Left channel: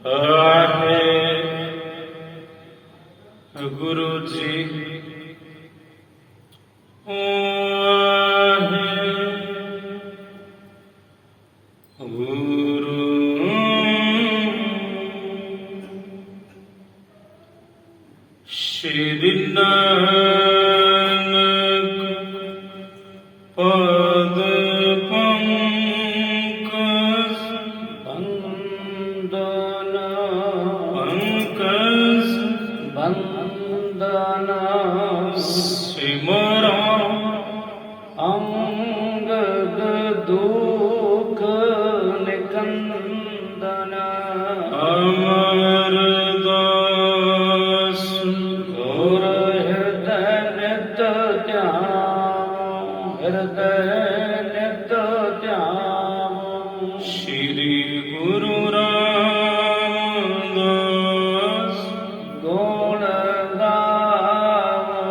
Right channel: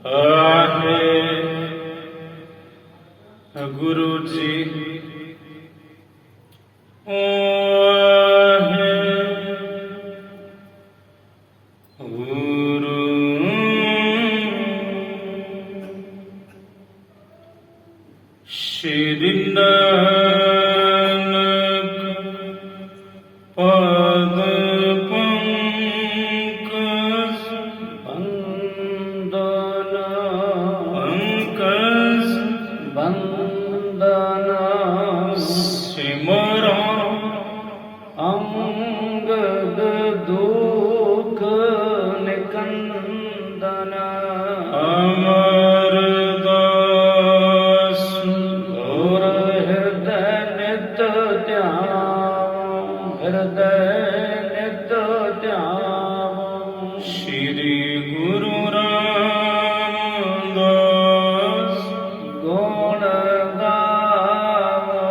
आहे गुरु जी आहे गुरु श्री नानक पद पंकज वंदना पंकज वंदना सिमरा अंगद दुख निकंदना अमरदास गुर हृदय नित ध्यान हृदय नित ध्यान श्री गुरु रामदास गुण गावो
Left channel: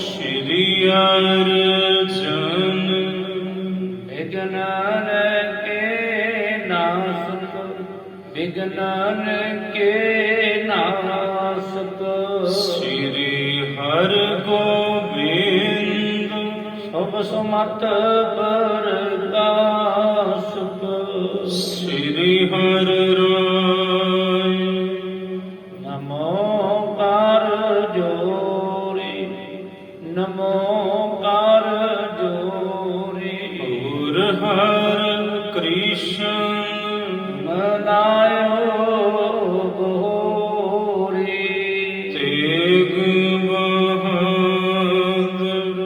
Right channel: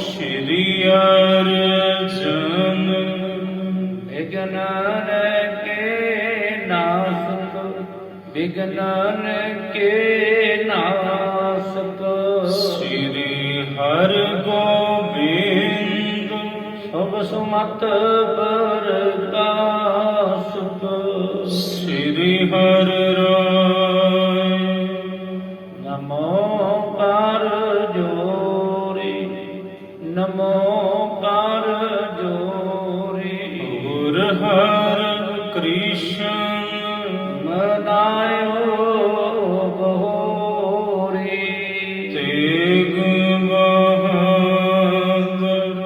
श्री अर्जन विज्ञान के नासक विज्ञान के नासक श्री हर गोविंद शुभ सुमत प्रकाशक श्री हर राय नमो कर जोरी नमो कर जोरी और हर कृष्ण मनायो बहोरी तेग बहादुर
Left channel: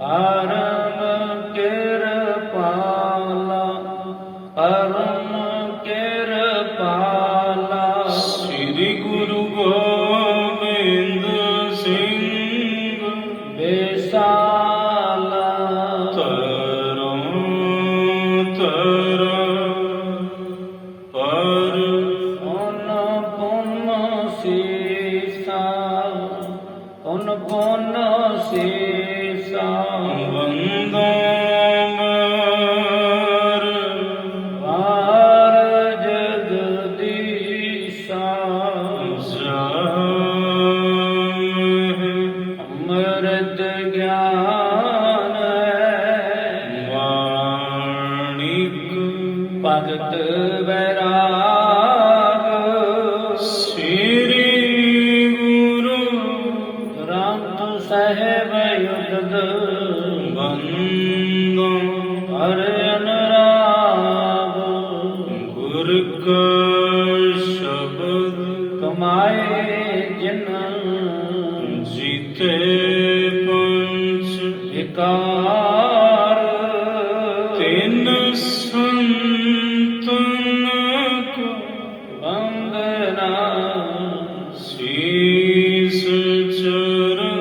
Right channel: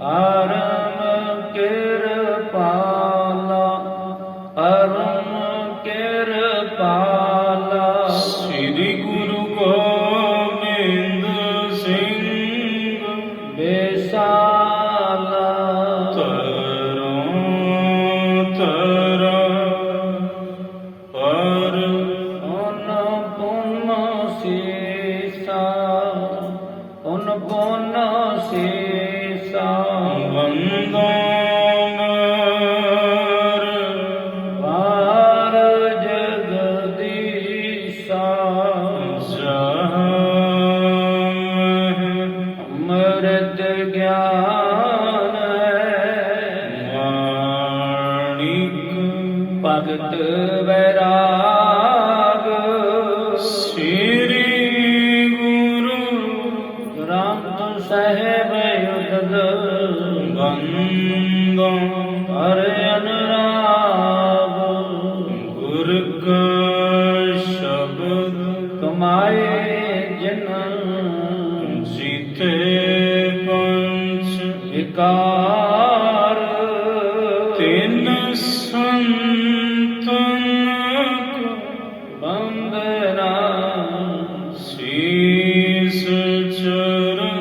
परम कृपाला परम कृपाला श्री गुरु गोविंद सिंह बेसाला तरा पर उन पुन सीसा उन पुन सीसा वंदनार पार जगदीशा अमृत ज्ञान माणिक भगत वैराग श्री गुरु ग्रंथ साहिब युगद बंदो हरे अनुराग गुर का शब्द कमाए जिन जीते पंच विकार तीन संतन को वंदना शीस चरण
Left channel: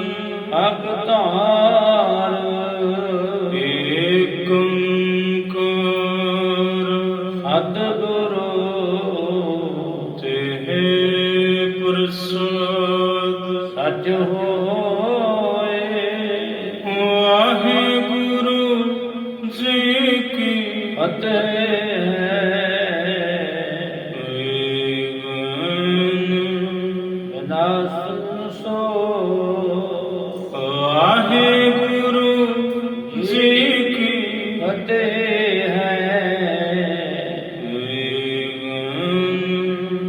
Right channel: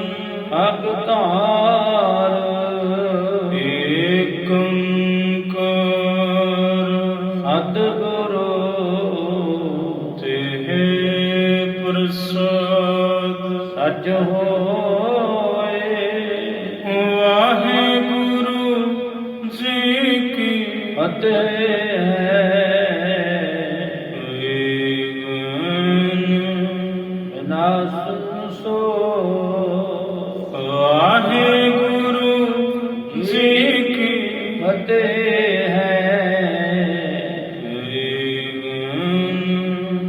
भगतार एक ओंकार सद्गुरु तेह प्रसाद सच होए वाहिगुरु जी की फतेह विनाश सो वाहिगुरु जी की फतेह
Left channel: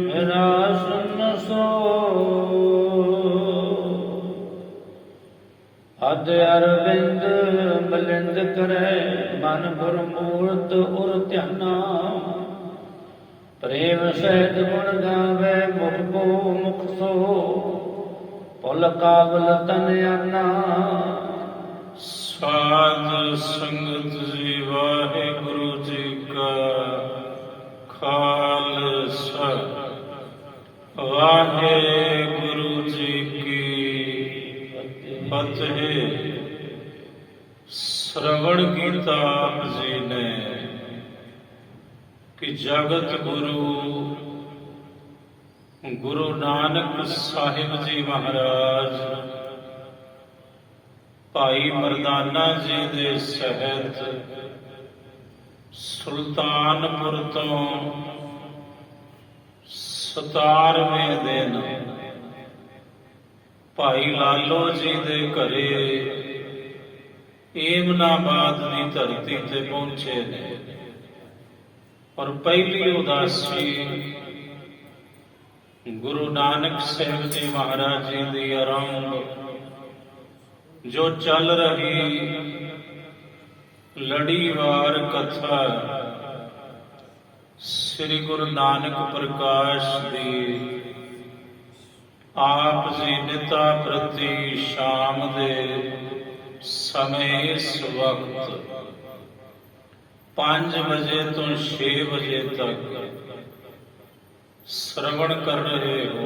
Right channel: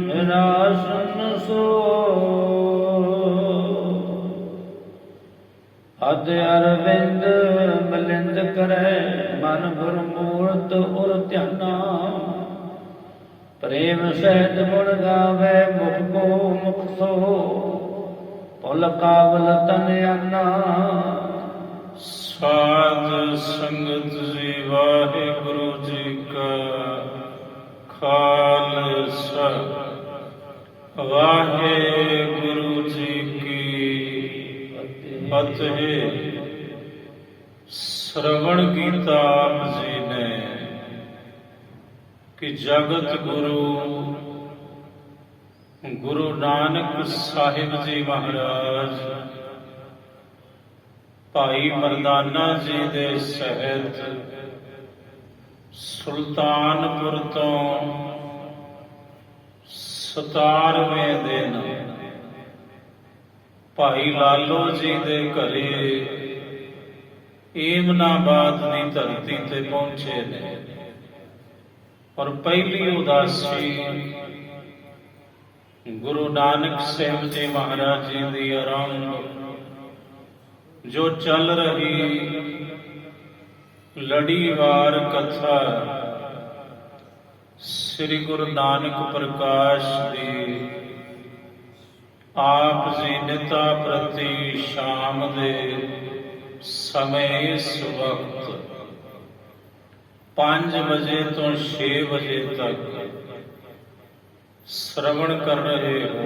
विनाश सो अद अरविंद मलिंद करे मन गुर मूर्त उर ध्याना प्रेम सहित गुण गावे मुख को मुख सो पुल काबल तन आना साध संगत जी वाहिगुरु जी का खालसा वाहिगुरु जी की फतेह। श्रवण गीता आप जी ने कि जगत गुरु गुरु नानक साहिब जी महाराज भाई मरदाना जी दे सहित सुल्तानपुर तो 17ਵੇਂ ਦਿਨ ਭਾਈ ਲਾਲੋ ਜੀ ਦੇ ਘਰੇ ਏਮਨਾਬਾਦ ਦੀ ਧਰਤੀ ਤੇ ਪਹੁੰਚੇ ਨੇ। ਔਰ ਪਹਿਲੀ ਉਦਾਸੀ ਗੁਰੂ ਨਾਨਕ ਸਾਹਿਬ ਜੀ ਮਹਾਰਾਜ ਜੀ ਦੀ ਆਰੰਭ ਜੋ ਚੱਲ ਰਹੀ ਲੜੀਵਾਰ ਕਥਾ ਸ੍ਰੀ ਗੁਰੂ ਨਾਨਕ ਪ੍ਰਕਾਸ਼ ਦੀ ਆਪ ਜੀ ਨਿਤਾ ਪ੍ਰਤੀ ਸ਼ਾਮ ਦੇ ਸਮੇਂ ਇਸ ਵਕਤ 5 ਵਜੇ ਤੋਂ 6 ਵਜੇ ਤੱਕ ਸ਼ਰਵਣ ਕਰ ਰਹੇ ਹੋ।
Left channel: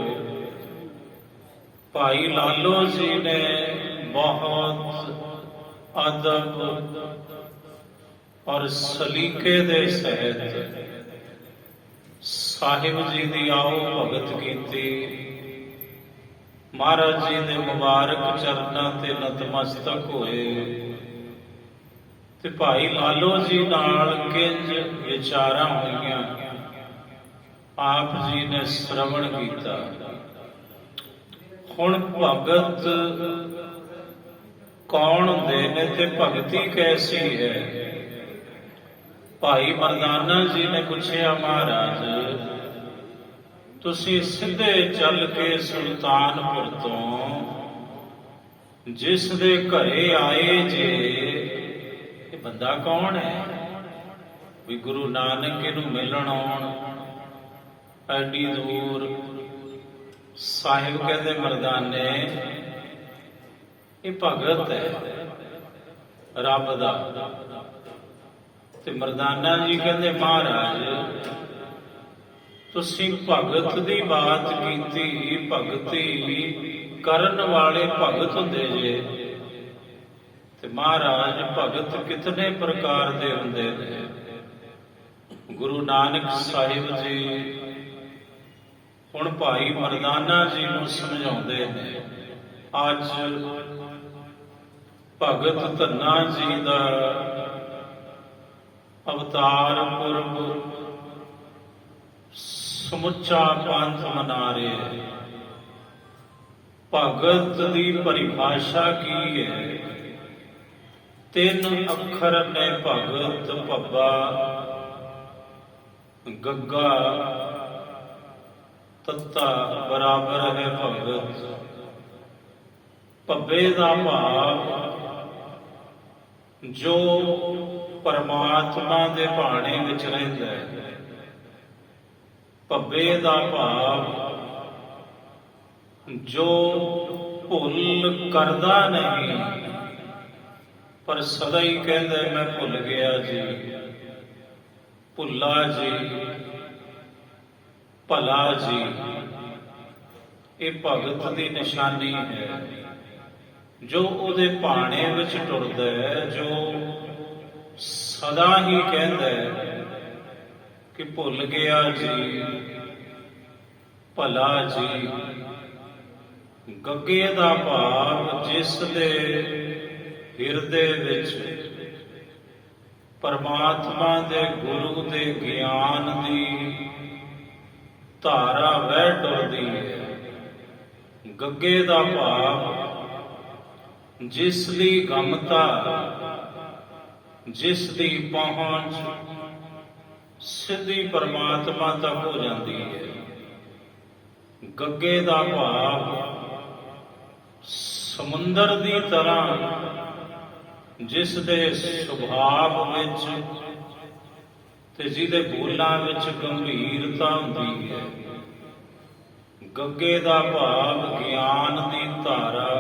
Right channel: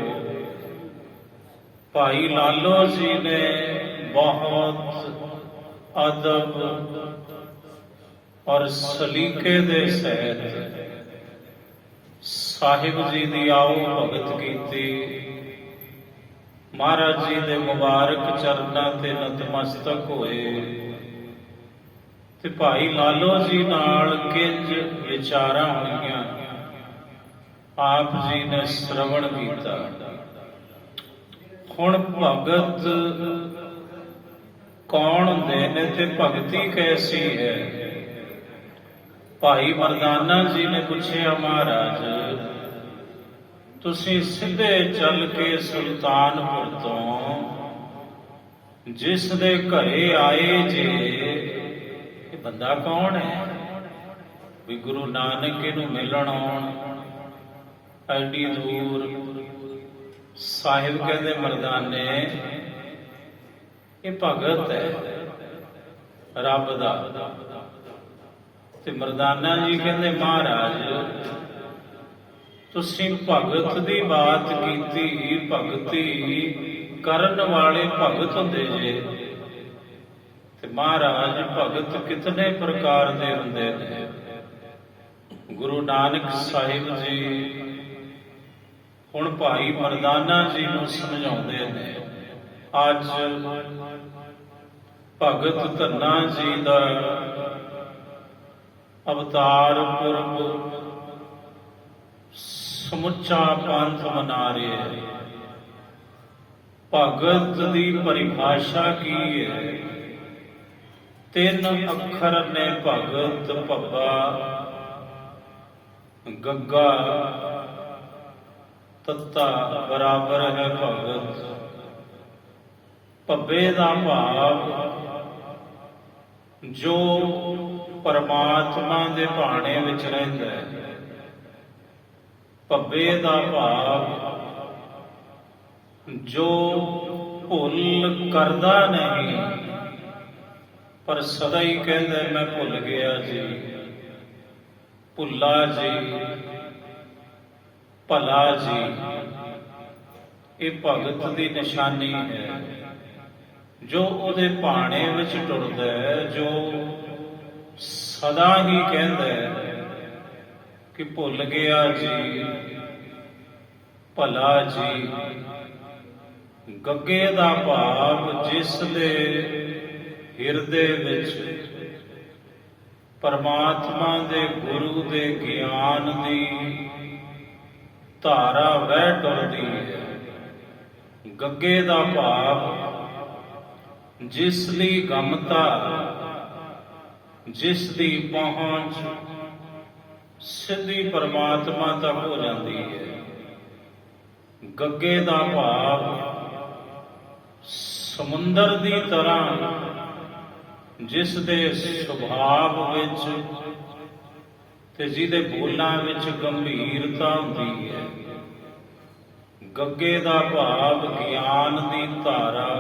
ਭਾਈ ਲਾਲੋ ਜੀ ਨੇ ਬਹੁਤ ਅਦਬ ਔਰ ਸਲੀਕੇ ਦੇ ਸਹਿਤ ਸਾਹਿਬ ਜੀ ਦੀ ਆਓ ਭਗਤ ਕੀਤੀ। ਮਹਾਰਾਜ ਜੀ ਦੇ ਮੁਬਾਰਕ ਚਰਨਾਂ ਤੇ ਨਤਮਸਤਕ ਹੋਏ ਤੇ ਭਾਈ ਲਾਲੋ ਜੀ ਨਾਲ ਕਿੰਜ ਵਿਚਾਰਾਂ ਹੋਈਆਂ ਆਪ ਜੀ ਨੇ ਸ਼ਰਵਣ ਕੀਤਾ। ਹੁਣ ਭਗਤ ਕੌਣ ਹੁੰਦੇ ਨੇ ਤੇ ਭਗਤੀ ਕੈਸੀ ਹੈ? ਭਾਈ ਮਰਦਾਨਾ ਜੀ ਨੇ ਪੁੱਛਿਆ, ਮਹਾਰਾਜ ਤੁਸੀਂ ਸਿੱਧੇ ਚੱਲ ਕੇ ਸੁਲਤਾਨਪੁਰ ਤੋਂ ਜਿਸ ਦੇ ਘਰੇ ਆਏ ਜੇ, ਇਹ ਬੰਦਾ ਕੌਣ ਹੈ? ਵੀ ਗੁਰੂ ਨਾਨਕ ਇਹਨੂੰ ਮਿਲਣ ਆਉਣ ਐਡੀ ਦੂਰ। ਸਾਹਿਬ ਕਹਿੰਦੇ ਮਰਦਾਨੇ ਇਹ ਭਗਤ ਹੈ ਰੱਬ ਦਾ। ਤੇ ਮਰਦਾਨਾ ਜੀ ਕਹਿੰਦੇ ਮਹਾਰਾਜ ਤੁਸੀਂ ਭਗਤ ਦੀ ਬਾਤ ਕੀਤੀ, ਭਗਤੀ ਕਰਨ ਵਾਲੇ ਭਗਤ ਹੁੰਦੇ ਜੇ। ਤੇ ਮਹਾਰਾਜ ਭਗਤ ਕਿਤਨੇ ਪ੍ਰਕਾਰ ਦੇ ਹੁੰਦੇ ਨੇ? ਗੁਰੂ ਨਾਨਕ ਸਾਹਿਬ ਜੀ ਹੁਣ ਭਾਈ ਮਰਦਾਨਾ ਜੀ ਨੂੰ ਸਮਝਾਉਂਦੇ ਨੇ। ਅੱਜ ਭਗਤ ਧੰਨਾ ਜੀ ਦਾ ਅਵਤਾਰ ਪੁਰਬ ਸਮੁੱਚਾ ਪੰਥ ਮਨਾ ਰਿਹਾ ਹੈ। ਭਗਤ ਦੀ ਪਰਿਭਾਸ਼ਾ ਕੀ ਹੈ? 3 ਅੱਖਰ ਨੇ ਭਗਤ, ਭੱਬਾ ਗੱਗਾ ਤੱਤਾ ਬਰਾਬਰ ਹੈ ਭਗਤ। ਭੱਬੇ ਦਾ ਭਾਵ ਜੋ ਪਰਮਾਤਮਾ ਦੇ ਭਾਣੇ ਵਿੱਚ ਰਹਿੰਦਾ ਹੈ। ਭੱਬੇ ਦਾ ਭਾਵ ਜੋ ਭੁੱਲ ਕਰਦਾ ਨਹੀਂ ਪਰ ਸਦਾ ਹੀ ਕਹਿੰਦਾ ਮੈਂ ਭੁੱਲ ਗਿਆ ਜੀ, ਭੁੱਲਾ ਜੀ, ਭਲਾ ਜੀ। ਇਹ ਭਗਤ ਦੀ ਨਿਸ਼ਾਨੀ ਹੈ ਜੋ ਉਹਦੇ ਭਾਣੇ ਵਿੱਚ ਟੁਰਦਾ ਹੈ, ਜੋ ਸਦਾ ਹੀ ਕਹਿੰਦਾ ਹੈ ਕਿ ਭੁੱਲ ਗਿਆ ਜੀ, ਭਲਾ ਜੀ। ਗੱਗੇ ਦਾ ਭਾਵ ਜਿਸ ਦੇ ਹਿਰਦੇ ਵਿੱਚ ਪਰਮਾਤਮਾ ਦੇ ਗੁਰੂ ਦੇ ਗਿਆਨ ਦੀ ਧਾਰਾ ਵਹਿ ਡੁੱਲਦੀ ਹੈ। ਗੱਗੇ ਦਾ ਭਾਵ ਜਿਸ ਲਈ ਗਮਤਾ, ਜਿਸ ਦੀ ਪਹੁੰਚ ਸਿੱਧੀ ਪਰਮਾਤਮਾ ਤੱਕ ਹੋ ਜਾਂਦੀ ਹੈ। ਗੱਗੇ ਦਾ ਭਾਵ ਸਮੁੰਦਰ ਦੀ ਤਰ੍ਹਾਂ ਜਿਸ ਦੇ ਸੁਭਾਵ ਵਿੱਚ ਤੇ ਜਿਹਦੇ ਬੋਲਾਂ ਵਿੱਚ ਗੰਭੀਰਤਾ ਹੁੰਦੀ ਹੈ। ਗੱਗੇ ਦਾ ਭਾਵ ਗਿਆਨ ਦੀ ਧਾਰਾ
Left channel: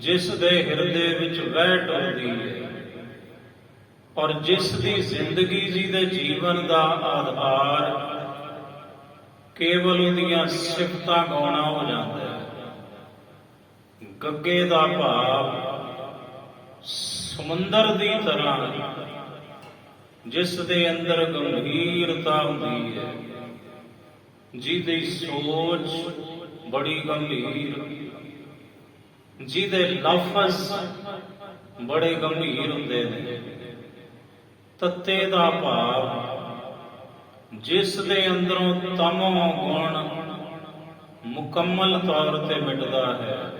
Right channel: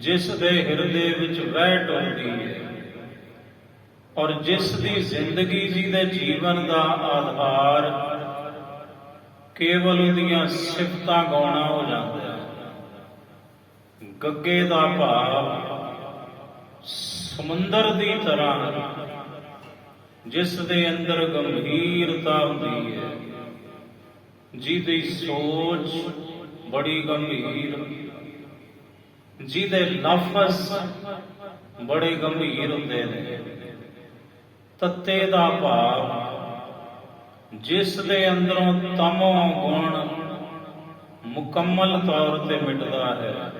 ਜਿਸ ਦੇ ਹਿਰਦੇ ਵਿੱਚ ਵਹਿ ਡੁੱਲਦੀ ਹੈ ਔਰ ਜਿਸ ਦੀ ਜ਼ਿੰਦਗੀ ਜੀ ਦੇ ਜੀਵਨ ਦਾ ਆਧਾਰ ਕੇਵਲ ਉਹਦੀਆਂ ਸਿਫਤਾਂ ਗਾਉਣਾ ਹੋ ਜਾਂਦਾ ਹੈ। ਗੱਗੇ ਦਾ ਭਾਵ ਸਮੁੰਦਰ ਦੀ ਤਰ੍ਹਾਂ ਜਿਸ ਦੇ ਅੰਦਰ ਗੰਭੀਰਤਾ ਹੁੰਦੀ ਹੈ, ਜਿਹਦੀ ਸੋਚ ਬੜੀ ਗੰਭੀਰ, ਜਿਹਦੇ ਲਫ਼ਜ਼ ਬੜੇ ਗੰਭੀਰ ਹੁੰਦੇ ਨੇ। ਤੱਤੇ ਦਾ ਭਾਵ ਜਿਸ ਦੇ ਅੰਦਰੋਂ ਤਮੋ ਗੁਣ ਮੁਕੰਮਲ ਤੌਰ ਤੇ ਮਿਟਦਾ ਹੈ।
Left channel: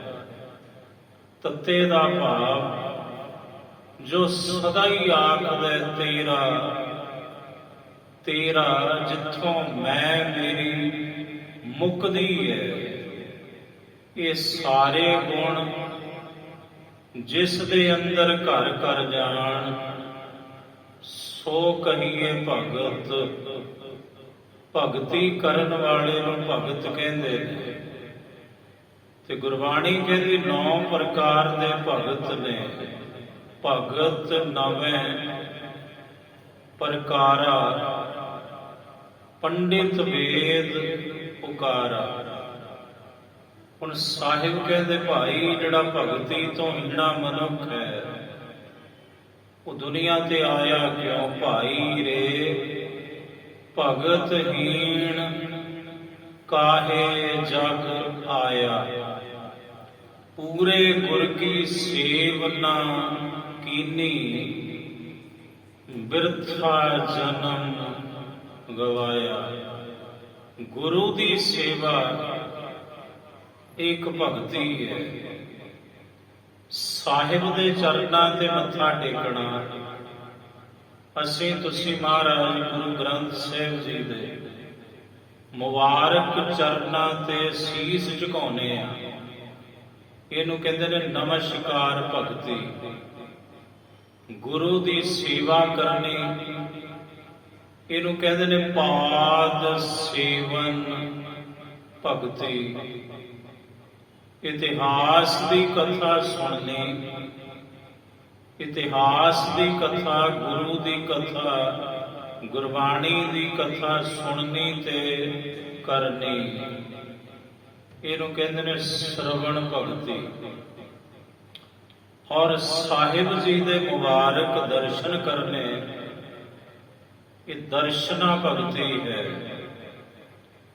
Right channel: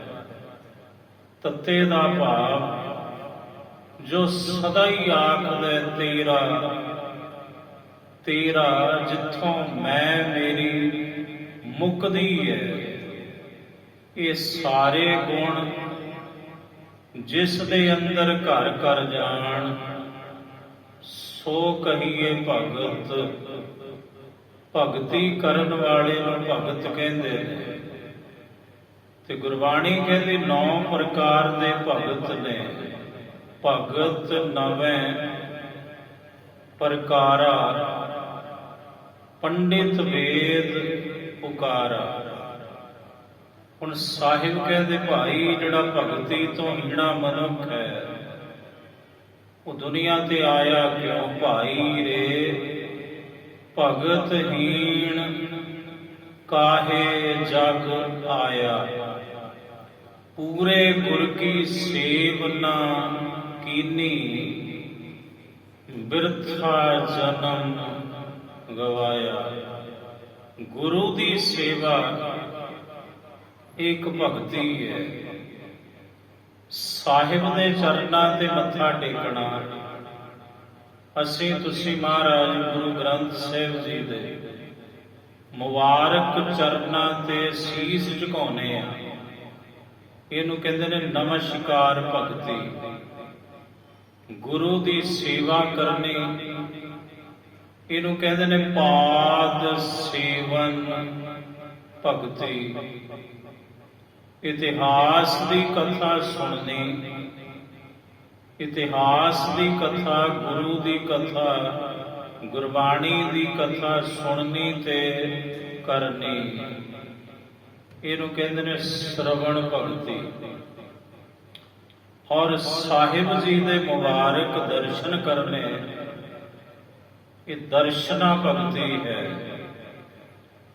ਤੱਤੇ ਦਾ ਭਾਵ ਜੋ ਸਦਾ ਹੀ ਆਖਦਾ ਤੇਰਾ ਤੇਰਾ, ਜਿੱਥੋਂ ਮੈਂ ਮੇਰੀ ਮੁੱਕਦੀ ਹੈ। ਇਹ ਸਾਰੇ ਗੁਣ ਜਿਸ ਦੇ ਅੰਦਰ ਘਰ ਘਰ ਜਾਣ, ਸੋ ਕਹੀਏ ਭਗਤ। ਭਗਤੀ ਕਰਨ ਵਾਲੇ ਨੂੰ ਭਗਤ ਕਹਿੰਦੇ ਨੇ। ਤੇ ਗੁਰਬਾਣੀ ਕਹਿੰਦੀ 9 ਪ੍ਰਕਾਰ ਦੇ ਭਗਤ ਨੇ। ਭਗਤ ਨਵੇਂ ਪ੍ਰਕਾਰਾ, ਪੰਡਿਤ ਵੇਦ ਪੁਕਾਰਾ। ਹੁਣ ਸਾਹਿਬ ਕਹਿੰਦੇ ਭਾਈ ਜਿਹੜਾ ਭਗਤੀ ਤੋਂ ਹੀਣਾ ਮਨੁੱਖ ਹੈ, ਉਹ ਦੁਨੀਆ ਤੇ ਆਇਆ ਕਿਉਂ? ਭਾਈ ਰੇ ਭਗਤ ਹੀਣ ਕਾਹੇ ਜਗ ਆਇਆ। ਪੂਰੇ ਗੁਰ ਕੀ ਸੇਵ ਨਾ ਕੀਨੀ, ਬਿਰਥਾ ਜਨਮ ਗਵਾਇਆ। ਗੁਰੂ ਦੀ ਸੇਵਾ ਇੱਕ ਭਗਤੀ ਹੈ। ਸਾਹਿਬ ਦੇ ਚਰਨਾਂ ਤੇ ਮੱਥਾ ਟੇਕਣਾ। ਅਸੀਂ ਤੁਸੀਂ ਮਹਾਰਾਜ ਗੁਰੂ ਗ੍ਰੰਥ ਸਾਹਿਬ ਜੀ ਦੇ ਮੁਬਾਰਕ ਚਰਨਾਂ ਤੇ ਸੀਸ ਝੁਕਾਉਂਦੇ ਆ। ਇਹਨੂੰ ਕਹਿੰਦੇ ਨੇ ਨਮਸਕਾਰ ਭਗਤੀ। ਗੁਰੂ ਦੀ ਸੇਵਾ ਕਰਨੀ, ਇਹਨੂੰ ਕਹਿੰਦੇ ਨੇ ਪਾਦ ਸੇਵਨ ਭਗਤੀ। ਇਤਿਹਾਸ ਦੀ ਕਥਾ ਸੁਣਨੀ, ਇਤਿਹਾਸ ਦੀ ਕਥਾ, ਗੁਰੂ ਦੀ ਕਥਾ, ਗੁਰਬਾਣੀ ਦੀ ਕਥਾ ਸੁਣਨੀ ਤੇ ਕਰਨੀ, ਇਹਨੂੰ ਕਹਿੰਦੇ ਨੇ ਸ਼ਰਵਣ ਭਗਤੀ। ਔਰ ਸਾਹਿਬ ਜੀ ਦੇ ਮੁਬਾਰਕ ਦਰਸ਼ਨ ਕਰਨੇ, ਇਹ ਦਰਸ਼ਨਾ ਭਗਤੀ ਹੈ।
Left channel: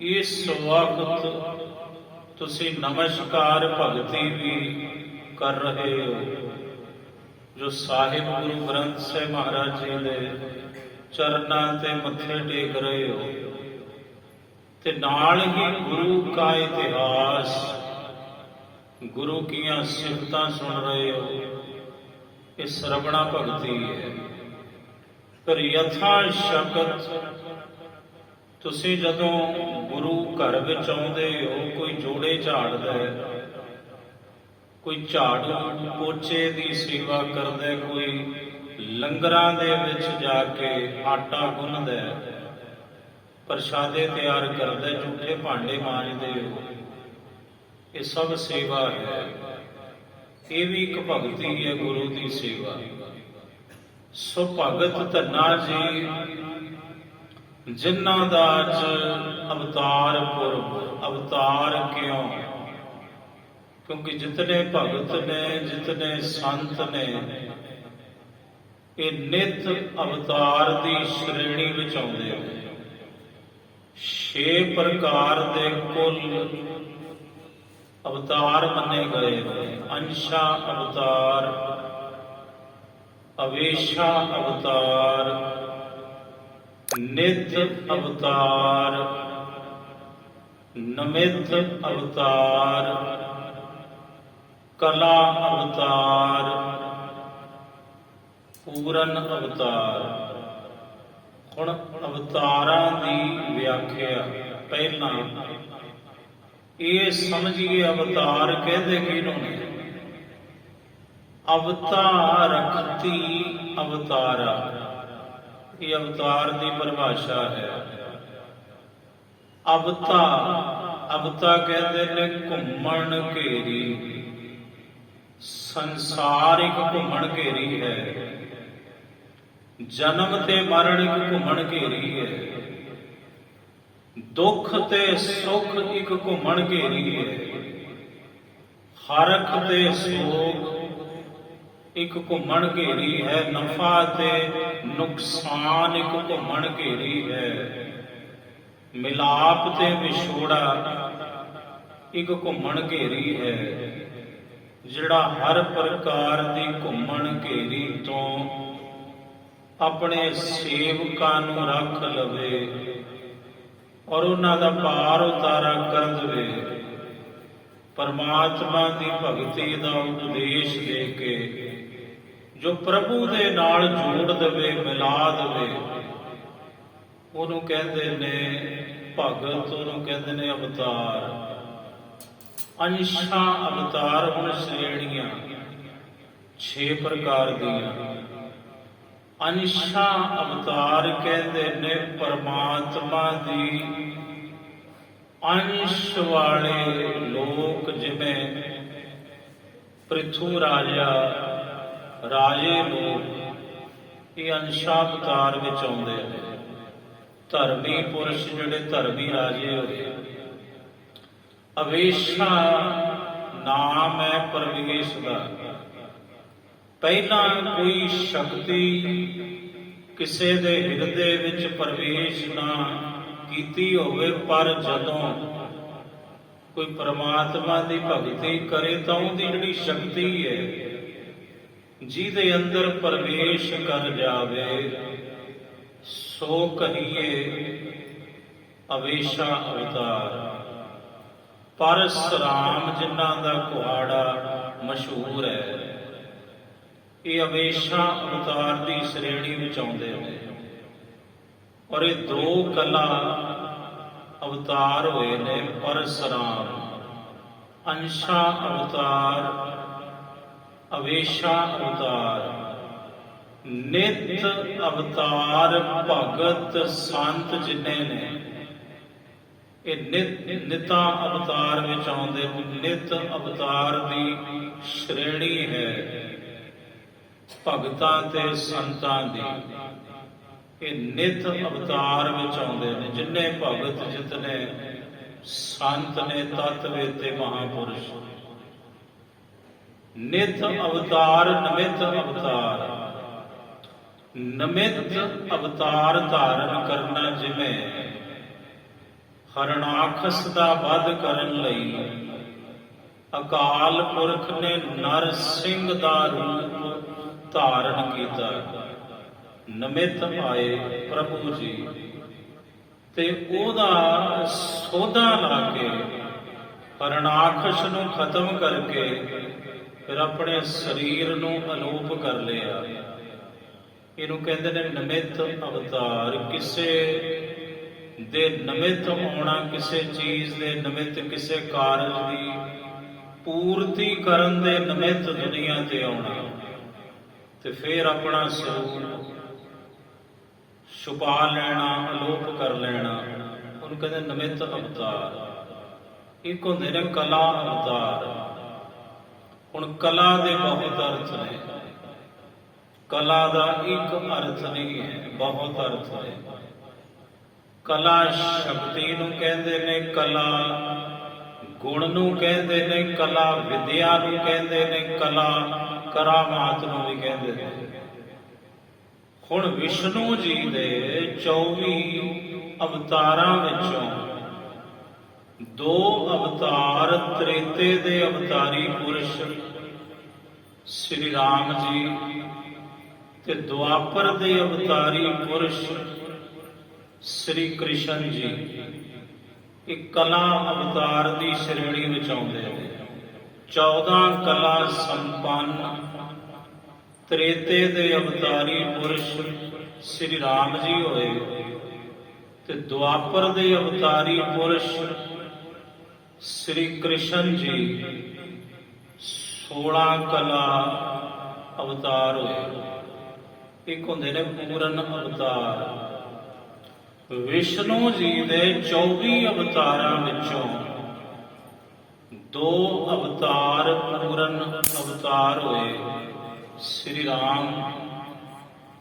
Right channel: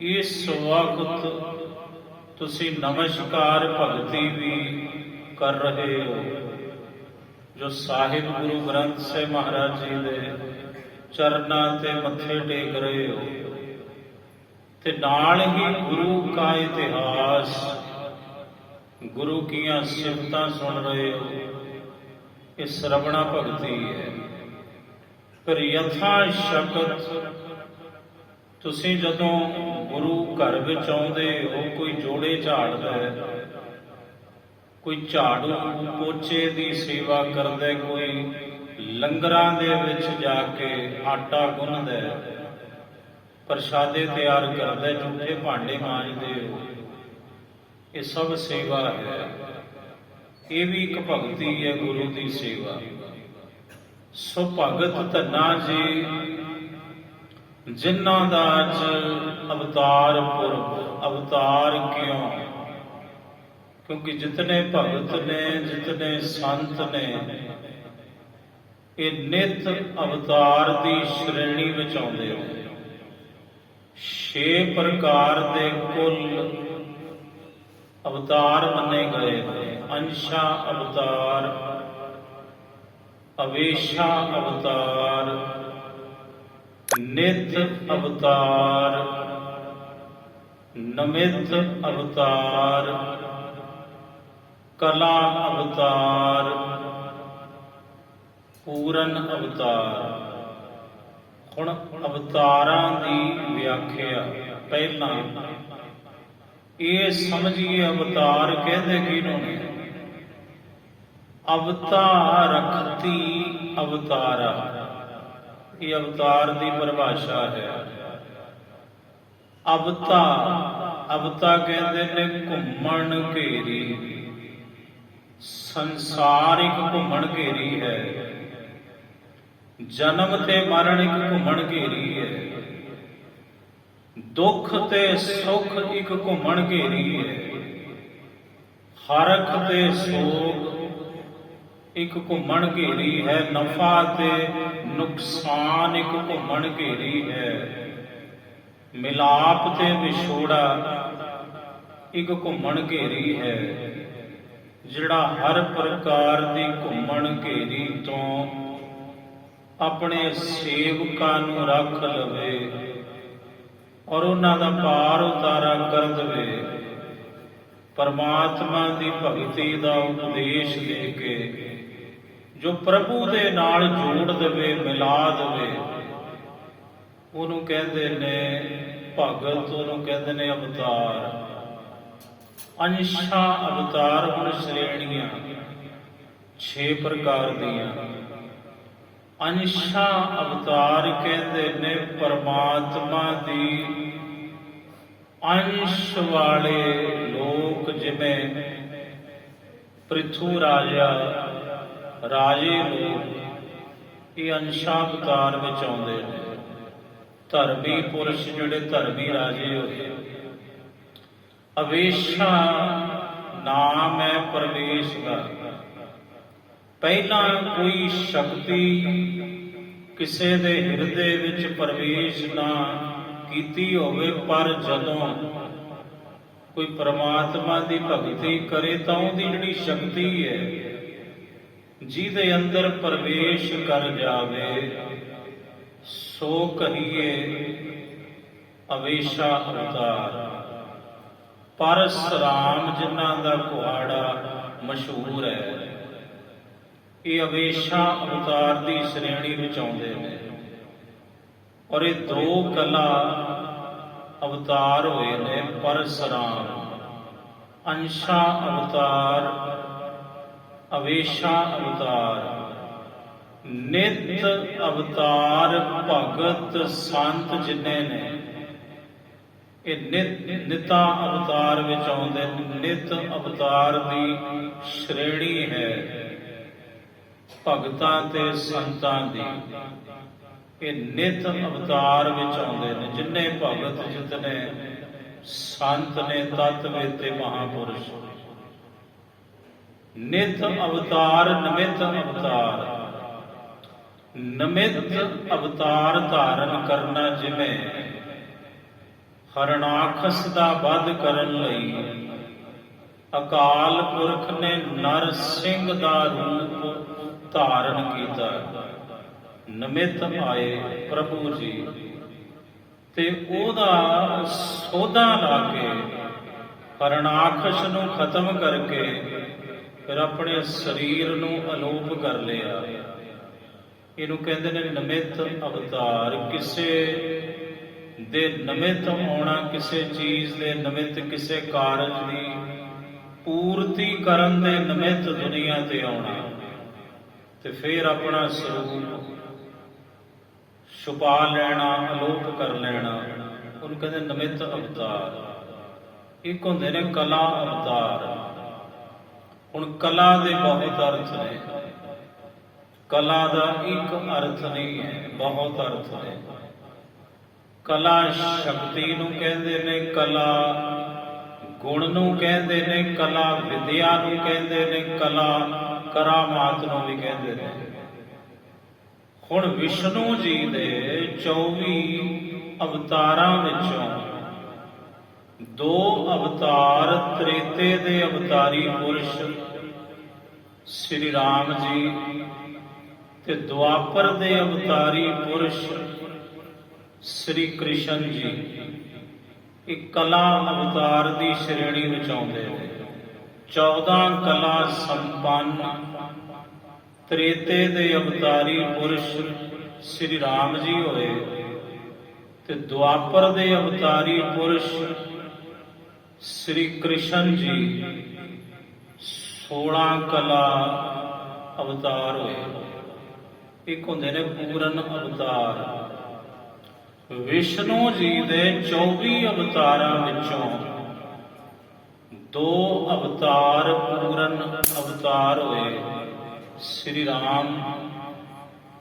ਇਸ ਵਕਤ ਤੁਸੀਂ ਨਮਸਕਾਰ ਭਗਤੀ ਵੀ ਕਰ ਰਹੇ ਹੋ, ਜੋ ਸਾਹਿਬ ਗੁਰੂ ਗ੍ਰੰਥ ਸਾਹਿਬ ਮਹਾਰਾਜ ਜੀ ਦੇ ਚਰਨਾਂ ਤੇ ਮੱਥੇ ਟੇਕ ਰਹੇ ਹੋ, ਤੇ ਨਾਲ ਹੀ ਗੁਰੂ ਕਾ ਇਤਿਹਾਸ, ਗੁਰੂ ਕੀਆਂ ਸਿਫਤਾਂ ਸੁਣ ਰਹੇ ਹੋ। ਇਹ ਸ਼ਰਵਣਾ ਭਗਤੀ ਹੈ। ਪਰ ਯਥਾ ਸ਼ਕਤ ਤੁਸੀਂ ਜਦੋਂ ਗੁਰੂ ਘਰ ਵਿੱਚ ਆਉਂਦੇ ਹੋ, ਕੋਈ ਜੋੜੇ ਝਾੜਦਾ ਹੈ, ਕੋਈ ਝਾੜੂ ਪੋਚੇ ਦੀ ਸੇਵਾ ਕਰਦਾ, ਕੋਈ ਲੰਗਰਾਂ ਦੇ ਵਿੱਚ ਜਾ ਕੇ ਆਟਾ ਗੁੰਨਦਾ, ਪ੍ਰਸ਼ਾਦੇ ਤਿਆਰ ਕਰਦਾ, ਝੂਠੇ ਭਾਂਡੇ ਮਾਂਜਦੇ ਹੋ, ਇਹ ਸਭ ਸੇਵਾ ਹੈ। ਇਹ ਵੀ ਇੱਕ ਭਗਤੀ ਹੈ, ਗੁਰੂ ਦੀ ਸੇਵਾ। ਸੋ ਭਗਤ ਧੰਨਾ ਜੀ ਜਿਨ੍ਹਾਂ ਦਾ ਅੱਜ ਅਵਤਾਰ ਪੁਰਬ। ਅਵਤਾਰ ਕਿਉਂ? ਕਿਉਂਕਿ ਜਿਤਨੇ ਭਗਤ ਨੇ, ਜਿਤਨੇ ਸੰਤ ਨੇ, ਇਹ ਨਿਤ ਅਵਤਾਰ ਦੀ ਸ਼੍ਰੇਣੀ ਵਿੱਚ ਆਉਂਦੇ ਨੇ। 6 ਪ੍ਰਕਾਰ ਦੇ ਕੁੱਲ ਅਵਤਾਰ ਮੰਨੇ ਗਏ ਨੇ। ਅੰਸ਼ਾ ਅਵਤਾਰ, ਅਵੇਸ਼ਾ ਅਵਤਾਰ, ਨਿਤ ਅਵਤਾਰ, ਨਮਿਤ ਅਵਤਾਰ, ਕਲਾ ਅਵਤਾਰ, ਪੂਰਨ ਅਵਤਾਰ। ਹੁਣ ਅਵਤਾਰਾਂ ਦੀ ਵਿਆਖਿਆ ਪਹਿਲਾਂ ਇਹ ਸਮਝੀਏ, ਅਵਤਾਰ ਕਹਿੰਦੇ ਕਿਹਨੂੰ ਨੇ? ਅਵਤਾਰਕਤੀ ਅਵਤਾਰਾ, ਇਹ ਅਵਤਾਰ ਦੀ ਪਰਿਭਾਸ਼ਾ ਹੈ। ਅਵਤਾ, ਅਵਤਾ ਕਹਿੰਦੇ ਨੇ ਘੁੰਮਣ ਘੇਰੀ, ਸੰਸਾਰ ਇੱਕ ਘੁੰਮਣ ਘੇਰੀ ਹੈ। ਜਨਮ ਤੇ ਮਰਨ ਇੱਕ ਘੁੰਮਣ ਘੇਰੀ ਹੈ। ਦੁੱਖ ਤੇ ਸੁੱਖ ਇੱਕ ਘੁੰਮਣ ਘੇਰੀ ਹੈ। ਹਰਖ ਤੇ ਸੋਗ ਇੱਕ ਘੁੰਮਣ ਘੇਰੀ ਹੈ। ਨਫਾ ਤੇ ਨੁਕਸਾਨ ਇੱਕ ਘੁੰਮਣ ਘੇਰੀ ਹੈ। ਮਿਲਾਪ ਤੇ ਵਿਛੋੜਾ ਇੱਕ ਘੁੰਮਣ ਘੇਰੀ ਹੈ। ਜਿਹੜਾ ਹਰ ਪ੍ਰਕਾਰ ਦੀ ਘੁੰਮਣ ਘੇਰੀ ਤੋਂ ਆਪਣੇ ਸੇਵਕਾਂ ਨੂੰ ਰੱਖ ਲਵੇ, ਔਰ ਉਹਨਾਂ ਦਾ ਪਾਰ ਉਤਾਰਾ ਕਰ ਦੇਵੇ। ਪਰਮਾਤਮਾ ਦੀ ਭਗਤੀ ਦਾ ਉਪਦੇਸ਼ ਦੇ ਕੇ ਜੋ ਪ੍ਰਭੂ ਦੇ ਨਾਲ ਜੋੜ ਦੇਵੇ, ਮਿਲਾ ਦੇਵੇ, ਉਹਨੂੰ ਕਹਿੰਦੇ ਨੇ ਭਗਤ, ਉਹਨੂੰ ਕਹਿੰਦੇ ਨੇ ਅਵਤਾਰ। ਅੰਸ਼ਾਂ ਅਵਤਾਰ ਹੁਣ ਸ਼੍ਰੇਣੀਆਂ 6 ਪ੍ਰਕਾਰ ਦੀਆਂ। ਅੰਸ਼ਾਂ ਅਵਤਾਰ ਕਹਿੰਦੇ ਨੇ ਪਰਮਾਤਮਾ ਦੀ ਅੰਸ਼ ਵਾਲੇ ਲੋਕ, ਜਿਵੇਂ ਪ੍ਰਿਥੂ ਰਾਜਾ, ਰਾਜੇ ਲੋਕ, ਇਹ ਅੰਸ਼ਾਂ ਅਵਤਾਰ ਵਿੱਚ ਆਉਂਦੇ ਨੇ। ਧਰਮੀ ਪੁਰਸ਼ ਜਿਹੜੇ ਧਰਮੀ ਰਾਜੇ ਹੋਏ। ਅਵੇਸ਼ਾ ਨਾਮ ਹੈ ਪਰਮੇਸ਼ ਦਾ। ਪਹਿਲਾਂ ਕੋਈ ਸ਼ਕਤੀ ਕਿਸੇ ਦੇ ਹਿਰਦੇ ਵਿੱਚ ਪ੍ਰਵੇਸ਼ ਨਾ ਕੀਤੀ ਹੋਵੇ, ਪਰ ਜਦੋਂ ਕੋਈ ਪਰਮਾਤਮਾ ਦੀ ਭਗਤੀ ਕਰੇ ਤਾਂ ਉਹਦੀ ਜਿਹੜੀ ਸ਼ਕਤੀ ਹੈ, ਜਿਹਦੇ ਅੰਦਰ ਪ੍ਰਵੇਸ਼ ਕਰ ਜਾਵੇ, ਸੋ ਕਹੀਏ ਅਵੇਸ਼ਾ ਅਵਤਾਰ। ਪਰਸਰਾਮ ਜਿਨ੍ਹਾਂ ਦਾ ਕੁਹਾੜਾ ਮਸ਼ਹੂਰ ਹੈ, ਇਹ ਅਵੇਸ਼ਾ ਅਵਤਾਰ ਦੀ ਸ਼੍ਰੇਣੀ ਵਿੱਚ ਆਉਂਦੇ ਨੇ। ਔਰ ਇਹ 2 ਕਲਾ ਅਵਤਾਰ ਹੋਏ ਨੇ, ਪਰਸਰਾਮ, ਅੰਸ਼ਾ ਅਵਤਾਰ, ਅਵੇਸ਼ਾ ਅਵਤਾਰ। ਨਿਤ ਅਵਤਾਰ ਭਗਤ ਸੰਤ ਜਿੰਨੇ ਨੇ, ਇਹ ਨਿਤਾਂ ਅਵਤਾਰ ਵਿੱਚ ਆਉਂਦੇ। ਨਿਤ ਅਵਤਾਰ ਦੀ ਸ਼੍ਰੇਣੀ ਹੈ ਭਗਤਾਂ ਤੇ ਸੰਤਾਂ ਦੀ। ਇਹ ਨਿਤ ਅਵਤਾਰ ਵਿੱਚ ਆਉਂਦੇ ਨੇ। ਜਿੰਨੇ ਭਗਤ, ਜਿਤਨੇ ਸੰਤ ਨੇ, ਤਤਵੇਤੇ ਮਹਾਪੁਰਸ਼। ਨਿਤ ਅਵਤਾਰ, ਨਿਮਿਤ ਅਵਤਾਰ। ਨਿਮਿਤ ਅਵਤਾਰ ਧਾਰਨ ਕਰਨਾ, ਜਿਵੇਂ ਹਰਣਾਖਸ ਦਾ ਵਧ ਕਰਨ ਲਈ ਅਕਾਲ ਪੁਰਖ ਨੇ ਨਰ ਸਿੰਘ ਦਾ ਰੂਪ ਧਾਰਨ ਕੀਤਾ। ਨਿਮਿਤ ਆਏ ਪ੍ਰਭੂ ਜੀ ਤੇ ਉਹਦਾ ਸੋਧਾ ਲਾ ਕੇ ਹਰਣਾਖਸ ਨੂੰ ਖਤਮ ਕਰਕੇ ਫਿਰ ਆਪਣੇ ਸਰੀਰ ਨੂੰ ਅਲੋਪ ਕਰ ਲਿਆ। ਇਹਨੂੰ ਕਹਿੰਦੇ ਨੇ ਨਿਮਿਤ ਅਵਤਾਰ। ਕਿਸੇ ਦੇ ਨਿਮਿਤ ਆਉਣਾ, ਕਿਸੇ ਚੀਜ਼ ਦੇ ਨਿਮਿਤ, ਕਿਸੇ ਕਾਰਜ ਦੀ ਪੂਰਤੀ ਕਰਨ ਦੇ ਨਿਮਿਤ ਦੁਨੀਆ ਤੇ ਆਉਣਾ, ਤੇ ਫਿਰ ਆਪਣਾ ਸਰੂਪ ਛੁਪਾ ਲੈਣਾ, ਅਲੋਪ ਕਰ ਲੈਣਾ, ਉਹਨੂੰ ਕਹਿੰਦੇ ਨਿਮਿਤ ਅਵਤਾਰ। ਇੱਕ ਹੁੰਦੇ ਨੇ ਕਲਾ ਅਵਤਾਰ। ਹੁਣ ਕਲਾ ਦੇ ਬਹੁਤ ਅਰਥ ਨੇ। ਕਲਾ ਦਾ ਇੱਕ ਅਰਥ ਨਹੀਂ ਹੈ, ਬਹੁਤ ਅਰਥ ਹੈ। ਕਲਾ ਸ਼ਕਤੀ ਨੂੰ ਕਹਿੰਦੇ ਨੇ, ਕਲਾ ਗੁਣ ਨੂੰ ਕਹਿੰਦੇ ਨੇ, ਕਲਾ ਵਿਦਿਆ ਨੂੰ ਕਹਿੰਦੇ ਨੇ, ਕਲਾ ਕਰਾਮਾਤ ਨੂੰ ਵੀ ਕਹਿੰਦੇ ਨੇ। ਹੁਣ ਵਿਸ਼ਨੂੰ ਜੀ ਦੇ 24 ਅਵਤਾਰਾਂ ਵਿੱਚੋਂ 2 ਅਵਤਾਰ ਤ੍ਰੇਤੇ ਦੇ ਅਵਤਾਰੀ ਪੁਰਸ਼ ਸ੍ਰੀ ਰਾਮ ਜੀ ਤੇ ਦੁਆਪਰ ਦੇ ਅਵਤਾਰੀ ਪੁਰਸ਼ ਸ੍ਰੀ ਕ੍ਰਿਸ਼ਨ ਜੀ, ਇਹ ਕਲਾ ਅਵਤਾਰ ਦੀ ਸ਼੍ਰੇਣੀ ਵਿੱਚ ਆਉਂਦੇ ਨੇ। 14 ਕਲਾ ਸੰਪੰਨ ਤ੍ਰੇਤੇ ਦੇ ਅਵਤਾਰੀ ਪੁਰਸ਼ ਸ੍ਰੀ ਰਾਮ ਜੀ ਹੋਏ ਤੇ ਦੁਆਪਰ ਦੇ ਅਵਤਾਰੀ ਪੁਰਸ਼ ਸ੍ਰੀ ਕ੍ਰਿਸ਼ਨ ਜੀ 16 ਕਲਾ ਅਵਤਾਰ ਹੋਏ। ਇੱਕ ਹੁੰਦੇ ਨੇ ਪੂਰਨ ਅਵਤਾਰ। ਵਿਸ਼ਨੂੰ ਜੀ ਦੇ 24 ਅਵਤਾਰਾਂ ਵਿੱਚੋਂ 2 ਅਵਤਾਰ ਪੂਰਨ ਅਵਤਾਰ ਹੋਏ, ਸ੍ਰੀ ਰਾਮ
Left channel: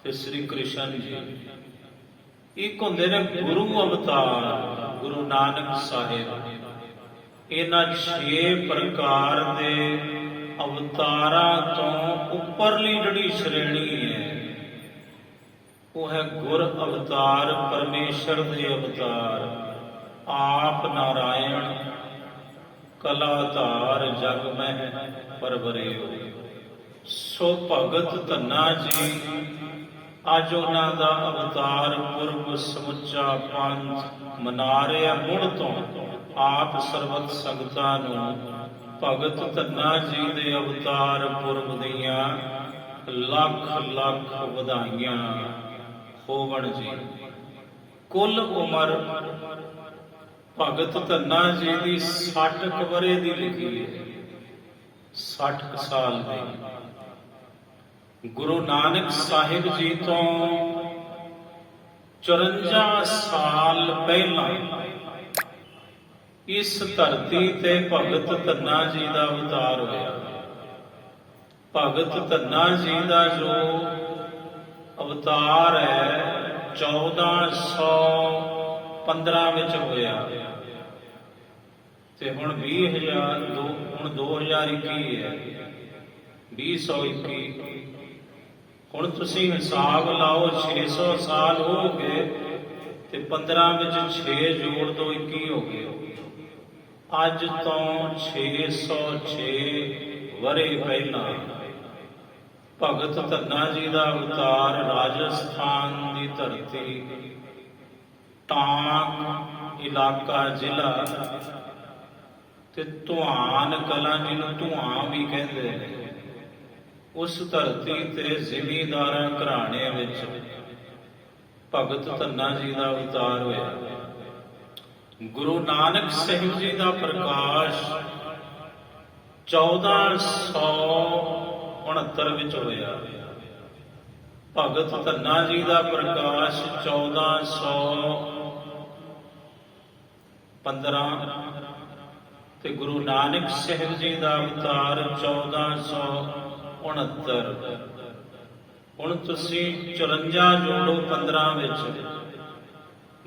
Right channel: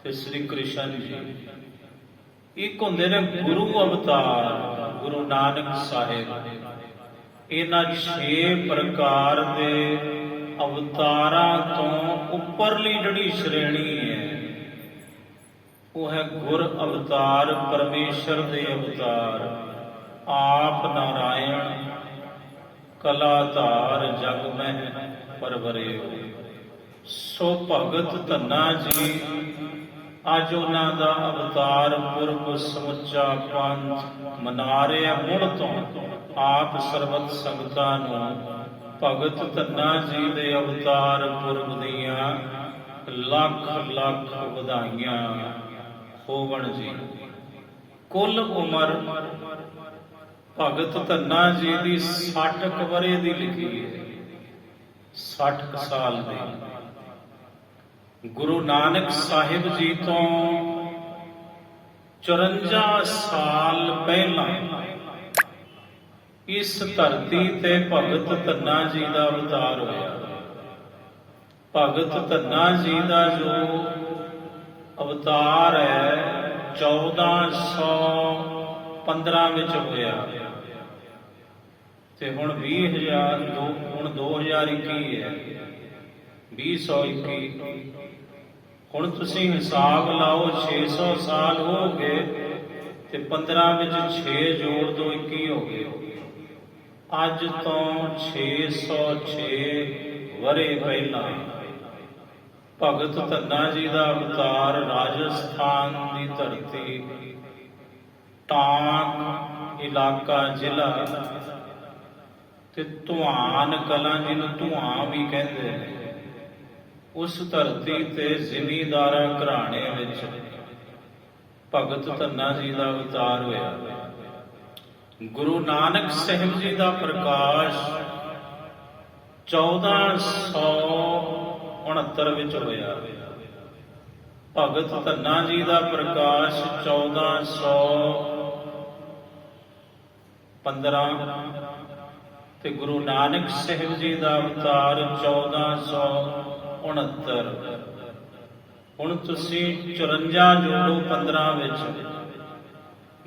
ਤੇ ਸ੍ਰੀ ਕ੍ਰਿਸ਼ਨ ਜੀ। ਇੱਕ ਹੁੰਦੇ ਨੇ ਗੁਰੂ ਅਵਤਾਰ, ਗੁਰੂ ਨਾਨਕ ਸਾਹਿਬ। ਇਹਨਾਂ 6 ਪ੍ਰਕਾਰ ਦੇ ਅਵਤਾਰਾਂ ਤੋਂ ਉੱਪਰਲੀ ਜਿਹੜੀ ਸ਼੍ਰੇਣੀ ਹੈ ਉਹ ਹੈ ਗੁਰ ਅਵਤਾਰ, ਪਰਮੇਸ਼ਰ ਦੇ ਅਵਤਾਰ। ਆਪ ਨਾਰਾਇਣ ਕਲਾਧਾਰ ਜਗ ਮਹਿ ਪਰਵਰਿਓ। ਸੋ ਭਗਤ ਧੰਨਾ ਜੀ ਅੱਜ ਉਹਨਾਂ ਦਾ ਅਵਤਾਰ ਪੁਰਬ ਸਮੁੱਚਾ ਪੰਥ ਮਨਾ ਰਿਹਾ ਮੁੜ ਤੋਂ ਆਪ ਸਰਬਤ ਸੰਗਤਾਂ ਨੂੰ ਭਗਤ ਧੰਨਾ ਜੀ ਦੇ ਅਵਤਾਰ ਪੁਰਬ ਦੀਆਂ ਲੱਖ ਲੱਖ ਵਧਾਈਆਂ ਹੋਵਣ ਜੀ। ਕੁੱਲ ਉਮਰ ਭਗਤ ਧੰਨਾ ਜੀ ਦੀ 60 ਕੁ ਵਰ੍ਹੇ ਦੀ ਲਿਖੀ ਹੈ, 60 ਕੁ ਸਾਲ ਦੀ। ਗੁਰੂ ਨਾਨਕ ਸਾਹਿਬ ਜੀ ਤੋਂ 54 ਸਾਲ ਪਹਿਲਾਂ ਇਸ ਧਰਤੀ ਤੇ ਭਗਤ ਧੰਨਾ ਜੀ ਦਾ ਅਵਤਾਰ ਹੋਇਆ। ਭਗਤ ਧੰਨਾ ਜੀ ਦਾ ਜੋ ਅਵਤਾਰ ਹੈ 1415 ਵਿੱਚ ਹੋਇਆ ਤੇ ਹੁਣ 2021 ਹੈ, 2021। ਹੁਣ ਤੁਸੀਂ ਹਿਸਾਬ ਲਾਓ, 600 ਸਾਲ ਹੋ ਗਏ ਤੇ 15 ਵਿੱਚ 6 ਜੋੜ ਦੋ 21 ਹੋ ਗਏ। ਅੱਜ ਤੋਂ 606 ਵਰ੍ਹੇ ਪਹਿਲਾਂ ਭਗਤ ਧੰਨਾ ਜੀ ਦਾ ਅਵਤਾਰ ਰਾਜਸਥਾਨ ਦੀ ਧਰਤੀ, ਟਾਂਕ ਇਲਾਕਾ ਜ਼ਿਲ੍ਹਾ ਤੇ ਧੁਆਨ ਕਲਾਂ, ਜਿਹਨੂੰ ਧੁਆਂ ਵੀ ਕਹਿੰਦੇ ਨੇ, ਉਸ ਧਰਤੀ ਤੇ ਜ਼ਿਮੀਂਦਾਰਾਂ ਘਰਾਣੇ ਵਿੱਚ ਭਗਤ ਧੰਨਾ ਜੀ ਦਾ ਅਵਤਾਰ ਹੋਇਆ। ਗੁਰੂ ਨਾਨਕ ਸਾਹਿਬ ਜੀ ਦਾ ਪ੍ਰਕਾਸ਼ 1469 ਵਿੱਚ ਹੋਇਆ। ਭਗਤ ਧੰਨਾ ਜੀ ਦਾ ਪ੍ਰਕਾਸ਼ 1415 ਤੇ ਗੁਰੂ ਨਾਨਕ ਸਾਹਿਬ ਜੀ ਦਾ ਅਵਤਾਰ 1469। ਹੁਣ ਤੁਸੀਂ 54 ਜੋੜੋ 15 ਵਿੱਚ,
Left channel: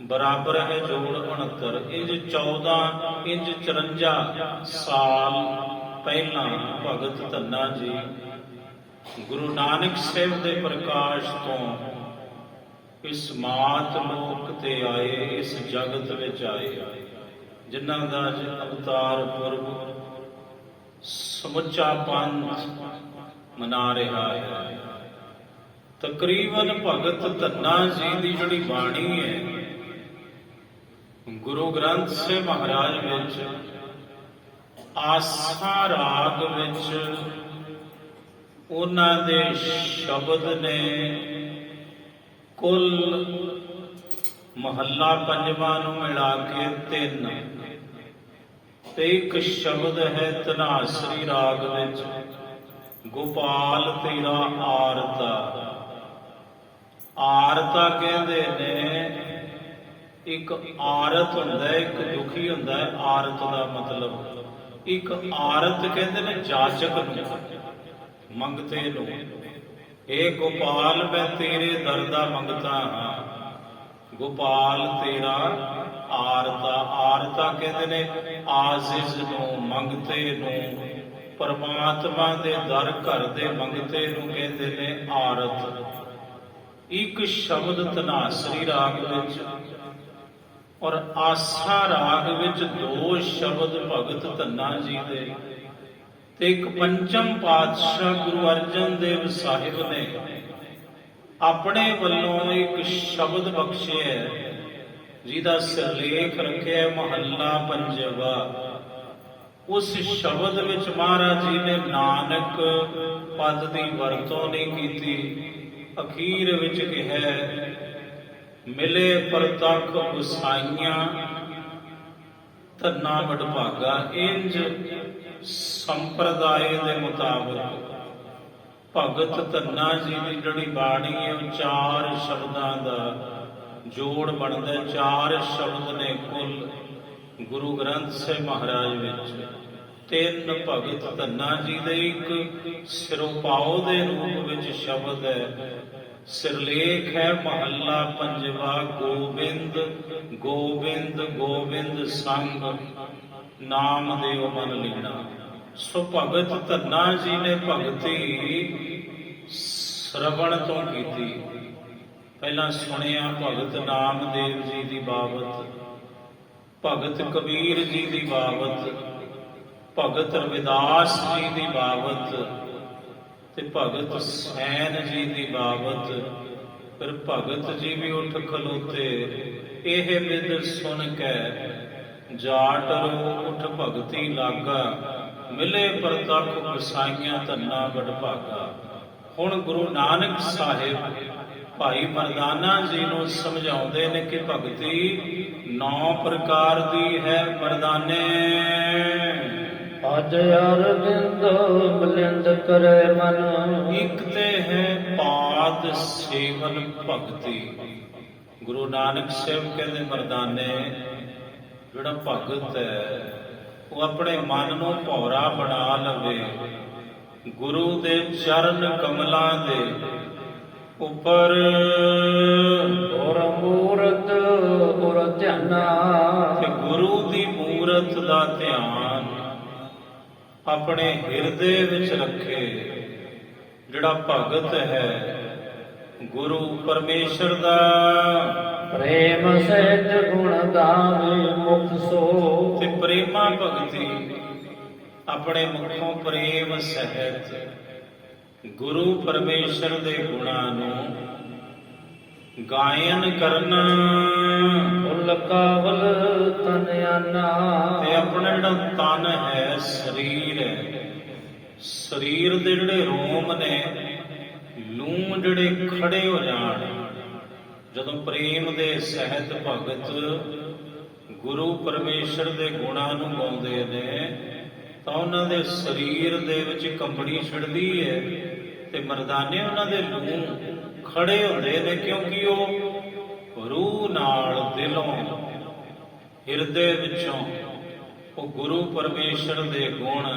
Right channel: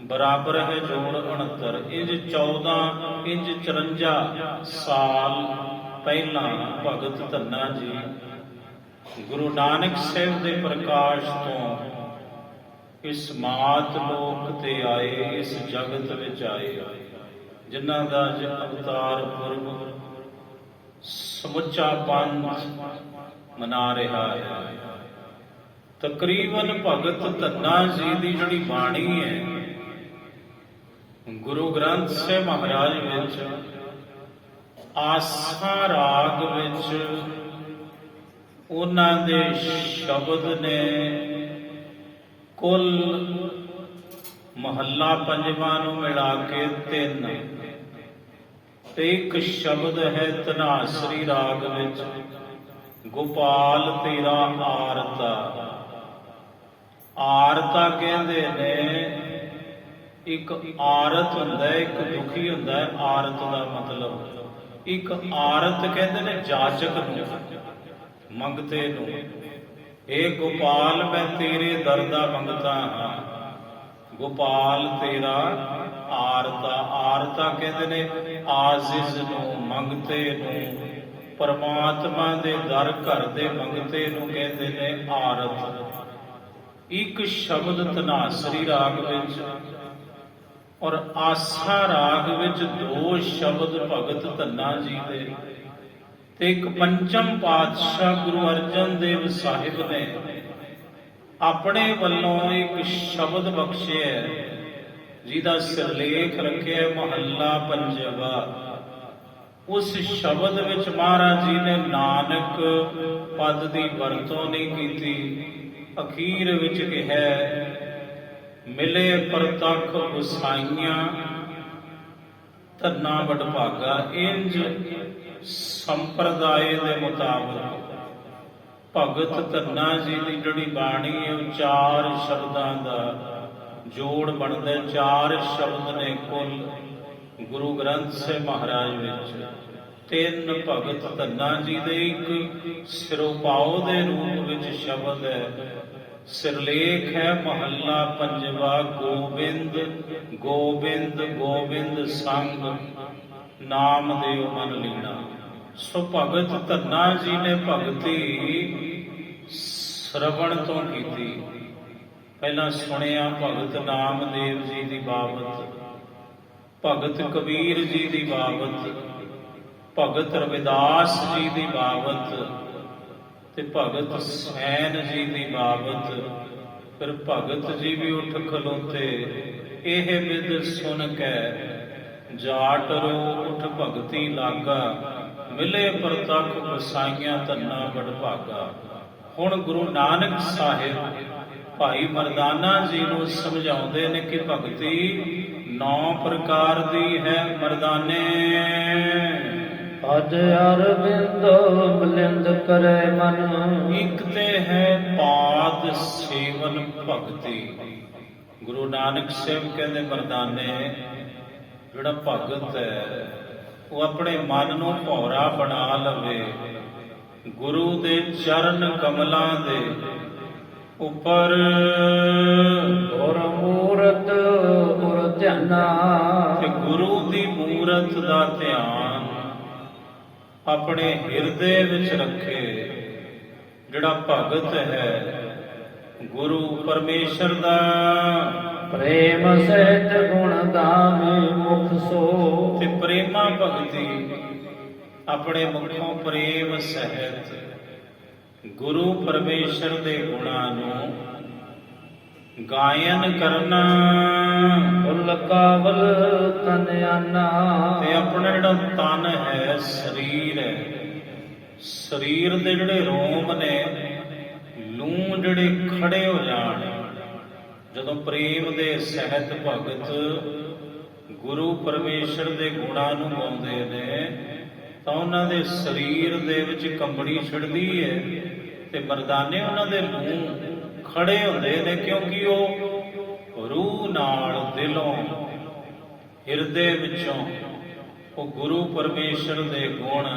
ਬਰਾਬਰ ਹੈ ਜੋੜ 69। ਇੰਜ 14 ਇੰਜ 54 ਸਾਲ ਪਹਿਲਾਂ ਭਗਤ ਧੰਨਾ ਜੀ ਗੁਰੂ ਨਾਨਕ ਸਾਹਿਬ ਦੇ ਪ੍ਰਕਾਸ਼ ਤੋਂ ਇਸ ਮਾਤ ਲੋਕ ਤੇ ਆਏ, ਇਸ ਜਗਤ ਵਿੱਚ ਆਏ, ਜਿਨ੍ਹਾਂ ਦਾ ਅਵਤਾਰ ਪੁਰਬ ਸਮੁੱਚਾ ਪੰਥ ਮਨਾ ਰਿਹਾ ਹੈ। ਤਕਰੀਬਨ ਭਗਤ ਧੰਨਾ ਜੀ ਦੀ ਜਿਹੜੀ ਬਾਣੀ ਹੈ ਗੁਰੂ ਗ੍ਰੰਥ ਸਾਹਿਬ ਮਹਾਰਾਜ ਵਿੱਚ ਆਸਾ ਰਾਗ ਵਿੱਚ ਉਹਨਾਂ ਦੇ ਸ਼ਬਦ ਨੇ ਕੁੱਲ ਮਹੱਲਾ ਪੰਜਵਾਂ ਨੂੰ ਮਿਲਾ ਕੇ 3 ਤੇ ਇੱਕ ਸ਼ਬਦ ਹੈ ਧਨਾਸਰੀ ਰਾਗ ਵਿੱਚ ਗੋਪਾਲ ਤੇਰਾ ਆਰਤਾ। ਆਰਤਾ ਕਹਿੰਦੇ ਨੇ, ਇੱਕ ਆਰਤ ਹੁੰਦਾ ਹੈ, ਇੱਕ ਦੁਖੀ ਹੁੰਦਾ ਹੈ। ਆਰਤ ਦਾ ਮਤਲਬ, ਇੱਕ ਆਰਤ ਕਹਿੰਦੇ ਨੇ ਜਾਚਕ ਨੂੰ, ਮੰਗਤੇ ਨੂੰ। ਇਹ ਗੋਪਾਲ ਮੈਂ ਤੇਰੇ ਦਰ ਦਾ ਮੰਗਤਾ ਹਾਂ, ਗੋਪਾਲ ਤੇਰਾ ਆਰਤਾ। ਆਰਤਾ ਕਹਿੰਦੇ ਨੇ ਆਜ਼ਿਜ਼ ਨੂੰ, ਮੰਗਤੇ ਨੂੰ, ਪਰਮਾਤਮਾ ਦੇ ਦਰ ਘਰ ਦੇ ਮੰਗਤੇ ਨੂੰ ਕਹਿੰਦੇ ਨੇ ਆਰਤ। ਇੱਕ ਸ਼ਬਦ ਧਨਾਸਰੀ ਰਾਗ ਵਿੱਚ ਔਰ ਆਸਾ ਰਾਗ ਵਿੱਚ 2 ਸ਼ਬਦ ਭਗਤ ਧੰਨਾ ਜੀ ਦੇ ਤੇ ਇੱਕ ਪੰਚਮ ਪਾਤਸ਼ਾਹ ਗੁਰੂ ਅਰਜਨ ਦੇਵ ਸਾਹਿਬ ਨੇ ਆਪਣੇ ਵੱਲੋਂ ਇੱਕ ਸ਼ਬਦ ਬਖਸ਼ਿਆ, ਜਿਹਦਾ ਸਿਰਲੇਖ ਰੱਖਿਆ ਮਹੱਲਾ ਪੰਜਵਾ। ਉਸ ਸ਼ਬਦ ਵਿੱਚ ਮਹਾਰਾਜ ਜੀ ਨੇ ਨਾਨਕ ਪਦ ਦੀ ਵਰਤੋਂ ਨਹੀਂ ਕੀਤੀ। ਅਖੀਰ ਵਿੱਚ ਕਿਹਾ ਮਿਲੇ ਪ੍ਰਤੱਖ ਗੁਸਾਈਆਂ ਧੰਨਾ ਵਡਭਾਗਾ। ਇੰਜ ਸੰਪਰਦਾਇ ਦੇ ਮੁਤਾਬਕ ਭਗਤ ਧੰਨਾ ਜੀ ਦੀ ਜਿਹੜੀ ਬਾਣੀ ਹੈ 4 ਸ਼ਬਦਾਂ ਦਾ ਜੋੜ ਬਣਦਾ। 4 ਸ਼ਬਦ ਨੇ ਕੁੱਲ ਗੁਰੂ ਗ੍ਰੰਥ ਸਾਹਿਬ ਮਹਾਰਾਜ ਵਿੱਚ। 3 ਭਗਤ ਧੰਨਾ ਜੀ ਦੇ ਇੱਕ ਸਿਰੋਪਾਉ ਦੇ ਰੂਪ ਵਿੱਚ ਸ਼ਬਦ ਹੈ। ਸਿਰਲੇਖ ਹੈ ਮਹੱਲਾ ਪੰਜਵਾ ਗੋਬਿੰਦ ਗੋਬਿੰਦ ਗੋਬਿੰਦ ਸੰਗ ਨਾਮ ਦਿਓ ਮਨ ਲੀਨਾ। ਸੋ ਭਗਤ ਧੰਨਾ ਜੀ ਨੇ ਭਗਤੀ ਸ਼ਰਵਣ ਤੋਂ ਕੀਤੀ। ਪਹਿਲਾਂ ਸੁਣਿਆ ਭਗਤ ਨਾਮਦੇਵ ਜੀ ਦੀ ਬਾਬਤ, ਭਗਤ ਕਬੀਰ ਜੀ ਦੀ ਬਾਬਤ, ਭਗਤ ਰਵਿਦਾਸ ਜੀ ਦੀ ਬਾਬਤ ਤੇ ਭਗਤ ਸੈਨ ਜੀ ਦੀ ਬਾਬਤ। ਫਿਰ ਭਗਤ ਜੀ ਵੀ ਉੱਠ ਖਲੋਤੇ, ਇਹ ਵਿਦ ਸੁਨ ਕੈ ਜਾਟ ਰੋ ਉਠ ਭਗਤੀ ਲਾਗਾ, ਮਿਲੇ ਪ੍ਰਤੱਖ ਵਸਾਈਆਂ ਧੰਨਾ ਬੜ ਭਾਗਾ। ਹੁਣ ਗੁਰੂ ਨਾਨਕ ਸਾਹਿਬ ਭਾਈ ਮਰਦਾਨਾ ਜੀ ਨੂੰ ਸਮਝਾਉਂਦੇ ਨੇ ਕਿ ਭਗਤੀ 9 ਪ੍ਰਕਾਰ ਦੀ ਹੈ ਮਰਦਾਨੇ। ਅਜ ਅਰਵਿੰਦ ਬਲਿੰਦ ਕਰੇ ਮਨ, ਇੱਕ ਤੇ ਹੈ ਪਾਦ ਸੇਵਨ ਭਗਤੀ। ਗੁਰੂ ਨਾਨਕ ਸਾਹਿਬ ਕਹਿੰਦੇ ਮਰਦਾਨੇ, ਜਿਹੜਾ ਭਗਤ ਹੈ ਉਹ ਆਪਣੇ ਮਨ ਨੂੰ ਭੌਰਾ ਬਣਾ ਲਵੇ, ਗੁਰੂ ਦੇ ਚਰਨ ਕਮਲਾਂ ਦੇ ਉੱਪਰ ਔਰ ਮੂਰਤ ਔਰ ਧਿਆਨਾ, ਤੇ ਗੁਰੂ ਦੀ ਮੂਰਤ ਦਾ ਧਿਆਨ ਆਪਣੇ ਹਿਰਦੇ ਵਿੱਚ ਰੱਖੇ। ਜਿਹੜਾ ਭਗਤ ਹੈ ਗੁਰੂ ਪਰਮੇਸ਼ਰ ਦਾ ਪ੍ਰੇਮ ਸਹਿਤ ਗੁਣ ਗਾਵੇ ਮੁਖ ਸੋ, ਤੇ ਪ੍ਰੇਮਾ ਭਗਤੀ ਆਪਣੇ ਮੁਖੋਂ ਪ੍ਰੇਮ ਸਹਿਤ ਗੁਰੂ ਪਰਮੇਸ਼ਰ ਦੇ ਗੁਣਾਂ ਨੂੰ ਗਾਇਨ ਕਰਨਾ। ਫੁੱਲ ਕਾਵਲ ਤਨ ਆਨਾ, ਤੇ ਆਪਣਾ ਜਿਹੜਾ ਤਨ ਹੈ, ਸਰੀਰ ਹੈ, ਸਰੀਰ ਦੇ ਜਿਹੜੇ ਰੋਮ ਨੇ, ਲੂੰ ਜਿਹੜੇ ਖੜੇ ਹੋ ਜਾਣ। ਜਦੋਂ ਪ੍ਰੇਮ ਦੇ ਸਹਿਤ ਭਗਤ ਗੁਰੂ ਪਰਮੇਸ਼ਰ ਦੇ ਗੁਣਾਂ ਨੂੰ ਗਾਉਂਦੇ ਨੇ ਤਾਂ ਉਹਨਾਂ ਦੇ ਸਰੀਰ ਦੇ ਵਿੱਚ ਕੰਬਣੀ ਛਿੜਦੀ ਹੈ, ਤੇ ਮਰਦਾਨੇ ਉਹਨਾਂ ਦੇ ਲੂੰ ਖੜੇ ਹੁੰਦੇ ਨੇ, ਕਿਉਂਕਿ ਉਹ ਰੂਹ ਨਾਲ, ਦਿਲੋਂ, ਹਿਰਦੇ ਵਿੱਚੋਂ ਉਹ ਗੁਰੂ ਪਰਮੇਸ਼ਰ ਦੇ ਗੁਣ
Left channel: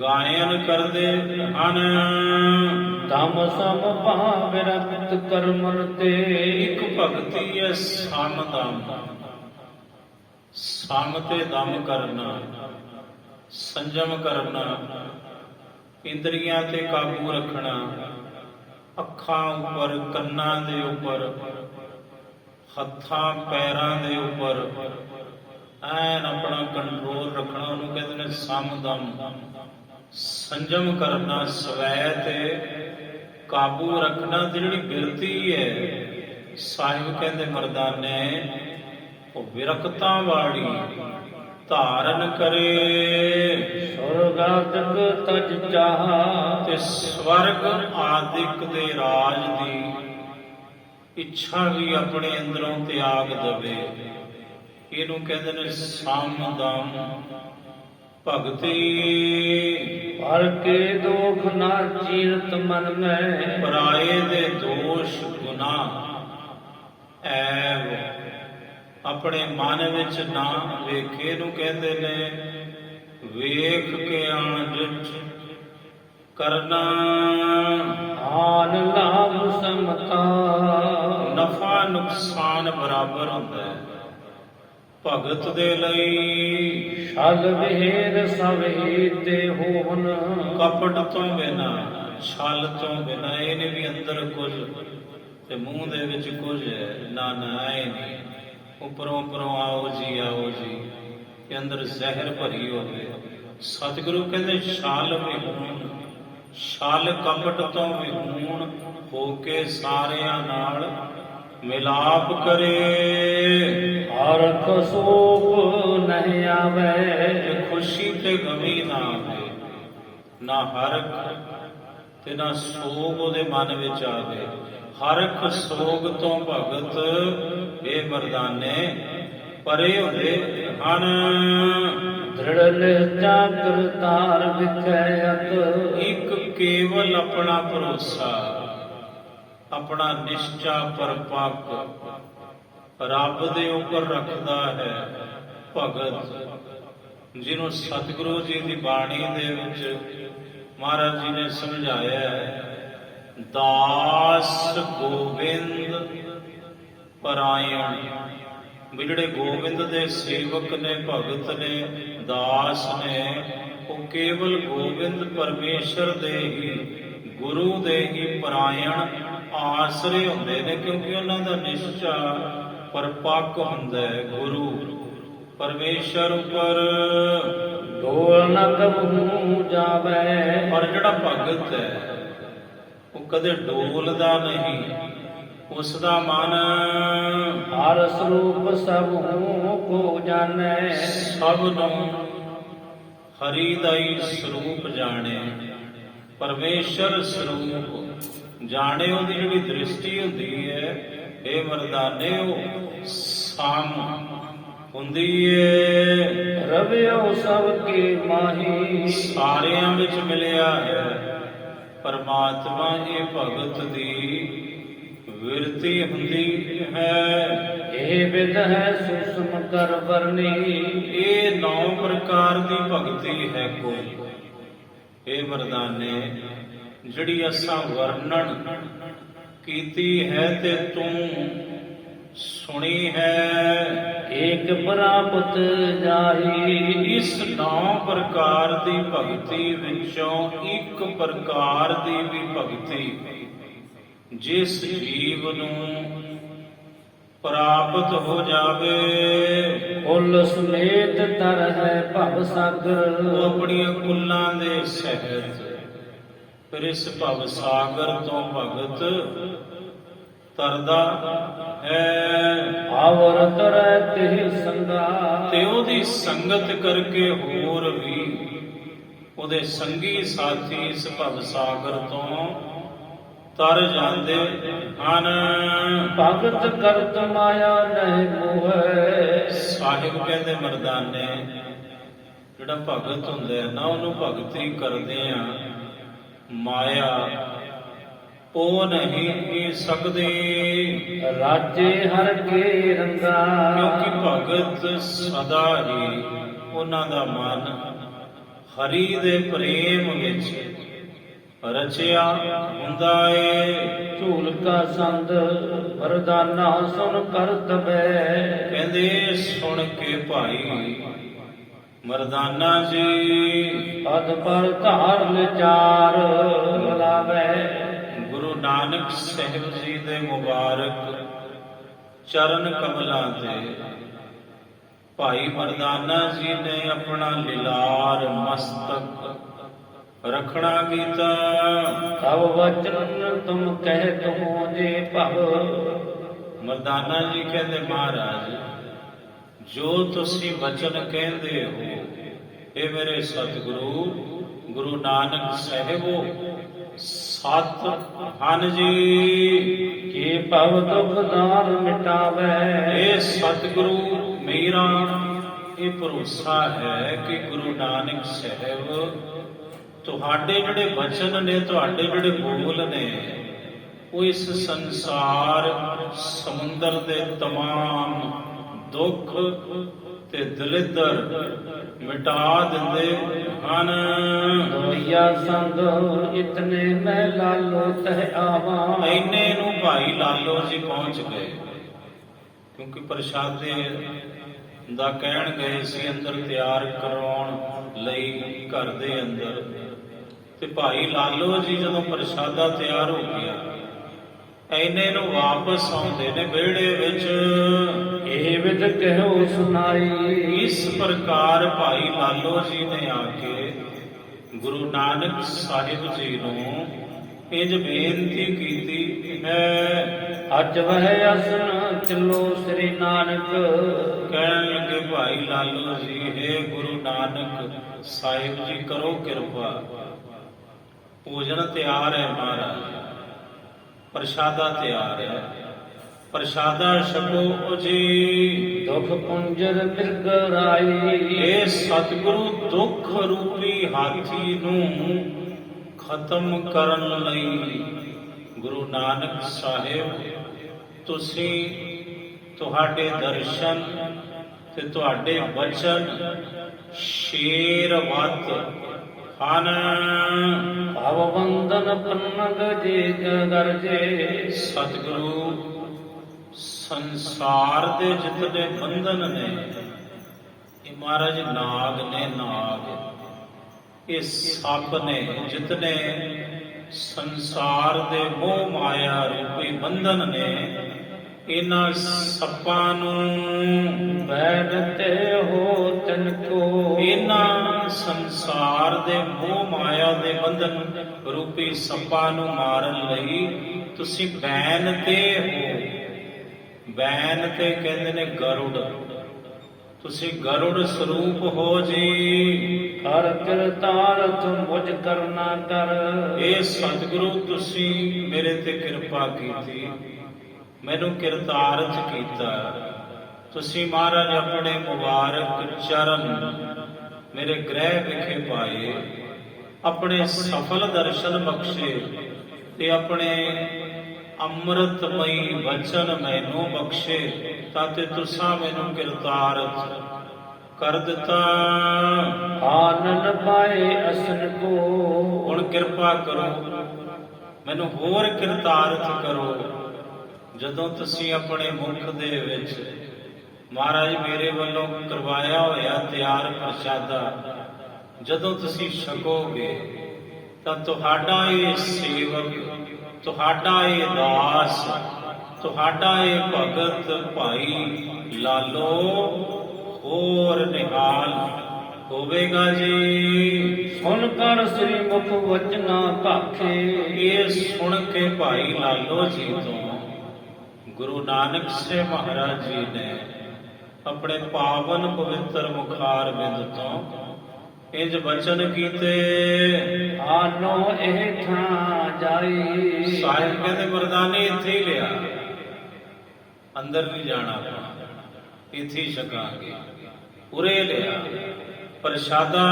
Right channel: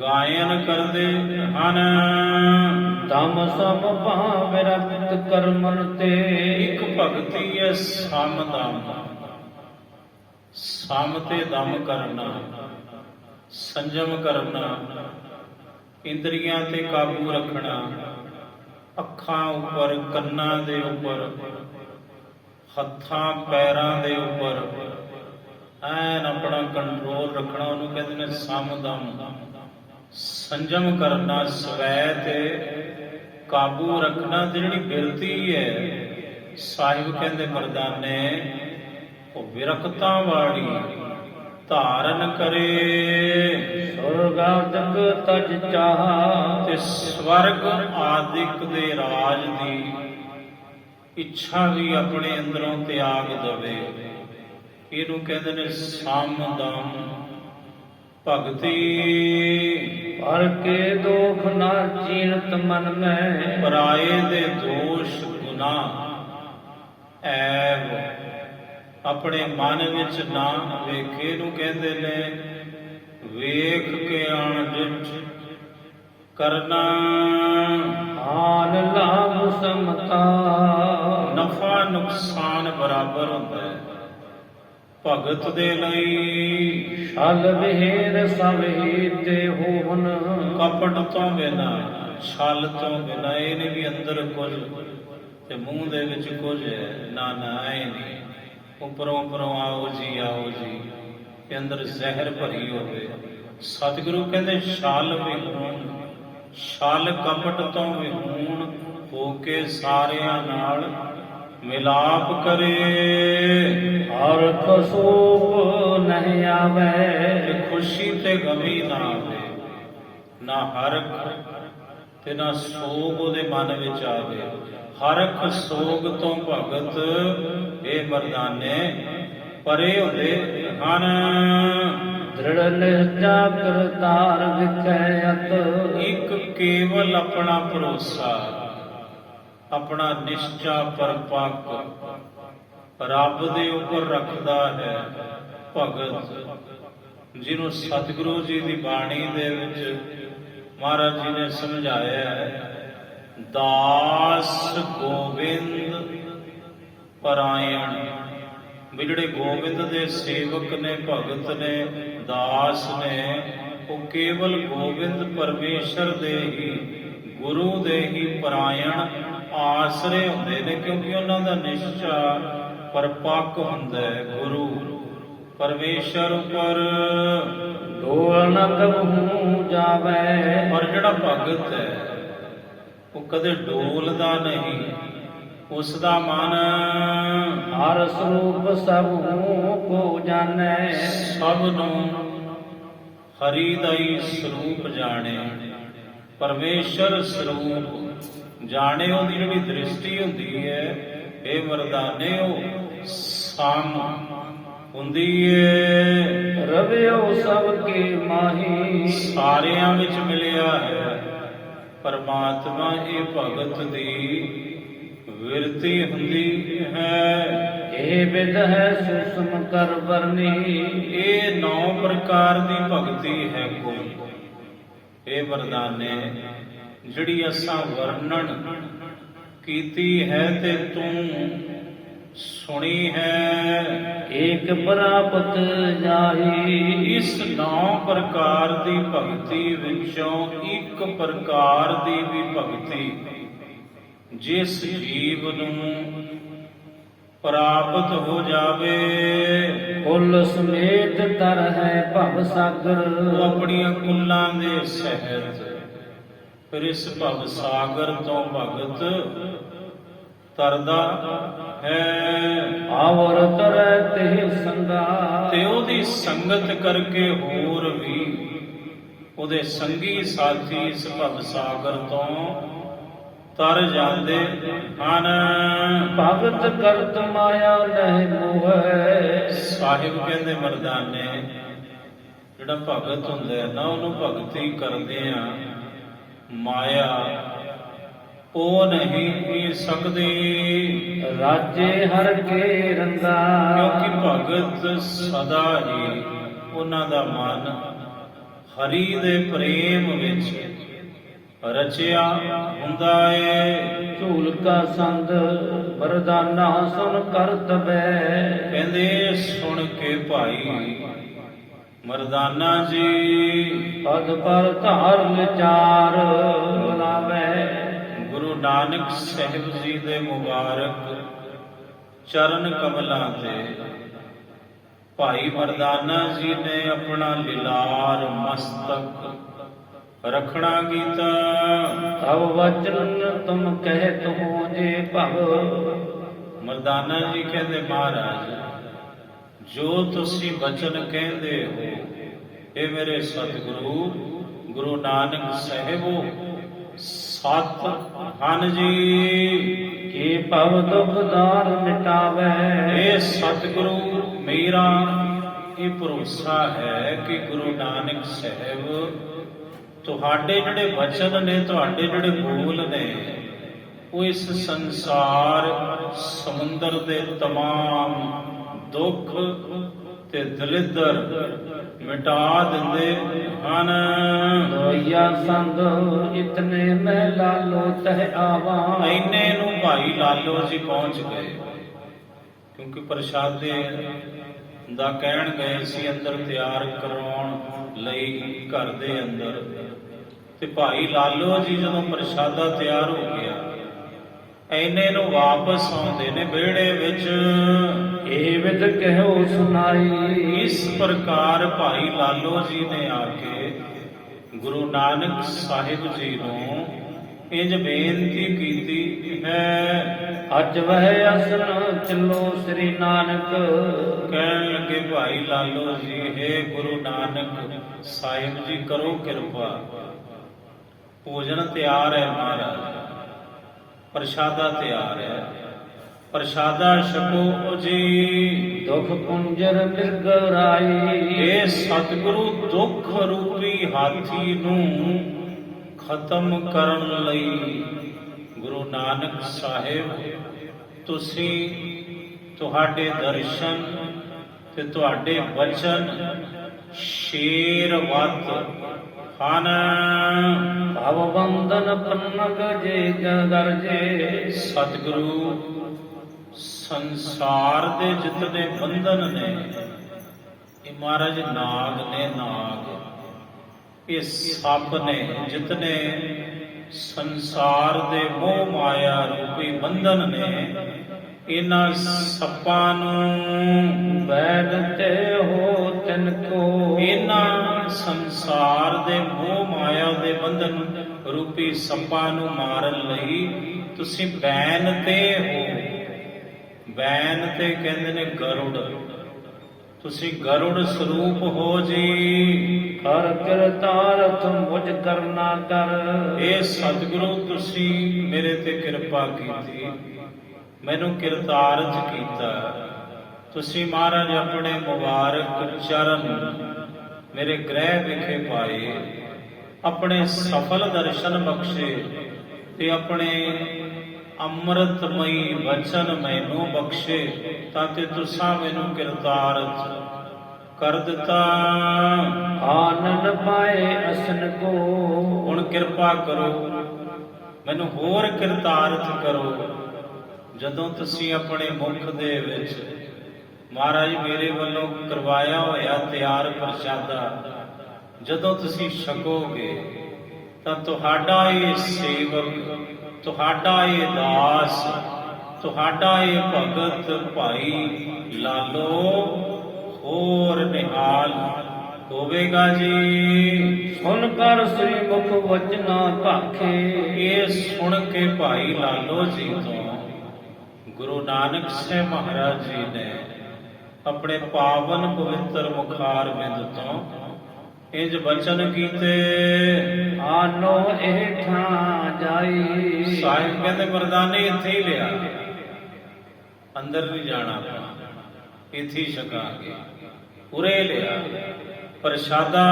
ਗਾਇਨ ਕਰਦੇ ਹਨ। ਦਮ ਸਮ ਭਾਵ ਰਖਤ ਕਰਮਨ ਤੇ, ਇੱਕ ਭਗਤੀ ਹੈ ਸਮ ਦਮ, ਸਮ ਤੇ ਦਮ ਕਰਨਾ, ਸੰਜਮ ਕਰਨਾ, ਇੰਦਰੀਆਂ ਤੇ ਕਾਬੂ ਰੱਖਣਾ, ਅੱਖਾਂ ਉੱਪਰ, ਕੰਨਾਂ ਦੇ ਉੱਪਰ, ਹੱਥਾਂ ਪੈਰਾਂ ਦੇ ਉੱਪਰ ਐਨ ਆਪਣਾ ਕੰਟਰੋਲ ਰੱਖਣਾ, ਉਹਨੂੰ ਕਹਿੰਦੇ ਨੇ ਸਮਦਮ। ਸੰਜਮ ਕਰਨਾ, ਸਵੈ ਤੇ ਕਾਬੂ ਰੱਖਣਾ। ਤੇ ਜਿਹੜੀ ਬਿਰਤੀ ਹੈ ਸਾਹਿਬ ਕਹਿੰਦੇ ਮਰਦਾਨੇ, ਉਹ ਵਿਰਕਤਾ ਵਾਲੀ ਧਾਰਨ ਕਰੇ। ਸੁਰਗਾਦਿਕ ਤਜ ਚਾਹ, ਤੇ ਸਵਰਗ ਆਦਿਕ ਦੇ ਰਾਜ ਦੀ ਇੱਛਾ ਵੀ ਆਪਣੇ ਅੰਦਰੋਂ ਤਿਆਗ ਦਵੇ। ਇਹਨੂੰ ਕਹਿੰਦੇ ਨੇ ਸਮਦਮ ਭਗਤੀ। ਹਰ ਕੇ ਦੋਖ ਨਾ ਚੀਰਤ ਮਨ ਮੈਂ, ਪਰਾਏ ਦੇ ਦੋਸ਼ ਗੁਨਾਹ ਐਬ ਆਪਣੇ ਮਨ ਵਿੱਚ ਨਾ ਵੇਖੇ। ਨੂੰ ਕਹਿੰਦੇ ਨੇ ਵੇਖ ਕੇ ਅਣਡਿਠ ਕਰਨਾ। ਆਨ ਲਾਭ ਸਮਤਾ, ਨਫਾ ਨੁਕਸਾਨ ਬਰਾਬਰ ਹੁੰਦਾ ਹੈ ਭਗਤ ਦੇ ਲਈ। ਛਲ ਵਿਹੇਰ ਸਭ ਹੀਤੇ ਹੋਵਨ, ਕਪਟ ਤੋਂ ਬਿਨਾ, ਛਲ ਤੋਂ ਬਿਨਾ। ਇਹ ਨਹੀਂ ਵੀ ਅੰਦਰ ਕੁਝ ਤੇ ਮੂੰਹ ਦੇ ਵਿੱਚ ਕੁਝ ਹੈ, ਨਾ ਨਾ ਐ ਨਹੀਂ। ਉੱਪਰੋਂ ਉੱਪਰੋਂ ਆਓ ਜੀ, ਆਓ ਜੀ, ਤੇ ਅੰਦਰ ਜ਼ਹਿਰ ਭਰੀ ਹੋਵੇ। ਸਤਿਗੁਰੂ ਕਹਿੰਦੇ ਛਲ ਵਿਹੂਣ, ਛਲ ਕਪਟ ਤੋਂ ਵਿਹੂਣ ਹੋ ਕੇ ਸਾਰਿਆਂ ਨਾਲ ਮਿਲਾਪ ਕਰੇ। ਹਰ ਕਸੂਪ ਨਹੀਂ ਆਵੇ, ਤੇ ਖੁਸ਼ੀ ਤੇ ਗਮੀ ਨਾ ਆਵੇ, ਨਾ ਹਰਖ ਤੇ ਨਾ ਸੋਗ ਉਹਦੇ ਮਨ ਵਿੱਚ ਆਵੇ। ਹਰਖ ਸੋਗ ਤੋਂ ਭਗਤ ਇਹ ਮਰਦਾਨੇ ਪਰੇ ਹੁੰਦੇ ਹਨ। ਦ੍ਰਿੜ ਨਿਸ਼ਚਾ ਕਰਤਾਰ ਵਿਖਿਆਤ, ਇੱਕ ਕੇਵਲ ਆਪਣਾ ਭਰੋਸਾ, ਆਪਣਾ ਨਿਸ਼ਚਾ ਪਰਪੱਕ ਰੱਬ ਦੇ ਉੱਪਰ ਰੱਖਦਾ ਹੈ ਭਗਤ, ਜਿਹਨੂੰ ਸਤਿਗੁਰੂ ਜੀ ਦੀ ਬਾਣੀ ਦੇ ਵਿੱਚ ਮਹਾਰਾਜ ਜੀ ਨੇ ਸਮਝਾਇਆ ਹੈ, ਦਾਸ ਗੋਬਿੰਦ ਪਰਾਇਣ। ਵੀ ਜਿਹੜੇ ਗੋਬਿੰਦ ਦੇ ਸੇਵਕ ਨੇ, ਭਗਤ ਨੇ, ਦਾਸ ਨੇ, ਉਹ ਕੇਵਲ ਗੋਬਿੰਦ ਪਰਮੇਸ਼ਰ ਦੇ ਹੀ, ਗੁਰੂ ਦੇ ਹੀ ਪਰਾਇਣ ਆਸਰੇ ਹੁੰਦੇ ਨੇ, ਕਿਉਂਕਿ ਉਹਨਾਂ ਦਾ ਨਿਸ਼ਚਾ ਪਰਪੱਕ ਹੁੰਦਾ ਹੈ ਗੁਰੂ ਪਰਮੇਸ਼ਰ ਉੱਪਰ। ਡੋਲ ਨ ਕਬਹੂ ਜਾਵੇ, ਪਰ ਜਿਹੜਾ ਭਗਤ ਹੈ ਉਹ ਕਦੇ ਡੋਲਦਾ ਨਹੀਂ, ਉਸ ਦਾ ਮਨ ਹਰ ਸਰੂਪ ਸਭੂ ਕੋ ਜਾਣੈ। ਸਭ ਨੂੰ ਹਰੀ ਦਾ ਹੀ ਸਰੂਪ ਜਾਣੇ, ਪਰਮੇਸ਼ਰ ਸਰੂਪ ਜਾਣੇ। ਉਹਦੀ ਜਿਹੜੀ ਦ੍ਰਿਸ਼ਟੀ ਹੁੰਦੀ ਹੈ, ਇਹ ਮਰਦਾਨੇ ਉਹ ਸਾਮ ਹੁੰਦੀ ਏ। ਰਵਿਓ ਸਭ ਕੇ ਮਾਹੀ, ਸਾਰਿਆਂ ਵਿੱਚ ਮਿਲਿਆ ਹੈ ਪਰਮਾਤਮਾ। ਇਹ ਭਗਤ ਦੀ ਵਿਰਤੀ ਹੁੰਦੀ ਹੈ। ਇਹ ਵਿਦ ਹੈ ਸੁਸਮ ਕਰ ਵਰਨੀ, ਇਹ 9 ਪ੍ਰਕਾਰ ਦੀ ਭਗਤੀ ਹੈ ਕੋਈ। ਇਹ ਮਰਦਾਨੇ ਜਿਹੜੀ ਅਸਾਂ ਵਰਣਨ ਕੀਤੀ ਹੈ ਤੇ ਤੂੰ ਸੁਣੀ ਹੈ। ਏਕ ਪ੍ਰਾਪਤ ਜਾਹੀ, ਇਸ 9 ਪ੍ਰਕਾਰ ਦੀ ਭਗਤੀ ਵਿੱਚੋਂ ਇੱਕ ਪ੍ਰਕਾਰ ਦੀ ਵੀ ਭਗਤੀ ਜਿਸ ਜੀਵ ਨੂੰ ਪ੍ਰਾਪਤ ਹੋ ਜਾਵੇ, ਕੁੱਲ ਸਮੇਤ ਤਰ ਹੈ ਭਵ ਸਾਗਰ। ਉਹ ਆਪਣੀਆਂ ਕੁੱਲਾਂ ਦੇ ਸਹਿਤ ਫਿਰ ਇਸ ਭਵ ਸਾਗਰ ਤੋਂ ਭਗਤ ਤਰਦਾ ਹੈ। ਆਵਰ ਤਰੈ ਤੇ ਸੰਗਾ, ਤੇ ਉਹਦੀ ਸੰਗਤ ਕਰਕੇ ਹੋਰ ਵੀ ਉਹਦੇ ਸੰਗੀ ਸਾਥੀ ਇਸ ਭਵ ਸਾਗਰ ਤੋਂ ਤਰ ਜਾਂਦੇ ਹਨ। ਭਗਤ ਕਰਤ ਮਾਇਆ ਨਹੀਂ ਮੋਹੈ, ਸਾਹਿਬ ਕਹਿੰਦੇ ਮਰਦਾਨੇ ਜਿਹੜਾ ਭਗਤ ਹੁੰਦਾ ਹੈ ਨਾ, ਉਹਨੂੰ ਭਗਤੀ ਕਰਦੇ ਆ ਮਾਇਆ ਉਹ ਨਹੀਂ ਪੀ ਸਕਦੀ। ਰਾਜੇ ਹਰ ਕੇ ਰੰਗਾ, ਕਿਉਂਕਿ ਭਗਤ ਸਦਾ ਹੀ ਉਹਨਾਂ ਦਾ ਮਨ ਹਰੀ ਦੇ ਪ੍ਰੇਮ ਵਿੱਚ ਰਚਿਆ ਹੁੰਦਾ ਏ। ਝੂਲ ਕਾ ਸੰਦ ਵਰਦਾਨਾ ਸੁਨ ਕਰਤਬੈ, ਕਹਿੰਦੇ ਸੁਣ ਕੇ ਭਾਈ ਮਰਦਾਨਾ ਜੀ ਪਦ ਪਰ ਧਾਰ ਵਿਚਾਰ ਲਾਵੇ। ਗੁਰੂ ਨਾਨਕ ਸਾਹਿਬ ਜੀ ਦੇ ਮੁਬਾਰਕ ਚਰਨ ਕਮਲਾਂ ਤੇ ਭਾਈ ਮਰਦਾਨਾ ਜੀ ਨੇ ਆਪਣਾ ਲਿਲਾਰ ਮਸਤਕ ਰਖਣਾ ਕੀਤਾ। ਤਵ ਵਚਨ ਤੁਮ ਕਹਿਤ ਹੋ ਜੇ ਭਵ, ਮਰਦਾਨਾ ਜੀ ਕਹਿੰਦੇ ਮਹਾਰਾਜ ਜੋ ਤੁਸੀਂ ਬਚਨ ਕਹਿੰਦੇ ਹੋ, ਇਹ ਮੇਰੇ ਸਤਿਗੁਰੂ ਗੁਰੂ ਨਾਨਕ ਸਾਹਿਬੋ ਸਤ ਹਨ ਜੀ। ਕੀ ਭਵ ਦੁਖ ਦਾਰ ਮਿਟਾਵੇ, ਇਹ ਸਤਿਗੁਰੂ ਮੇਰਾ ਇਹ ਭਰੋਸਾ ਹੈ ਕਿ ਗੁਰੂ ਨਾਨਕ ਸਾਹਿਬ ਤੁਹਾਡੇ ਜਿਹੜੇ ਵਚਨ ਨੇ, ਤੁਹਾਡੇ ਜਿਹੜੇ ਬੋਲ ਨੇ, ਉਹ ਇਸ ਸੰਸਾਰ ਸਮੁੰਦਰ ਦੇ ਤਮਾਮ ਦੁੱਖ ਤੇ ਦਲਿੱਦਰ ਮਿਟਾ ਦਿੰਦੇ ਹਨ। ਦੋਇਆ ਸੰਗ ਇਤਨੇ ਮੈਂ ਲਾਲੋ ਤਹਿ ਆਵਾਂ, ਇੰਨੇ ਨੂੰ ਭਾਈ ਲਾਲੋ ਜੀ ਪਹੁੰਚ ਗਏ, ਕਿਉਂਕਿ ਪ੍ਰਸ਼ਾਦੇ ਦਾ ਕਹਿਣ ਗਏ ਸੀ ਅੰਦਰ ਤਿਆਰ ਕਰਾਉਣ ਲਈ ਘਰ ਦੇ ਅੰਦਰ। ਤੇ ਭਾਈ ਲਾਲੋ ਜੀ ਜਦੋਂ ਪ੍ਰਸ਼ਾਦਾ ਤਿਆਰ ਹੋ ਗਿਆ, ਇੰਨੇ ਨੂੰ ਵਾਪਸ ਆਉਂਦੇ ਨੇ ਵਿਹੜੇ ਵਿੱਚ। ਇਹ ਵਿਦ ਕਹਿਓ ਸੁਨਾਈ, ਇਸ ਪ੍ਰਕਾਰ ਭਾਈ ਲਾਲੋ ਜੀ ਨੇ ਆ ਕੇ ਗੁਰੂ ਨਾਨਕ ਸਾਹਿਬ ਜੀ ਨੂੰ ਇੰਜ ਬੇਨਤੀ ਕੀਤੀ ਹੈ। ਅੱਜ ਵਹਿ ਅਸਨ ਚਲੋ ਸ੍ਰੀ ਨਾਨਕ, ਕਹਿਣ ਲੱਗੇ ਭਾਈ ਲਾਲੋ ਜੀ, हे ਗੁਰੂ ਨਾਨਕ ਸਾਹਿਬ ਜੀ ਕਰੋ ਕਿਰਪਾ, ਭੋਜਨ ਤਿਆਰ ਹੈ ਮਹਾਰਾਜ, ਪ੍ਰਸ਼ਾਦਾ ਤਿਆਰ ਹੈ, ਪ੍ਰਸ਼ਾਦਾ ਛਕੋ ਜੀ। ਦੁਖ ਪੁੰਜਰ ਮਿਰਗਰਾਈ, ਇਹ ਸਤਿਗੁਰੂ ਦੁੱਖ ਰੂਪੀ ਹਾਥੀ ਨੂੰ ਖਤਮ ਕਰਨ ਲਈ ਗੁਰੂ ਨਾਨਕ ਸਾਹਿਬ ਤੁਸੀਂ ਤੁਹਾਡੇ ਦਰਸ਼ਨ ਤੇ ਤੁਹਾਡੇ ਬਚਨ ਸ਼ੇਰ ਵੱਤ ਹਨ। ਭਵ ਬੰਧਨ ਪੰਨਗ ਜੇ ਗਰਜੇ, ਸਤਿਗੁਰੂ ਸੰਸਾਰ ਦੇ ਜਿਤਨੇ ਬੰਧਨ ਨੇ, ਇਹ ਮਹਾਰਾਜ ਨਾਗ ਨੇ, ਨਾਗ ਇਹ ਸੱਪ ਨੇ, ਜਿਤਨੇ ਸੰਸਾਰ ਦੇ ਮੋਹ ਮਾਇਆ ਰੂਪੀ ਬੰਧਨ ਨੇ, ਇਹਨਾਂ ਸੱਪਾਂ ਨੂੰ ਬੈਨਤੇ ਹੋ ਤਿਨ ਕੋ, ਇਹਨਾਂ ਸੰਸਾਰ ਦੇ ਮੋਹ ਮਾਇਆ ਦੇ ਬੰਧਨ ਰੂਪੀ ਸੱਪਾਂ ਨੂੰ ਮਾਰਨ ਲਈ ਤੁਸੀਂ ਬੈਨ ਤੇ ਹੋ। ਬੈਨ ਤੇ ਕਹਿੰਦੇ ਨੇ ਗਰੁੜ, ਤੁਸੀਂ ਗਰੁੜ ਸਰੂਪ ਹੋ ਜੀ। ਕਰ ਕਿਰਤਾਰਥ ਮੁਝ ਕਰਨਾ ਕਰ। ਇਹ ਸਤਿਗੁਰੂ ਤੁਸੀਂ ਮੇਰੇ ਤੇ ਕਿਰਪਾ ਕੀਤੀ, ਮੈਨੂੰ ਕਿਰਤਾਰਥ ਕੀਤਾ। ਤੁਸੀਂ ਮਹਾਰਾਜ ਆਪਣੇ ਮੁਬਾਰਕ ਚਰਨ ਮੇਰੇ ਗ੍ਰਹਿ ਵਿਖੇ ਪਾਏ, ਆਪਣੇ ਸਫਲ ਦਰਸ਼ਨ ਬਖਸ਼ੇ ਤੇ ਆਪਣੇ ਅੰਮ੍ਰਿਤਮਈ ਵਚਨ ਮੈਨੂੰ ਬਖਸ਼ੇ, ਤਾਂ ਤੇ ਤੁਸਾਂ ਮੈਨੂੰ ਕਿਰਤਾਰਥ ਕਰ ਦਿੱਤਾ। ਆਨੰਦ ਪਾਏ ਅਸਨ ਕੋ। ਹੁਣ ਕਿਰਪਾ ਕਰੋ, ਮੈਨੂੰ ਹੋਰ ਕਿਰਤਾਰਥ ਕਰੋ। ਜਦੋਂ ਤੁਸੀਂ ਆਪਣੇ ਮੁਖ ਦੇ ਵਿੱਚ ਮਹਾਰਾਜ ਮੇਰੇ ਵੱਲੋਂ ਕਰਵਾਇਆ ਹੋਇਆ ਤਿਆਰ ਪ੍ਰਸ਼ਾਦਾ ਜਦੋਂ ਤੁਸੀਂ ਛਕੋਗੇ, ਤਾਂ ਤੁਹਾਡਾ ਇਹ ਸੇਵਕ, ਤੁਹਾਡਾ ਇਹ ਦਾਸ, ਤੁਹਾਡਾ ਇਹ ਭਗਤ ਭਾਈ ਲਾਲੋ ਹੋਰ ਨਿਹਾਲ ਹੋਵੇਗਾ ਜੀ। ਸੁਣ ਕਰ ਸ੍ਰੀ ਮੁਖ ਵਚਨਾ ਭਾਖੇ। ਇਹ ਸੁਣ ਕੇ ਭਾਈ ਲਾਲੋ ਜੀ ਤੋਂ ਗੁਰੂ ਨਾਨਕ ਸਾਹਿਬ ਮਹਾਰਾਜ ਜੀ ਨੇ ਆਪਣੇ ਪਾਵਨ ਪਵਿੱਤਰ ਮੁਖਾਰ ਬਿੰਦ ਤੋਂ ਇੰਜ ਬਚਨ ਕੀਤੇ। ਆਨੋ ਇਹ ਠਾਂ ਜਾਈ। ਸਾਹਿਬ ਕਹਿੰਦੇ ਮਰਦਾਨੇ ਇੱਥੇ ਹੀ ਲਿਆ, ਅੰਦਰ ਨਹੀਂ ਜਾਣਾ, ਇੱਥੇ ਹੀ ਛਕਾਂਗੇ। ਉਰੇ ਲਿਆ ਪ੍ਰਸ਼ਾਦਾ।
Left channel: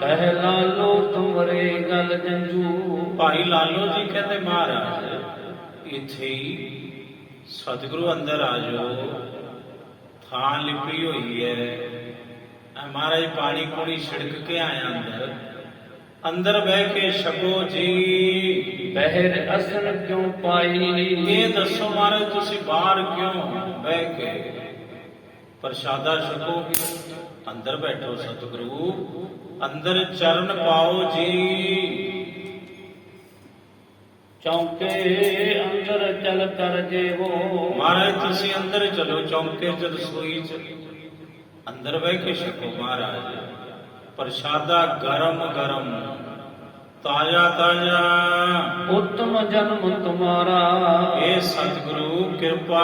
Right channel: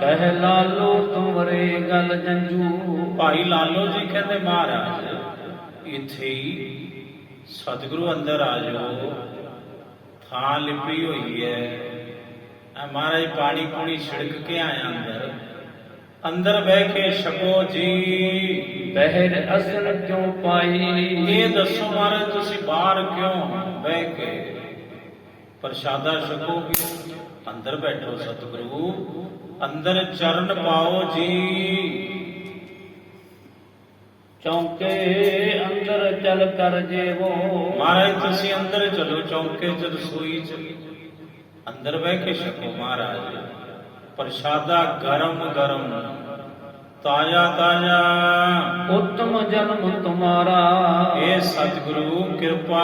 ਕਹਿ ਲਾਲੋ ਤੁਮਰੇ ਗਲ ਜੰਜੂ। ਭਾਈ ਲਾਲੋ ਜੀ ਕਹਿੰਦੇ ਮਹਾਰਾਜ ਇੱਥੇ ਹੀ ਸਤਿਗੁਰੂ ਅੰਦਰ ਆ ਜਾਓ, ਥਾਂ ਲਿਪੀ ਹੋਈ ਹੈ। ਮਹਾਰਾਜ ਪਾਣੀ ਪੂਣੀ ਛਿੜਕ ਕੇ ਆਇਆ ਅੰਦਰ, ਅੰਦਰ ਬਹਿ ਕੇ ਛਕੋ ਜੀ। ਬਹਿਰ ਅਸਨ ਕਿਉਂ ਪਾਈ। ਇਹ ਦੱਸੋ ਮਹਾਰਾਜ ਤੁਸੀਂ ਬਾਹਰ ਕਿਉਂ ਬਹਿ ਕੇ ਪ੍ਰਸ਼ਾਦਾ ਛਕੋਗੇ? ਅੰਦਰ ਬੈਠੋ ਸਤਿਗੁਰੂ, ਅੰਦਰ ਚਰਨ ਪਾਓ ਜੀ। ਚੌਂਕੇ ਅੰਦਰ ਚਲ ਕਰ ਜੇਵੋ। ਮਹਾਰਾਜ ਤੁਸੀਂ ਅੰਦਰ ਚਲੋ, ਚੌਂਕੇ ਚ ਰਸੋਈ ਚ ਅੰਦਰ ਬਹਿ ਕੇ ਛਕੋ ਮਹਾਰਾਜ ਪ੍ਰਸ਼ਾਦਾ। ਗਰਮ ਗਰਮ ਤਾਜ਼ਾ ਤਾਜ਼ਾ। ਉੱਤਮ ਜਨਮ ਤੁਮਾਰਾ। ਇਹ ਸਤਿਗੁਰੂ ਕਿਰਪਾ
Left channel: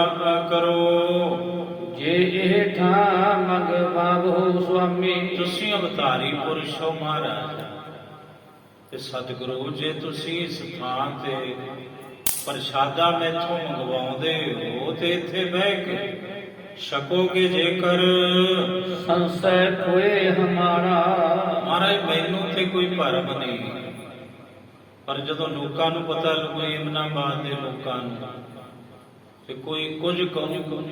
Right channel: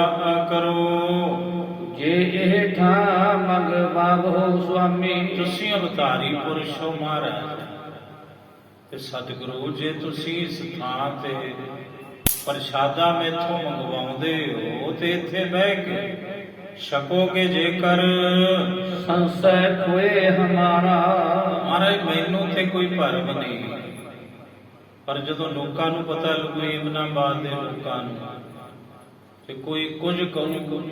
ਕਰੋ। ਜੇ ਇਹ ਠਾਂ ਮਗ ਬਾਬੋ ਸੁਆਮੀ। ਤੁਸੀਂ ਅਵਤਾਰੀ ਪੁਰਸ਼ ਹੋ ਮਹਾਰਾਜ, ਤੇ ਸਤਿਗੁਰੂ ਜੇ ਤੁਸੀਂ ਇਸ ਥਾਂ ਤੇ ਪ੍ਰਸ਼ਾਦਾ ਮੈਥੋਂ ਮੰਗਵਾਉਂਦੇ ਹੋ ਤੇ ਇੱਥੇ ਬਹਿ ਕੇ ਛਕੋਗੇ ਜੇਕਰ। ਸੰਸੈ ਕੋਏ ਹਮਾਰਾ। ਮਹਾਰਾਜ ਮੈਨੂੰ ਤੇ ਕੋਈ ਭਰਮ ਨਹੀਂ, ਪਰ ਜਦੋਂ ਲੋਕਾਂ ਨੂੰ ਪਤਾ ਲੱਗੂ, ਇਮਨਾਬਾਦ ਦੇ ਲੋਕਾਂ ਨੂੰ, ਤੇ ਕੋਈ ਕੁਝ ਕਹੂ,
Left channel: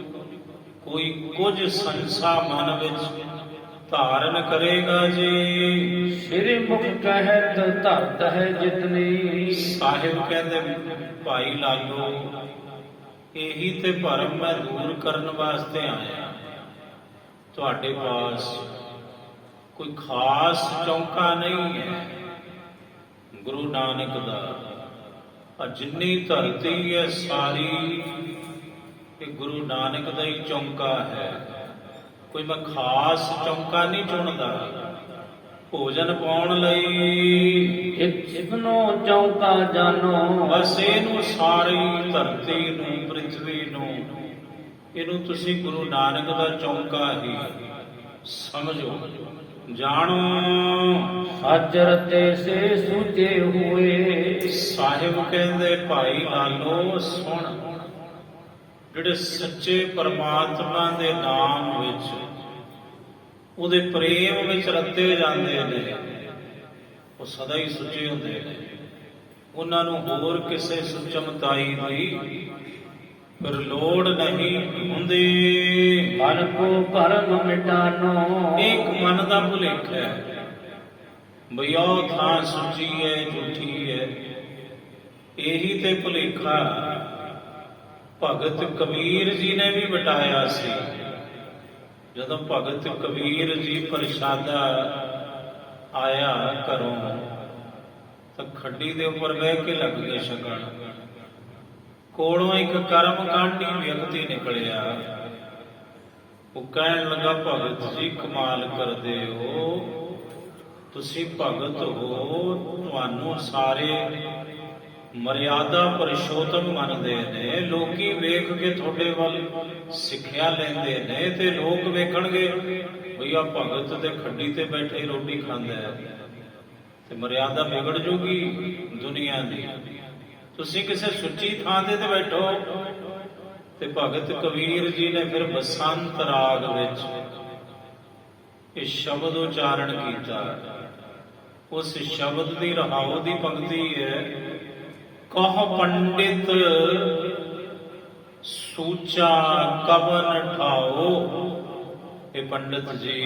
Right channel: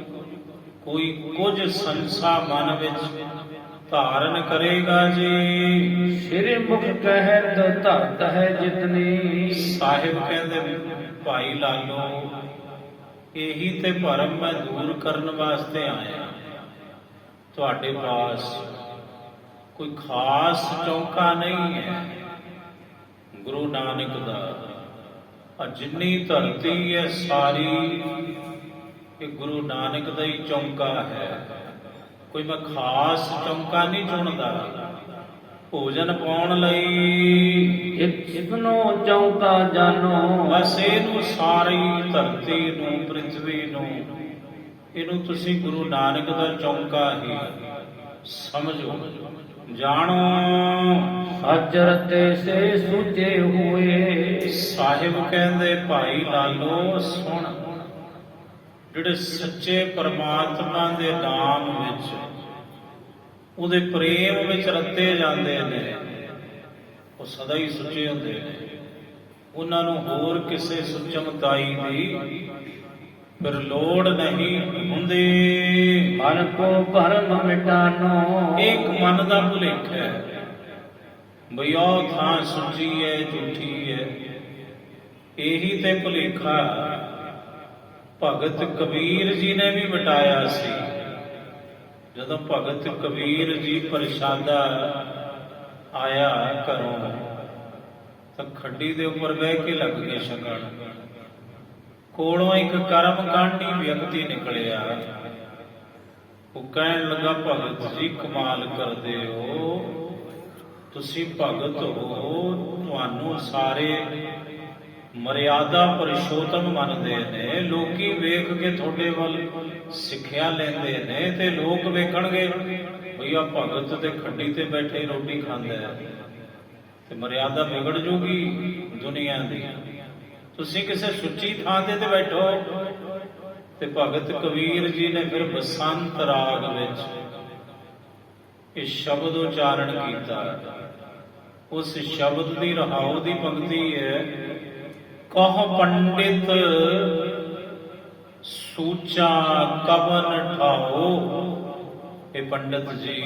ਕੋਈ ਕੁਝ ਸੰਸਾ ਮਨ ਵਿੱਚ ਧਾਰਨ ਕਰੇਗਾ ਜੀ। ਸ੍ਰੀ ਮੁਖ ਕਹਿਤ ਧਰਤ ਹੈ ਜਿਤਨੀ। ਸਾਹਿਬ ਕਹਿੰਦੇ ਭਾਈ ਲਾਲੋ ਇਹੀ ਤੇ ਭਰਮ ਮੈਂ ਦੂਰ ਕਰਨ ਵਾਸਤੇ ਆਇਆ। ਤੁਹਾਡੇ ਪਾਸ ਕੋਈ ਖਾਸ ਚੌਂਕਾ ਨਹੀਂ ਹੈ। ਗੁਰੂ ਨਾਨਕ ਦਾ ਆ ਜਿੰਨੀ ਧਰਤੀ ਹੈ ਸਾਰੀ ਇਹ ਗੁਰੂ ਨਾਨਕ ਦਾ ਹੀ ਚੌਂਕਾ ਹੈ। ਕੋਈ ਮੈਂ ਖਾਸ ਚੌਂਕਾ ਨਹੀਂ ਚੁਣਦਾ ਭੋਜਨ ਪਾਉਣ ਲਈ। ਇਤਨੋ ਚੌਂਕਾ ਜਾਨੋ। ਬਸ ਇਹਨੂੰ ਸਾਰੀ ਧਰਤੀ ਨੂੰ, ਪ੍ਰਿਥਵੀ ਨੂੰ, ਇਹਨੂੰ ਤੁਸੀਂ ਗੁਰੂ ਨਾਨਕ ਦਾ ਚੌਂਕਾ ਹੀ ਸਮਝੋ, ਜਾਣੋ। ਹਾਜ਼ਰ ਤੇ ਸੇ ਸੁਝੇ ਹੋਏ। ਸਾਹਿਬ ਕਹਿੰਦੇ ਭਾਈ ਲਾਲੋ ਸੁਣ, ਜਿਹੜੇ ਸੱਚੇ ਪਰਮਾਤਮਾ ਦੇ ਨਾਮ ਵਿੱਚ, ਉਹਦੇ ਪ੍ਰੇਮ ਵਿੱਚ ਰੱਤੇ ਜਾਂਦੇ ਨੇ, ਉਹ ਸਦਾ ਹੀ ਸੁੱਚੇ ਹੁੰਦੇ ਨੇ। ਉਹਨਾਂ ਨੂੰ ਹੋਰ ਕਿਸੇ ਸੁਚਮਤਾਈ ਦੀ ਫਿਰ ਲੋੜ ਨਹੀਂ ਹੁੰਦੀ। ਮਨ ਕੋ ਭਰਮ ਮਿਟਾਨੋ। ਇੱਕ ਮਨ ਦਾ ਭੁਲੇਖਾ ਹੈ ਬਈ ਉਹ ਥਾਂ ਸੁੱਚੀ ਹੈ ਝੂਠੀ ਹੈ, ਇਹੀ ਤੇ ਭੁਲੇਖਾ ਭਗਤ ਕਬੀਰ ਜੀ ਨੇ ਵੀ ਮਿਟਾਇਆ ਸੀ। ਜਦੋਂ ਭਗਤ ਕਬੀਰ ਜੀ ਪ੍ਰਸ਼ਾਦਾ ਆਇਆ ਘਰੋਂ, ਤਾਂ ਖੱਡੀ ਦੇ ਉੱਪਰ ਬਹਿ ਕੇ ਲੱਗ ਗਏ ਛਕਣ। ਕੋਲੋਂ ਇੱਕ ਕਰਮ ਕਾਂਡੀ ਵਿਅਕਤੀ ਨਿਕਲਿਆ। ਉਹ ਕਹਿਣ ਲੱਗਾ ਭਗਤ ਜੀ ਕਮਾਲ ਕਰਦੇ ਹੋ, ਤੁਸੀਂ ਭਗਤ ਹੋ, ਤੁਹਾਨੂੰ ਸਾਰੇ ਮਰਿਆਦਾ ਪੁਰਸ਼ੋਤਮ ਮੰਨਦੇ ਨੇ। ਲੋਕੀ ਵੇਖ ਕੇ ਤੁਹਾਡੇ ਵੱਲ ਸਿੱਖਿਆ ਲੈਂਦੇ ਨੇ ਤੇ ਲੋਕ ਵੇਖਣਗੇ ਬਈ ਆ ਭਗਤ ਤੇ ਖੱਡੀ ਤੇ ਬੈਠੇ ਰੋਟੀ ਖਾਂਦਾ ਹੈ, ਤੇ ਮਰਿਆਦਾ ਵਿਗੜ ਜੂਗੀ ਦੁਨੀਆ ਦੀ। ਤੁਸੀਂ ਕਿਸੇ ਸੁੱਚੀ ਥਾਂ ਤੇ ਬੈਠੋ। ਤੇ ਭਗਤ ਕਬੀਰ ਜੀ ਨੇ ਫਿਰ ਬਸੰਤ ਰਾਗ ਵਿੱਚ ਇਹ ਸ਼ਬਦ ਉਚਾਰਨ ਕੀਤਾ। ਉਸ ਸ਼ਬਦ ਦੀ ਰਹਾਉ ਦੀ ਪੰਕਤੀ ਹੈ, ਕਹ ਪੰਡਿਤ ਸੂਚਾ ਕਵਨ ਠਾਓ। ਇਹ ਪੰਡਤ ਜੀ,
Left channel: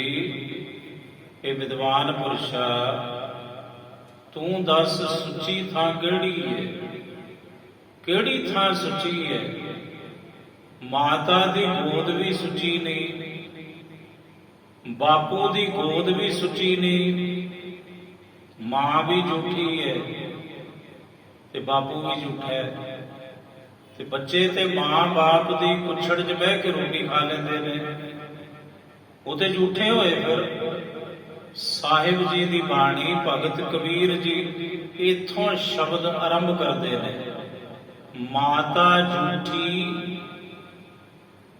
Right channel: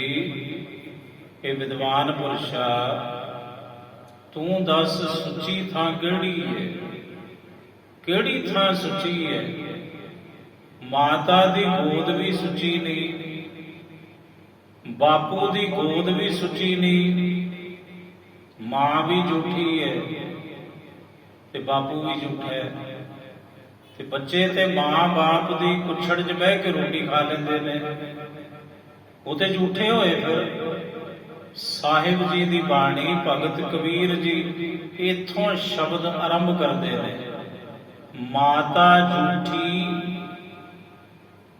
ਇਹ ਵਿਦਵਾਨ ਪੁਰਸ਼ਾ, ਤੂੰ ਦੱਸ ਸੁੱਚੀ ਥਾਂ ਕਿਹੜੀ ਹੈ? ਕਿਹੜੀ ਥਾਂ ਸੁੱਚੀ ਹੈ? ਮਾਤਾ ਦੀ ਗੋਦ ਵੀ ਸੁੱਚੀ ਨਹੀਂ, ਬਾਪੂ ਦੀ ਗੋਦ ਵੀ ਸੁੱਚੀ ਨਹੀਂ, ਮਾਂ ਵੀ ਝੂਠੀ ਹੈ ਤੇ ਬਾਪੂ ਵੀ ਝੂਠਾ ਹੈ। ਤੇ ਬੱਚੇ ਤੇ ਮਾਂ ਬਾਪ ਦੀ ਕੁੱਛੜ 'ਚ ਬਹਿ ਕੇ ਰੋਟੀ ਖਾ ਲੈਂਦੇ ਨੇ, ਉਹ ਤੇ ਝੂਠੇ ਹੋਏ। ਫਿਰ ਸਾਹਿਬ ਜੀ ਦੀ ਬਾਣੀ, ਭਗਤ ਕਬੀਰ ਜੀ ਇੱਥੋਂ ਸ਼ਬਦ ਆਰੰਭ ਕਰਦੇ ਨੇ, ਮਾਤਾ ਝੂਠੀ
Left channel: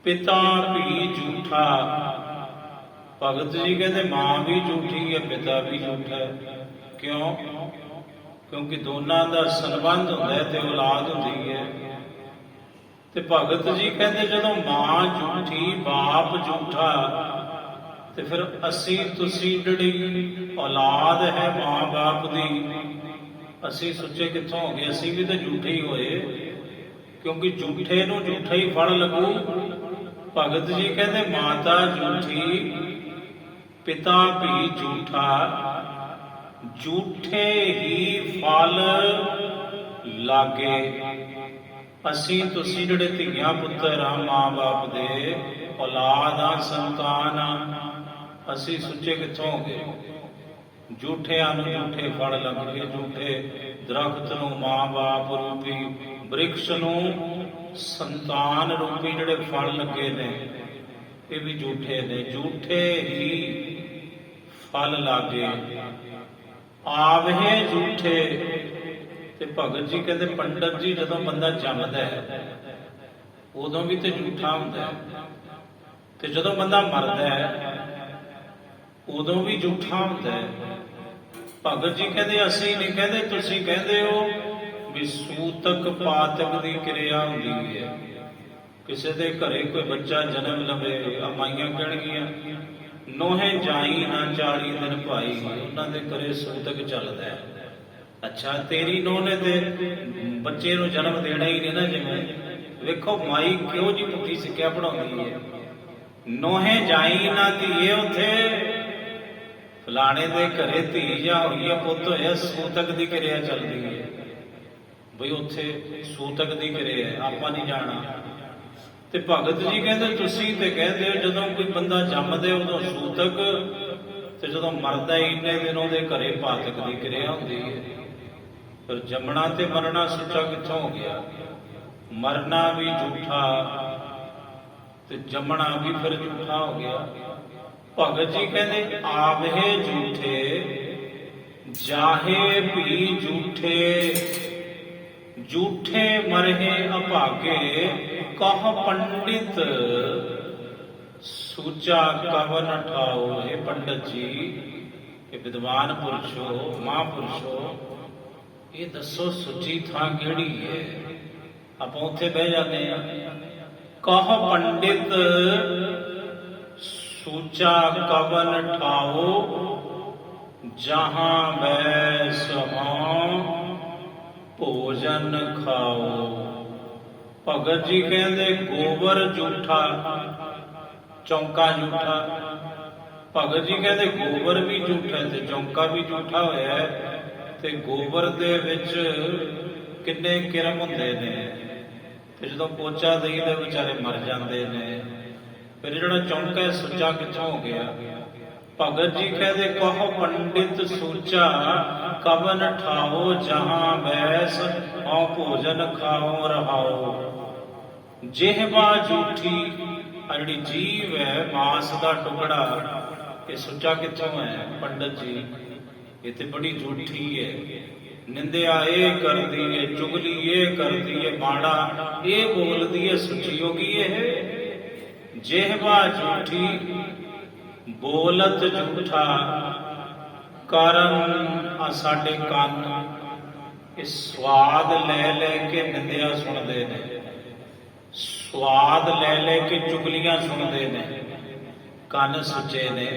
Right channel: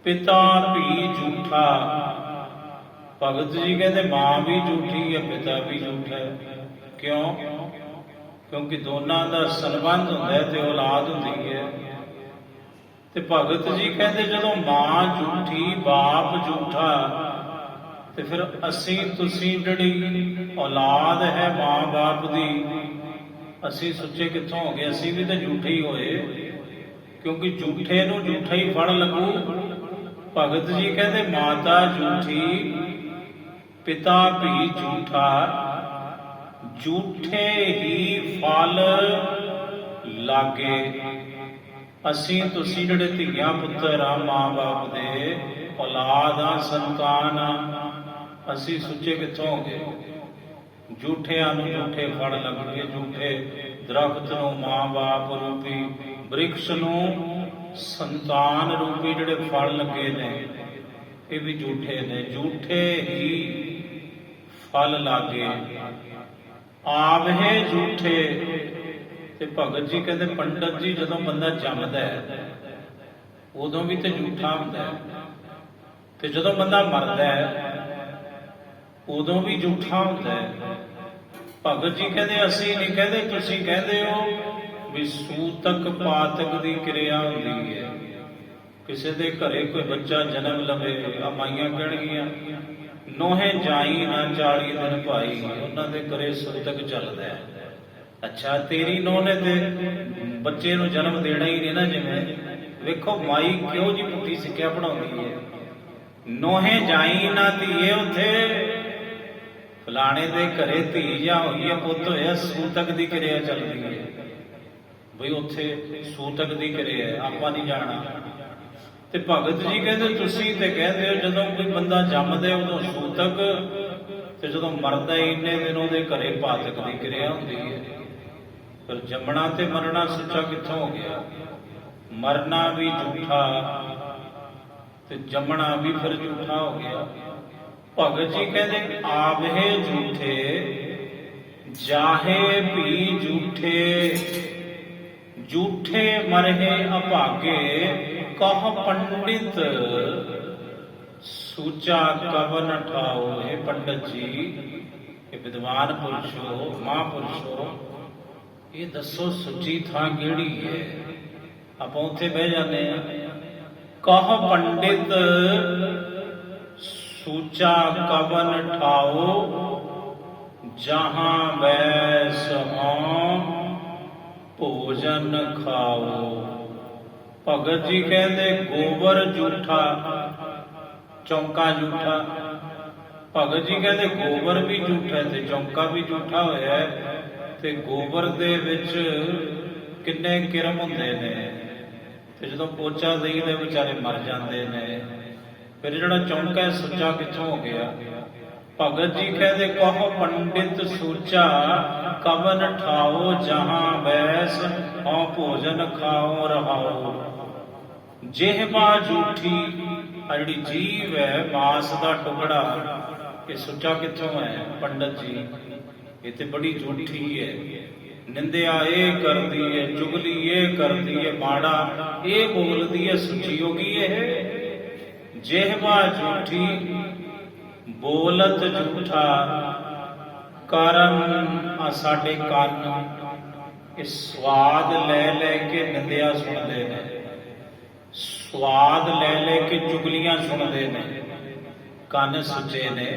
ਪਿਤਾ ਵੀ ਝੂਠਾ। ਭਗਤ ਜੀ ਕਹਿੰਦੇ ਮਾਂ ਵੀ ਝੂਠੀ ਹੈ, ਪਿਤਾ ਵੀ ਝੂਠਾ ਹੈ। ਕਿਉਂ? ਕਿਉਂਕਿ ਦੋਨਾਂ ਦਾ ਸੰਬੰਧ ਹੁੰਦਾ ਹੈ ਤੇ ਔਲਾਦ ਹੁੰਦੀ ਹੈ। ਤੇ ਭਗਤ ਜੀ ਕਹਿੰਦੇ ਜਦੋਂ ਮਾਂ ਝੂਠੀ, ਬਾਪ ਝੂਠਾ, ਤੇ ਫਿਰ ਅਸੀਂ ਤੁਸੀਂ ਜਿਹੜੀ ਔਲਾਦ ਹੈ ਮਾਂ ਬਾਪ ਦੀ, ਅਸੀਂ ਸੁੱਚੇ ਕਿੱਥੋਂ ਹੋ ਗਏ? ਅਸੀਂ ਵੀ ਤਾਂ ਝੂਠੇ ਹੀ ਹੋਏ, ਕਿਉਂਕਿ ਝੂਠੇ ਨੂੰ ਝੂਠਾ ਹੀ ਫਲ ਲੱਗੂ। ਭਗਤ ਜੀ ਕਹਿੰਦੇ ਮਾਤਾ ਝੂਠੀ, ਪਿਤਾ ਵੀ ਝੂਠਾ, ਝੂਠੇ ਹੀ ਫਲ ਲਾਗੇ। ਅਸੀਂ ਤੁਸੀਂ ਜਿਹੜੇ ਧੀਆਂ ਪੁੱਤਰ ਆ, ਮਾਂ ਬਾਪ ਦੇ ਔਲਾਦ ਆ, ਸੰਤਾਨ ਆ, ਅਸੀਂ ਸੁੱਚੇ ਕਿੱਥੋਂ ਹੋ ਗਏ? ਝੂਠਿਆਂ ਨੂੰ ਝੂਠੇ ਫਲ ਲੱਗਣਗੇ। ਝੂਠੇ ਦਰਖਤ ਨੂੰ, ਮਾਂ ਬਾਪ ਰੂਪੀ ਬ੍ਰਿਕਸ਼ ਨੂੰ ਸੰਤਾਨ ਰੂਪੀ ਜਿਹੜੇ ਫਲ ਲੱਗੇ ਨੇ, ਇਹ ਵੀ ਝੂਠੇ ਨੇ। ਝੂਠੇ ਹੀ ਫਲ ਲਾਗੇ ਆਵਹਿ ਝੂਠੇ। ਤੇ ਭਗਤ ਜੀ ਕਹਿੰਦੇ ਪੰਡਤ ਜੀ ਜਦੋਂ ਬੰਦਾ ਜੰਮਦਾ ਹੈ ਉਦੋਂ ਵੀ ਤੇ ਝੂਠਾ ਹੁੰਦਾ ਹੈ, ਤੇ ਜਦੋਂ ਬੰਦਾ ਮਰਦਾ ਹੈ ਉਦੋਂ ਵੀ ਝੂਠਾ ਹੁੰਦਾ ਹੈ। ਭਗਤ ਜੀ ਕਹਿੰਦੇ ਅਸੀਂ ਨਹੀਂ ਕਹਿੰਦੇ, ਤੁਸੀਂ ਕਹਿੰਦੇ ਹੋ ਵੀ ਸੂਤਕ ਪਾਤਕ ਦੀ ਕਿਰਿਆ ਹੁੰਦੀ ਹੈ। ਕਿਸੇ ਦੇ ਘਰੇ ਕੋਈ ਬੱਚਾ ਜਨਮ ਲਵੇ, ਆ ਮਾਈਆਂ ਕਹਿਣਗੀਆਂ ਨੋਹੇ ਜਾਈ ਨਾ 40 ਦਿਨ ਭਾਈ, ਉਹਨਾਂ ਦੇ ਘਰੇ ਸੂਤਕ ਚੱਲਦਾ ਹੈ। ਅੱਛਾ, ਤੇਰੀ ਨੋਹ ਨੇ ਤੇ ਬੱਚੇ ਨੂੰ ਜਨਮ ਦੇਣਾ ਹੀ ਨਹੀਂ ਨਾ। ਜਿਵੇਂ ਵੇਖੋ ਮਾਈ ਕਿਉਂ ਜੀ ਪੁੱਠੀ ਸਿੱਖਿਆ ਪੜਾਉਂਦੀ ਹੈ। ਨੋਹੇ ਜਾਈ ਨਾ ਧੀਏ, ਉੱਥੇ ਫਲਾਣੇ ਦੇ ਘਰੇ ਧੀ ਜਾਂ ਹੋਈ ਹੈ, ਪੁੱਤ ਹੋਇਆ, ਸੂਤਕ ਦੀ ਕਿਰਿਆ ਚੱਲਦੀ ਹੈ। ਬਈ ਉੱਥੇ ਸੂਤਕ ਦੀ ਕਿਰਿਆ, ਆਪਾਂ ਨਹੀਂ ਜਾਣਾ। ਤੇ ਭਗਤ ਜੀ ਕਹਿੰਦੇ ਤੁਸੀਂ ਤੇ ਕਹਿੰਦੇ ਹੋ ਜਦੋਂ ਕੋਈ ਬੰਦਾ ਜੰਮਦੇ ਉਦੋਂ ਸੂਤਕ, ਤੇ ਜਦੋਂ ਮਰਦਾ ਇੰਨੇ ਦਿਨ ਉਹਦੇ ਘਰੇ ਪਾਤਕ ਦੀ ਕਿਰਿਆ ਹੁੰਦੀ ਹੈ। ਪਰ ਜੰਮਣਾ ਤੇ ਮਰਨਾ ਸੁੱਚਾ ਕਿੱਥੋਂ ਹੋ ਗਿਆ? ਮਰਨਾ ਵੀ ਝੂਠਾ ਤੇ ਜੰਮਣਾ ਵੀ ਫਿਰ ਝੂਠਾ ਹੋ ਗਿਆ। ਭਗਤ ਜੀ ਕਹਿੰਦੇ ਆਵਹਿ ਝੂਠੇ, ਜਾਹੇ ਵੀ ਝੂਠੇ, ਝੂਠੇ ਮਰਹੇ ਅਭਾਗੇ, ਕਹ ਪੰਡਿਤ ਸੂਚਾ ਕਵਨ ਠਾਓ। ਇਹ ਪੰਡਤ ਜੀ, ਇਹ ਵਿਦਵਾਨ ਪੁਰਸ਼ੋ, ਮਹਾਂਪੁਰਸ਼ੋ, ਇਹ ਦੱਸੋ ਸੁੱਚੀ ਥਾਂ ਕਿਹੜੀ ਹੈ? ਆਪਾਂ ਉੱਥੇ ਬਹਿ ਜਾਂਦੇ ਹਾਂ। ਕਹ ਪੰਡਿਤ ਸੂਚਾ ਕਵਨ ਠਾਓ, ਜਹਾਂ ਬੈਸ ਹੋਂ ਭੋਜਨ ਖਾਓ। ਭਗਤ ਜੀ ਕਹਿੰਦੇ ਗੋਬਰ ਝੂਠਾ, ਚੌਂਕਾ ਝੂਠਾ। ਭਗਤ ਜੀ ਕਹਿੰਦੇ ਗੋਬਰ ਵੀ ਝੂਠਾ ਤੇ ਚੌਂਕਾ ਵੀ ਝੂਠਾ ਹੋਇਆ ਹੈ। ਤੇ ਗੋਬਰ ਦੇ ਵਿੱਚ ਕਿੰਨੇ ਕਿਰਮ ਹੁੰਦੇ ਨੇ, ਤੇ ਜਦੋਂ ਪੋਚਾ ਦੇਈਦੇ ਵਿਚਾਰੇ ਮਰ ਜਾਂਦੇ ਨੇ। ਫਿਰ ਜਿਹੜਾ ਚੌਂਕਾ ਸੁੱਚਾ ਕਿੱਥੋਂ ਹੋ ਗਿਆ? ਭਗਤ ਜੀ ਕਹਿੰਦੇ ਕਹੋ ਪੰਡਿਤ ਸੂਚਾ ਕਵਨ ਠਾਓ, ਜਹਾਂ ਬੈਸ ਔ ਭੋਜਨ ਖਾਓ ਰਹਾਓ। ਜਿਹਵਾ ਝੂਠੀ, ਆ ਜਿਹੜੀ ਜੀਵ ਹੈ ਮਾਸ ਦਾ ਟੁਕੜਾ, ਇਹ ਸੁੱਚਾ ਕਿੱਥੋਂ ਹੈ? ਪੰਡਤ ਜੀ ਇਹ ਤੇ ਬੜੀ ਝੂਠੀ ਹੈ। ਨਿੰਦਿਆ ਇਹ ਕਰਦੀ ਏ, ਚੁਗਲੀ ਇਹ ਕਰਦੀ ਏ, ਮਾੜਾ ਇਹ ਬੋਲਦੀ ਏ, ਸੁੱਚੀ ਹੋ ਗਈ ਇਹ। ਜਿਹਵਾ ਝੂਠੀ ਬੋਲਤ ਝੂਠਾ, ਕਾਰਨ ਆ ਸਾਡੇ ਕੰਨ ਇਹ ਸਵਾਦ ਲੈ ਲੈ ਕੇ ਨਿੰਦਿਆ ਸੁਣਦੇ ਨੇ, ਸਵਾਦ ਲੈ ਲੈ ਕੇ ਚੁਗਲੀਆਂ ਸੁਣਦੇ ਨੇ। ਕੰਨ ਸੁੱਚੇ ਨੇ,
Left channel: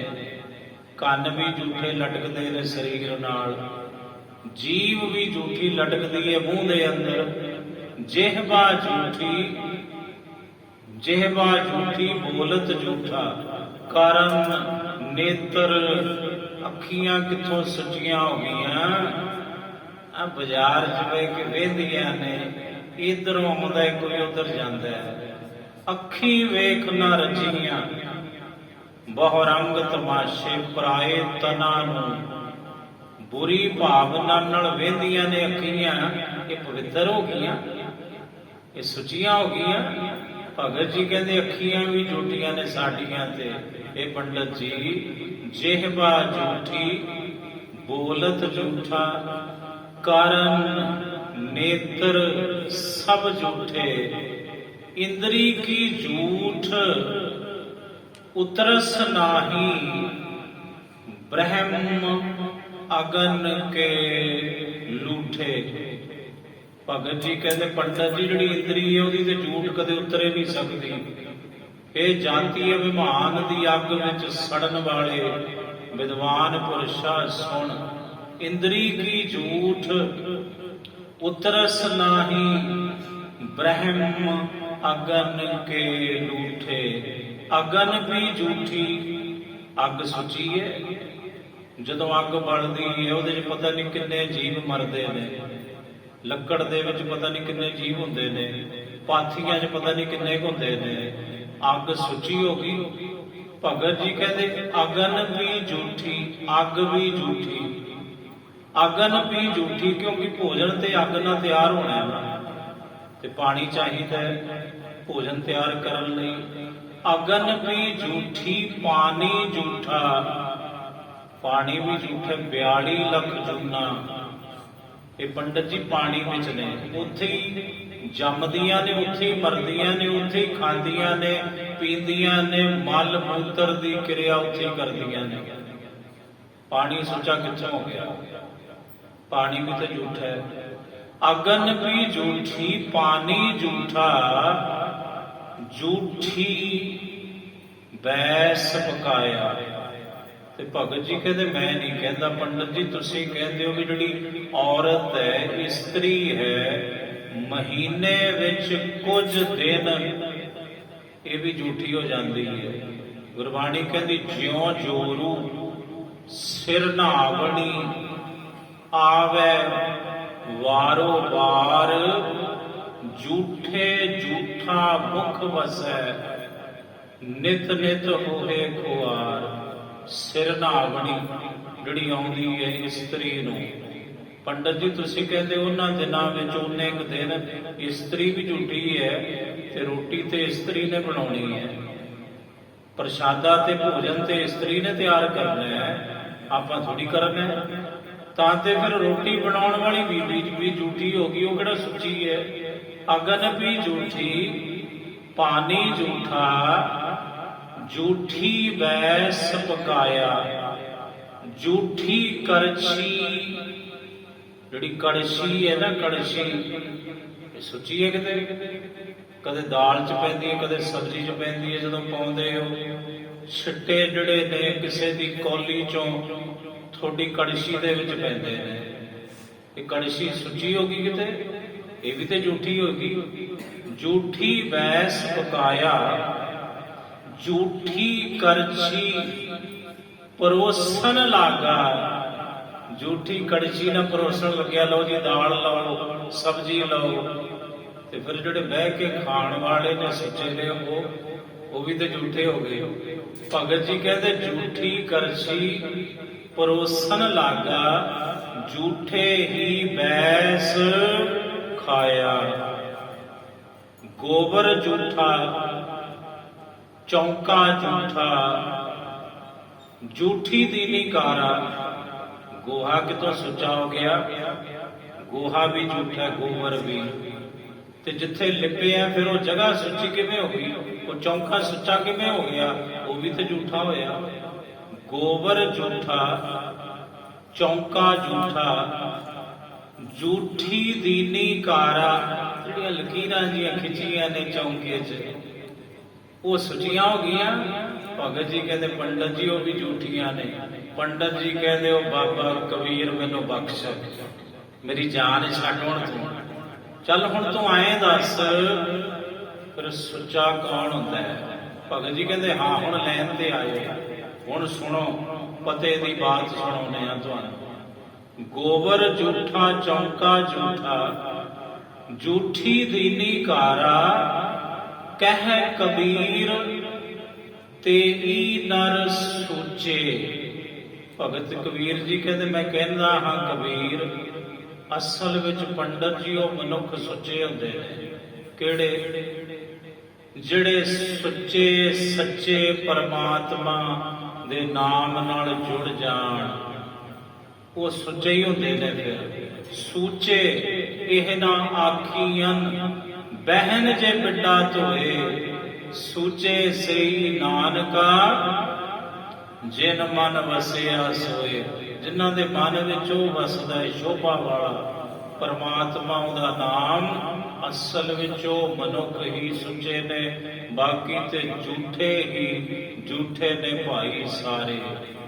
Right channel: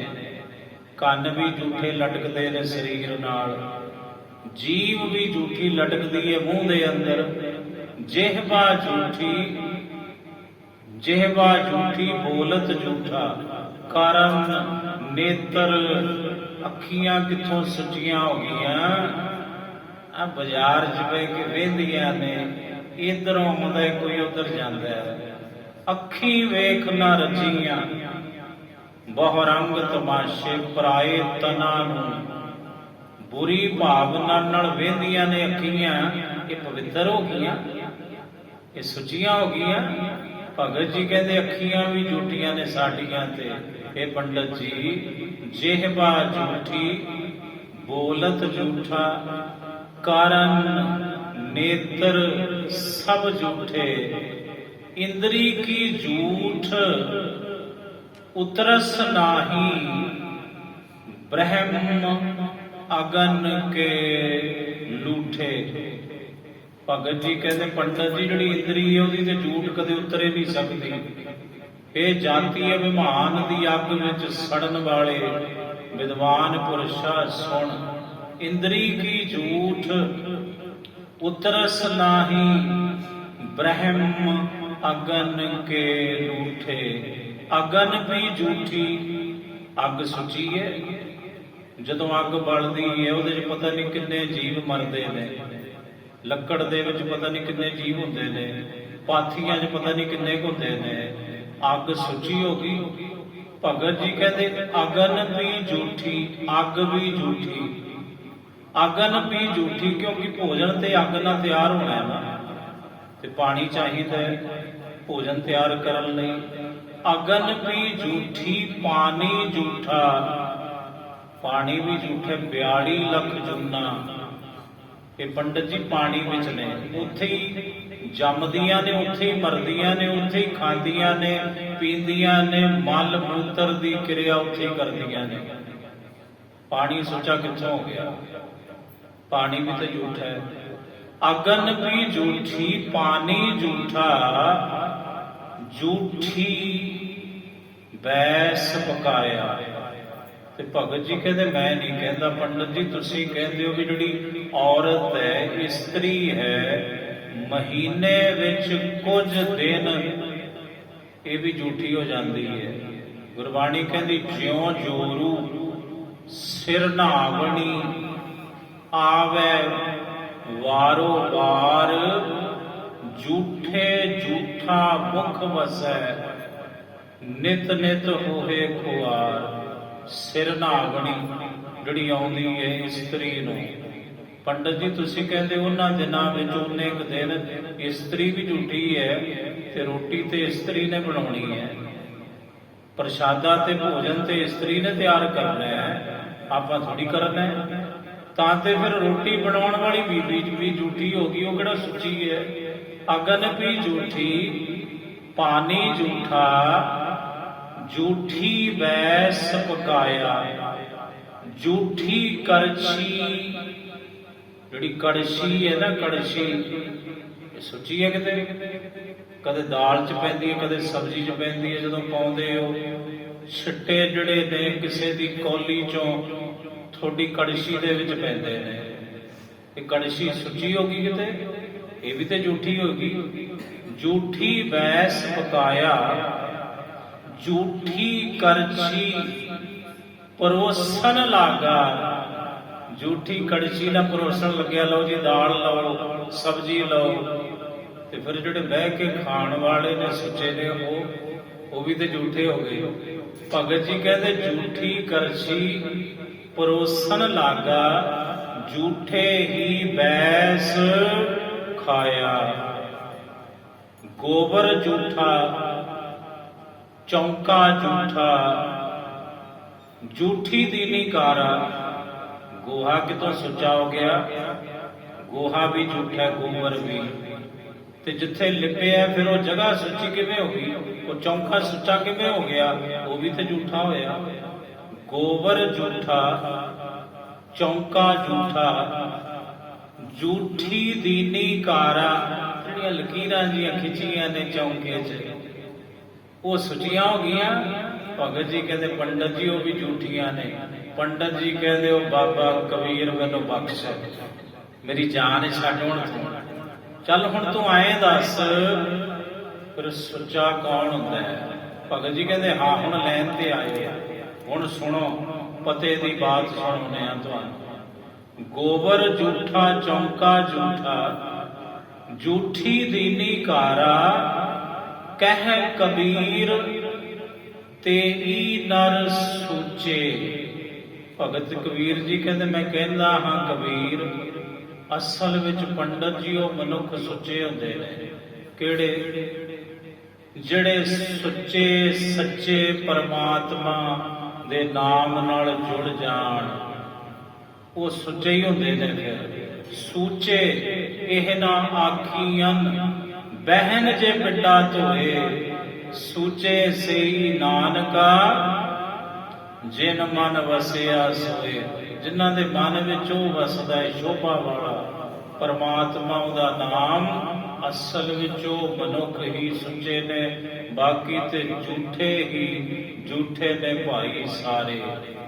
ਕੰਨ ਵੀ ਝੂਠੇ ਲਟਕਦੇ ਨੇ ਸਰੀਰ ਨਾਲ, ਜੀਭ ਵੀ ਝੂਠੀ ਲਟਕਦੀ ਹੈ ਮੂੰਹ ਦੇ ਅੰਦਰ। ਜਿਹਵਾ ਝੂਠੀ, ਜਿਹਵਾ ਝੂਠੀ ਬੋਲਤ ਝੂਠਾ, ਕਾਰਨ ਨੇਤਰ ਅੱਖੀਆਂ ਕਿੱਥੋਂ ਸੁੱਚੀਆਂ ਹੋ ਗਈਆਂ। ਆ ਬਾਜ਼ਾਰ 'ਚ ਬਹਿ ਕੇ ਵੇਂਦੀਆਂ ਨੇ, ਇਧਰੋਂ ਆਉਂਦਾ ਕੋਈ ਉਧਰ ਜਾਂਦਾ ਹੈ। ਅੱਖੀ ਵੇਖ ਨਾ ਰਚੀਆਂ, ਬਹੁ ਰੰਗ ਤਮਾਸ਼ੇ ਪਰਾਏ ਤਨਾ ਨੂੰ। ਬੁਰੀ ਭਾਵਨਾ ਨਾਲ ਵੇਂਦੀਆਂ ਨੇ ਅੱਖੀਆਂ, ਇਹ ਪਵਿੱਤਰ ਹੋ ਗਈਆਂ, ਇਹ ਸੁੱਚੀਆਂ ਹੋ ਗਈਆਂ। ਭਗਤ ਜੀ ਕਹਿੰਦੇ ਅੱਖੀਆਂ ਵੀ ਝੂਠੀਆਂ ਨੇ ਸਾਡੀਆਂ ਤੇ। ਇਹ ਪੰਡਤ ਜੀ, ਜਿਹਵਾ ਝੂਠੀ ਬੋਲਤ ਝੂਠਾ, ਕਾਰਨ ਨੇਤਰ ਸਭ ਝੂਠੇ। ਇੰਦਰੀ ਕੀ ਝੂਠ ਉਤਰਸ ਨਾਹੀ, ਬ੍ਰਹਮ ਅਗਨ ਕੇ ਲੂਠੇ। ਭਗਤ ਜੀ ਕਹਿੰਦੇ ਪੰਡਤ ਜੀ ਜਿਹੜੀ ਇੰਦਰੀ ਹੈ ਉਹਦੀ ਤੇ ਝੂਠ ਕਦੇ ਉਤਰੇ ਨਹੀਂ ਸਕਦੀ। ਇਹ ਜਾਤੀ ਹੈ ਵਿਮਾਨ ਦੀ ਅੱਗ ਵਿੱਚ ਸੜਨ ਵਾਲੇ ਵਿਦਵਾਨ ਪੁਰਸ਼ਾ ਸੁਣ। ਇੰਦਰੀ ਕੀ ਝੂਠ ਉਤਰਸ ਨਾਹੀ, ਬ੍ਰਹਮ ਅਗਨ ਕੇ ਲੂਠੇ। ਅਗਨ ਵੀ ਝੂਠੀ, ਅੱਗ ਸੁੱਚੀ ਹੈ। ਜਦੋਂ ਅੱਗ ਬਲਦੀ ਹੈ ਉਹਦੇ 'ਚ ਪਤਾ ਨਹੀਂ ਕਿੰਨੇ ਜੀਵ ਮਰਦੇ ਨੇ। ਲੱਕੜ ਦੇ ਵਿੱਚ ਪਤਾ ਨਹੀਂ ਕਿੰਨੇ ਜੀਵ ਹੁੰਦੇ ਨੇ, ਪਾਥੀਆਂ 'ਚ ਪਤਾ ਨਹੀਂ ਕਿੰਨੇ ਹੁੰਦੇ ਨੇ। ਅੱਗ ਸੁੱਚੀ ਹੋ ਗਈ। ਭਗਤ ਜੀ ਕਹਿੰਦੇ ਅਗਨ ਵੀ ਝੂਠੀ, ਅੱਗ ਵੀ ਝੂਠੀ। ਅਗਨ ਵੀ ਝੂਠੀ ਕਿਉਂਕਿ ਭੋਜਨ ਤੇ ਅੱਗ ਨਾਲ ਤਿਆਰ ਹੋਣਾ ਨਾ, ਤੇ ਪਾਣੀ ਚਾਹੀਦਾ ਭੋਜਨ ਤਿਆਰ ਕਰਨ ਲਈ। ਅਗਨ ਵੀ ਝੂਠੀ, ਪਾਣੀ ਝੂਠਾ, ਪਾਣੀ ਵੀ ਝੂਠੇ। 42 ਲੱਖ ਜੁਨਾ ਇਹ ਪੰਡਤ ਜੀ ਪਾਣੀ ਵਿੱਚ ਨੇ, ਉੱਥੇ ਹੀ ਜੰਮਦੀਆਂ ਨੇ, ਉੱਥੇ ਹੀ ਮਰਦੀਆਂ ਨੇ, ਉੱਥੇ ਹੀ ਖਾਂਦੀਆਂ ਨੇ, ਪੀਂਦੀਆਂ ਨੇ, ਮਲ ਮੂਤਰ ਦੀ ਕਿਰਿਆ ਉੱਥੇ ਹੀ ਕਰਦੀਆਂ ਨੇ। ਪਾਣੀ ਸੁੱਚਾ ਕਿੱਥੋਂ ਹੋ ਗਿਆ? ਪਾਣੀ ਵੀ ਤਾਂ ਝੂਠਾ ਹੈ। ਅਗਨ ਵੀ ਝੂਠੀ, ਪਾਣੀ ਝੂਠਾ, ਝੂਠੀ ਬੈਸ ਪਕਾਇਆ। ਤੇ ਭਗਤ ਜੀ ਕਹਿੰਦੇ ਮੈਂ ਨਹੀਂ ਕਹਿੰਦਾ, ਪੰਡਤ ਜੀ ਤੁਸੀਂ ਕਹਿੰਦੇ ਹੋ ਕਿ ਜਿਹੜੀ ਔਰਤ ਹੈ, ਇਸਤਰੀ ਹੈ, ਮਹੀਨੇ ਵਿੱਚ ਕੁਝ ਦਿਨ ਇਹ ਵੀ ਝੂਠੀ ਹੋ ਜਾਂਦੀ ਹੈ। ਗੁਰਬਾਣੀ ਕਹਿੰਦੀ ਜਿਉਂ ਜੋਰੂ ਸਿਰ ਨਾਵਣੀ, ਆਵੇ ਵਾਰੋ ਵਾਰ, ਝੂਠੇ ਝੂਠਾ ਮੁਖ ਵਸੈ, ਨਿਤ ਨਿਤ ਹੋਵੇ ਖੁਆਰ। ਸਿਰ ਨਾਵਣੀ ਜਿਹੜੀ ਆਉਂਦੀ ਹੈ ਇਸਤਰੀ ਨੂੰ। ਪੰਡਤ ਜੀ ਤੁਸੀਂ ਕਹਿੰਦੇ ਉਹਨਾਂ ਦਿਨਾਂ ਵਿੱਚ ਉਹਨੇ ਇੱਕ ਦਿਨ ਇਸਤਰੀ ਵੀ ਝੂਠੀ ਹੈ ਤੇ ਰੋਟੀ ਤੇ ਇਸਤਰੀ ਨੇ ਬਣਾਉਣੀ ਹੈ, ਪ੍ਰਸ਼ਾਦਾ ਤੇ ਭੋਜਨ ਤੇ ਇਸਤਰੀ ਨੇ ਤਿਆਰ ਕਰਨਾ ਹੈ, ਆਪਾਂ ਥੋੜੀ ਕਰਨਾ ਹੈ। ਤਾਂ ਤੇ ਫਿਰ ਰੋਟੀ ਬਣਾਉਣ ਵਾਲੀ ਬੀਬੀ ਵੀ ਝੂਠੀ ਹੋ ਗਈ, ਉਹ ਕਿਹੜਾ ਸੁੱਚੀ ਹੈ। ਅਗਨ ਵੀ ਝੂਠੀ, ਪਾਣੀ ਝੂਠਾ, ਝੂਠੀ ਬੈਸ ਪਕਾਇਆ। ਝੂਠੀ ਕੜਛੀ, ਜਿਹੜੀ ਕੜਛੀ ਹੈ ਨਾ, ਕੜਛੀ ਇਹ ਸੁੱਚੀ ਹੈ ਕਿਤੇ। ਕਦੇ ਦਾਲ 'ਚ ਪੈਂਦੀ ਹੈ, ਕਦੇ ਸਬਜ਼ੀ 'ਚ ਪੈਂਦੀ ਹੈ। ਜਦੋਂ ਪਾਉਂਦੇ ਹੋ ਛਿੱਟੇ ਜਿਹੜੇ ਨੇ ਕਿਸੇ ਦੀ ਕੌਲੀ 'ਚੋਂ ਤੁਹਾਡੀ ਕੜਛੀ ਦੇ ਵਿੱਚ ਪੈਂਦੇ ਨੇ, ਇਹ ਕੜਛੀ ਸੁੱਚੀ ਹੋ ਗਈ ਕਿਤੇ, ਇਹ ਵੀ ਤੇ ਝੂਠੀ ਹੋ ਗਈ। ਝੂਠੀ ਬੈਸ ਪਕਾਇਆ, ਝੂਠੀ ਕਰਛੀ ਪਰੋਸਣ ਲਾਗਾ। ਝੂਠੀ ਕੜਛੀ ਨਾਲ ਪਰੋਸਣ ਲੱਗਿਆ, ਲਓ ਜੀ ਦਾਲ ਲਓ, ਸਬਜ਼ੀ ਲਓ। ਤੇ ਫਿਰ ਜਿਹੜੇ ਬਹਿ ਕੇ ਖਾਣ ਵਾਲੇ ਨੇ ਸੁੱਚੇ ਨੇ, ਉਹ ਵੀ ਤੇ ਝੂਠੇ ਹੋ ਗਏ। ਭਗਤ ਜੀ ਕਹਿੰਦੇ ਝੂਠੀ ਕਰਛੀ ਪਰੋਸਣ ਲਾਗਾ, ਝੂਠੇ ਹੀ ਬੈਸ ਖਾਇਆ। ਗੋਬਰ ਝੂਠਾ, ਚੌਂਕਾ ਝੂਠਾ, ਝੂਠੀ ਦੀਨੀ ਕਾਰਾ। ਗੋਹਾ ਕਿਤੋਂ ਸੁੱਚਾ ਹੋ ਗਿਆ? ਗੋਹਾ ਵੀ ਝੂਠਾ, ਗੋਬਰ ਵੀ। ਤੇ ਜਿੱਥੇ ਲਿਪਿਆ ਫਿਰ ਉਹ ਜਗ੍ਹਾ ਸੁੱਚੀ ਕਿਵੇਂ ਹੋ ਗਈ? ਉਹ ਚੌਂਕਾ ਸੁੱਚਾ ਕਿਵੇਂ ਹੋ ਗਿਆ? ਉਹ ਵੀ ਤੇ ਝੂਠਾ ਹੋਇਆ। ਗੋਬਰ ਝੂਠਾ, ਚੌਂਕਾ ਝੂਠਾ, ਝੂਠੀ ਦੀਨੀ ਕਾਰਾ, ਜਿਹੜੀਆਂ ਲਕੀਰਾਂ ਜੀਆਂ ਖਿੱਚੀਆਂ ਨੇ ਚੌਂਕੇ 'ਚ, ਉਹ ਸੁੱਚੀਆਂ ਹੋ ਗਈਆਂ। ਭਗਤ ਜੀ ਕਹਿੰਦੇ ਪੰਡਤ ਜੀ ਉਹ ਵੀ ਝੂਠੀਆਂ ਨੇ। ਪੰਡਤ ਜੀ ਕਹਿੰਦੇ ਉਹ ਬਾਬਾ ਕਬੀਰ ਮੈਨੂੰ ਬਖਸ਼, ਮੇਰੀ ਜਾਨ ਛੱਡ ਹੁਣ ਤੂੰ। ਚੱਲ ਹੁਣ ਤੂੰ ਆਏ ਦੱਸ ਫਿਰ ਸੁੱਚਾ ਕੌਣ ਹੁੰਦਾ ਹੈ? ਭਗਤ ਜੀ ਕਹਿੰਦੇ ਹਾਂ ਹੁਣ ਲੈਣ ਤੇ ਆਏ, ਹੁਣ ਸੁਣੋ ਪਤੇ ਦੀ ਬਾਤ ਸੁਣਾਉਂਦੇ ਆ ਤੁਹਾਨੂੰ। ਗੋਬਰ ਝੂਠਾ, ਚੌਂਕਾ ਝੂਠਾ, ਝੂਠੀ ਦੀਨੀ ਕਾਰਾ, ਕਹਿ ਕਬੀਰ ਤੇਈ ਨਰ ਸੂਚੇ। ਭਗਤ ਕਬੀਰ ਜੀ ਕਹਿੰਦੇ ਮੈਂ ਕਹਿੰਦਾ ਹਾਂ ਕਬੀਰ, ਅਸਲ ਵਿੱਚ ਪੰਡਤ ਜੀ ਉਹ ਮਨੁੱਖ ਸੁੱਚੇ ਹੁੰਦੇ ਨੇ। ਕਿਹੜੇ? ਜਿਹੜੇ ਸੁੱਚੇ ਸੱਚੇ ਪਰਮਾਤਮਾ ਦੇ ਨਾਮ ਨਾਲ ਜੁੜ ਜਾਣ, ਉਹ ਸੁੱਚੇ ਹੀ ਹੁੰਦੇ ਨੇ। ਫਿਰ ਸੂਚੇ ਇਹ ਨਾ ਆਖੀਆਂ ਬਹਿਨ ਜੇ ਬਿੱਡਾ ਧੋਏ, ਸੂਚੇ ਸਈ ਨਾਨਕਾ ਜਿਨ ਮਨ ਵਸਿਆ ਸੋਏ। ਜਿਨ੍ਹਾਂ ਦੇ ਮਨ ਵਿੱਚ ਉਹ ਵਸਦਾ ਹੈ ਸ਼ੋਭਾ ਵਾਲਾ ਪਰਮਾਤਮਾ, ਉਹਦਾ ਨਾਮ, ਅਸਲ ਵਿੱਚ ਉਹ ਮਨੁੱਖ ਹੀ ਸੁੱਚੇ ਨੇ। ਬਾਕੀ ਤੇ ਝੂਠੇ ਨੇ ਭਾਈ ਸਾਰੇ।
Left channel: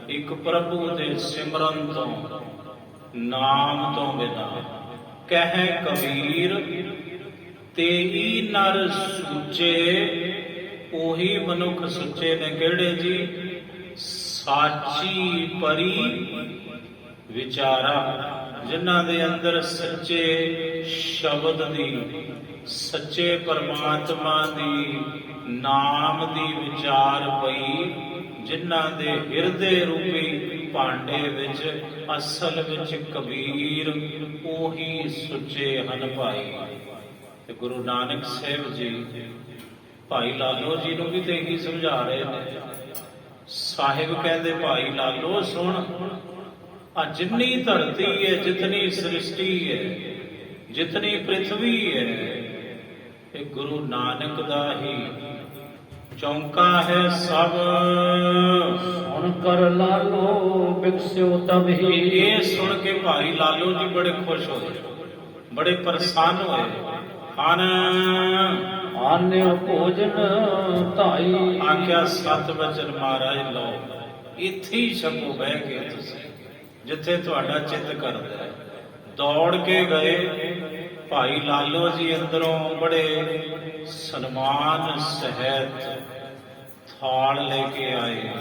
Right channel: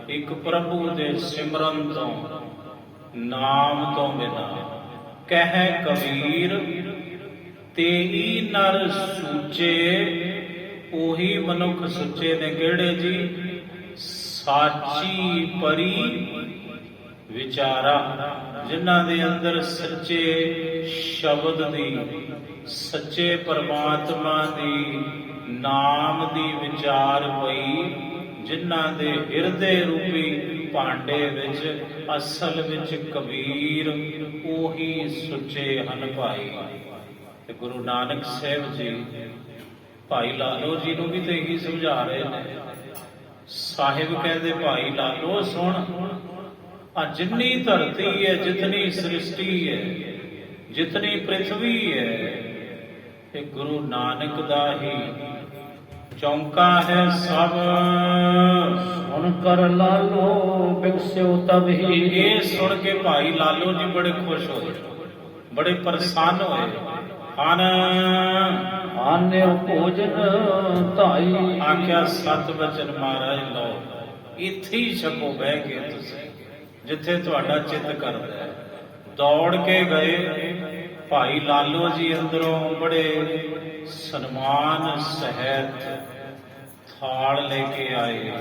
ਇੱਕ ਪ੍ਰਭੂ ਦੇ ਸਿਮਰਨ ਤੋਂ, ਨਾਮ ਤੋਂ ਬਿਨਾਂ। ਕਹਿ ਕਬੀਰ ਤੇਈ ਨਰ ਸੂਚੇ, ਉਹੀ ਮਨੁੱਖ ਸੁੱਚੇ ਨੇ। ਕਿਹੜੇ ਜੀ? ਸਾਚੀ ਪਰੀ ਵਿਚਾਰਾ, ਜਿਨ੍ਹਾਂ ਦੇ ਅੰਦਰ ਸੱਚੇ ਸ਼ਬਦ ਦੀ, ਸੱਚੇ ਪਰਮਾਤਮਾ ਦੀ, ਨਾਮ ਦੀ ਵਿਚਾਰ ਪਈ, ਜਿਨ੍ਹਾਂ ਦੇ ਹਿਰਦੇ ਰੂਪੀ ਭਾਂਡੇ ਵਿੱਚ ਅਸਲ ਵਿੱਚ ਕਬੀਰ, ਉਹੀ ਸੁੱਚੇ ਹਨ ਭਾਈ। ਤੇ ਗੁਰੂ ਨਾਨਕ ਸਾਹਿਬ ਜੀ ਭਾਈ ਲਾਲੋ ਜੀ ਨੂੰ ਵੀ ਤੇ ਇਹੀ ਸਮਝਾ ਰਹੇ ਨੇ। ਸਾਹਿਬ ਕਹਿੰਦੇ ਭਾਈ ਲਾਲੋ ਸੁਣ, ਆ ਜਿੰਨੀ ਧਰਤੀ ਹੈ, ਜਿਤਨੀ ਸ੍ਰਿਸ਼ਟੀ ਹੈ, ਜਿਤਨੀ ਪ੍ਰਿਥਵੀ ਹੈ, ਇਹ ਗੁਰੂ ਨਾਨਕ ਦਾ ਹੀ ਚੌਂਕਾ ਹੈ ਸਭ। ਸੁਣ ਕਰ ਲਾਲੋ ਬਿਕਸਿਓ ਤਬ ਹੀ। ਇਹ ਸੁਣ ਕੇ ਭਾਈ ਲਾਲੋ ਜੀ ਬੜੇ ਖੁਸ਼ ਹੋਏ, ਬੜੇ ਪ੍ਰਸੰਨ ਹੋਏ। ਆਨਿਓ ਭੋਜਨ ਧਾਈ, ਆਖਿਆ ਸਤ ਵਚਨ ਮਹਾਰਾਜ ਲਓ, ਇੱਥੇ ਹੀ ਛਕੋ ਬਹਿ ਕੇ ਤੁਸੀਂ, ਜਿੱਥੇ ਤੁਹਾਡਾ ਚਿੱਤ ਕਰਦਾ ਹੈ। ਦੌੜ ਕੇ ਗਏ ਭਾਈ ਲਾਲੋ ਜੀ, ਅੰਦਰੋਂ ਬੜੇ ਸਨਮਾਨ ਸਹਿਤ ਥਾਲ ਲੈ ਕੇ ਆਏ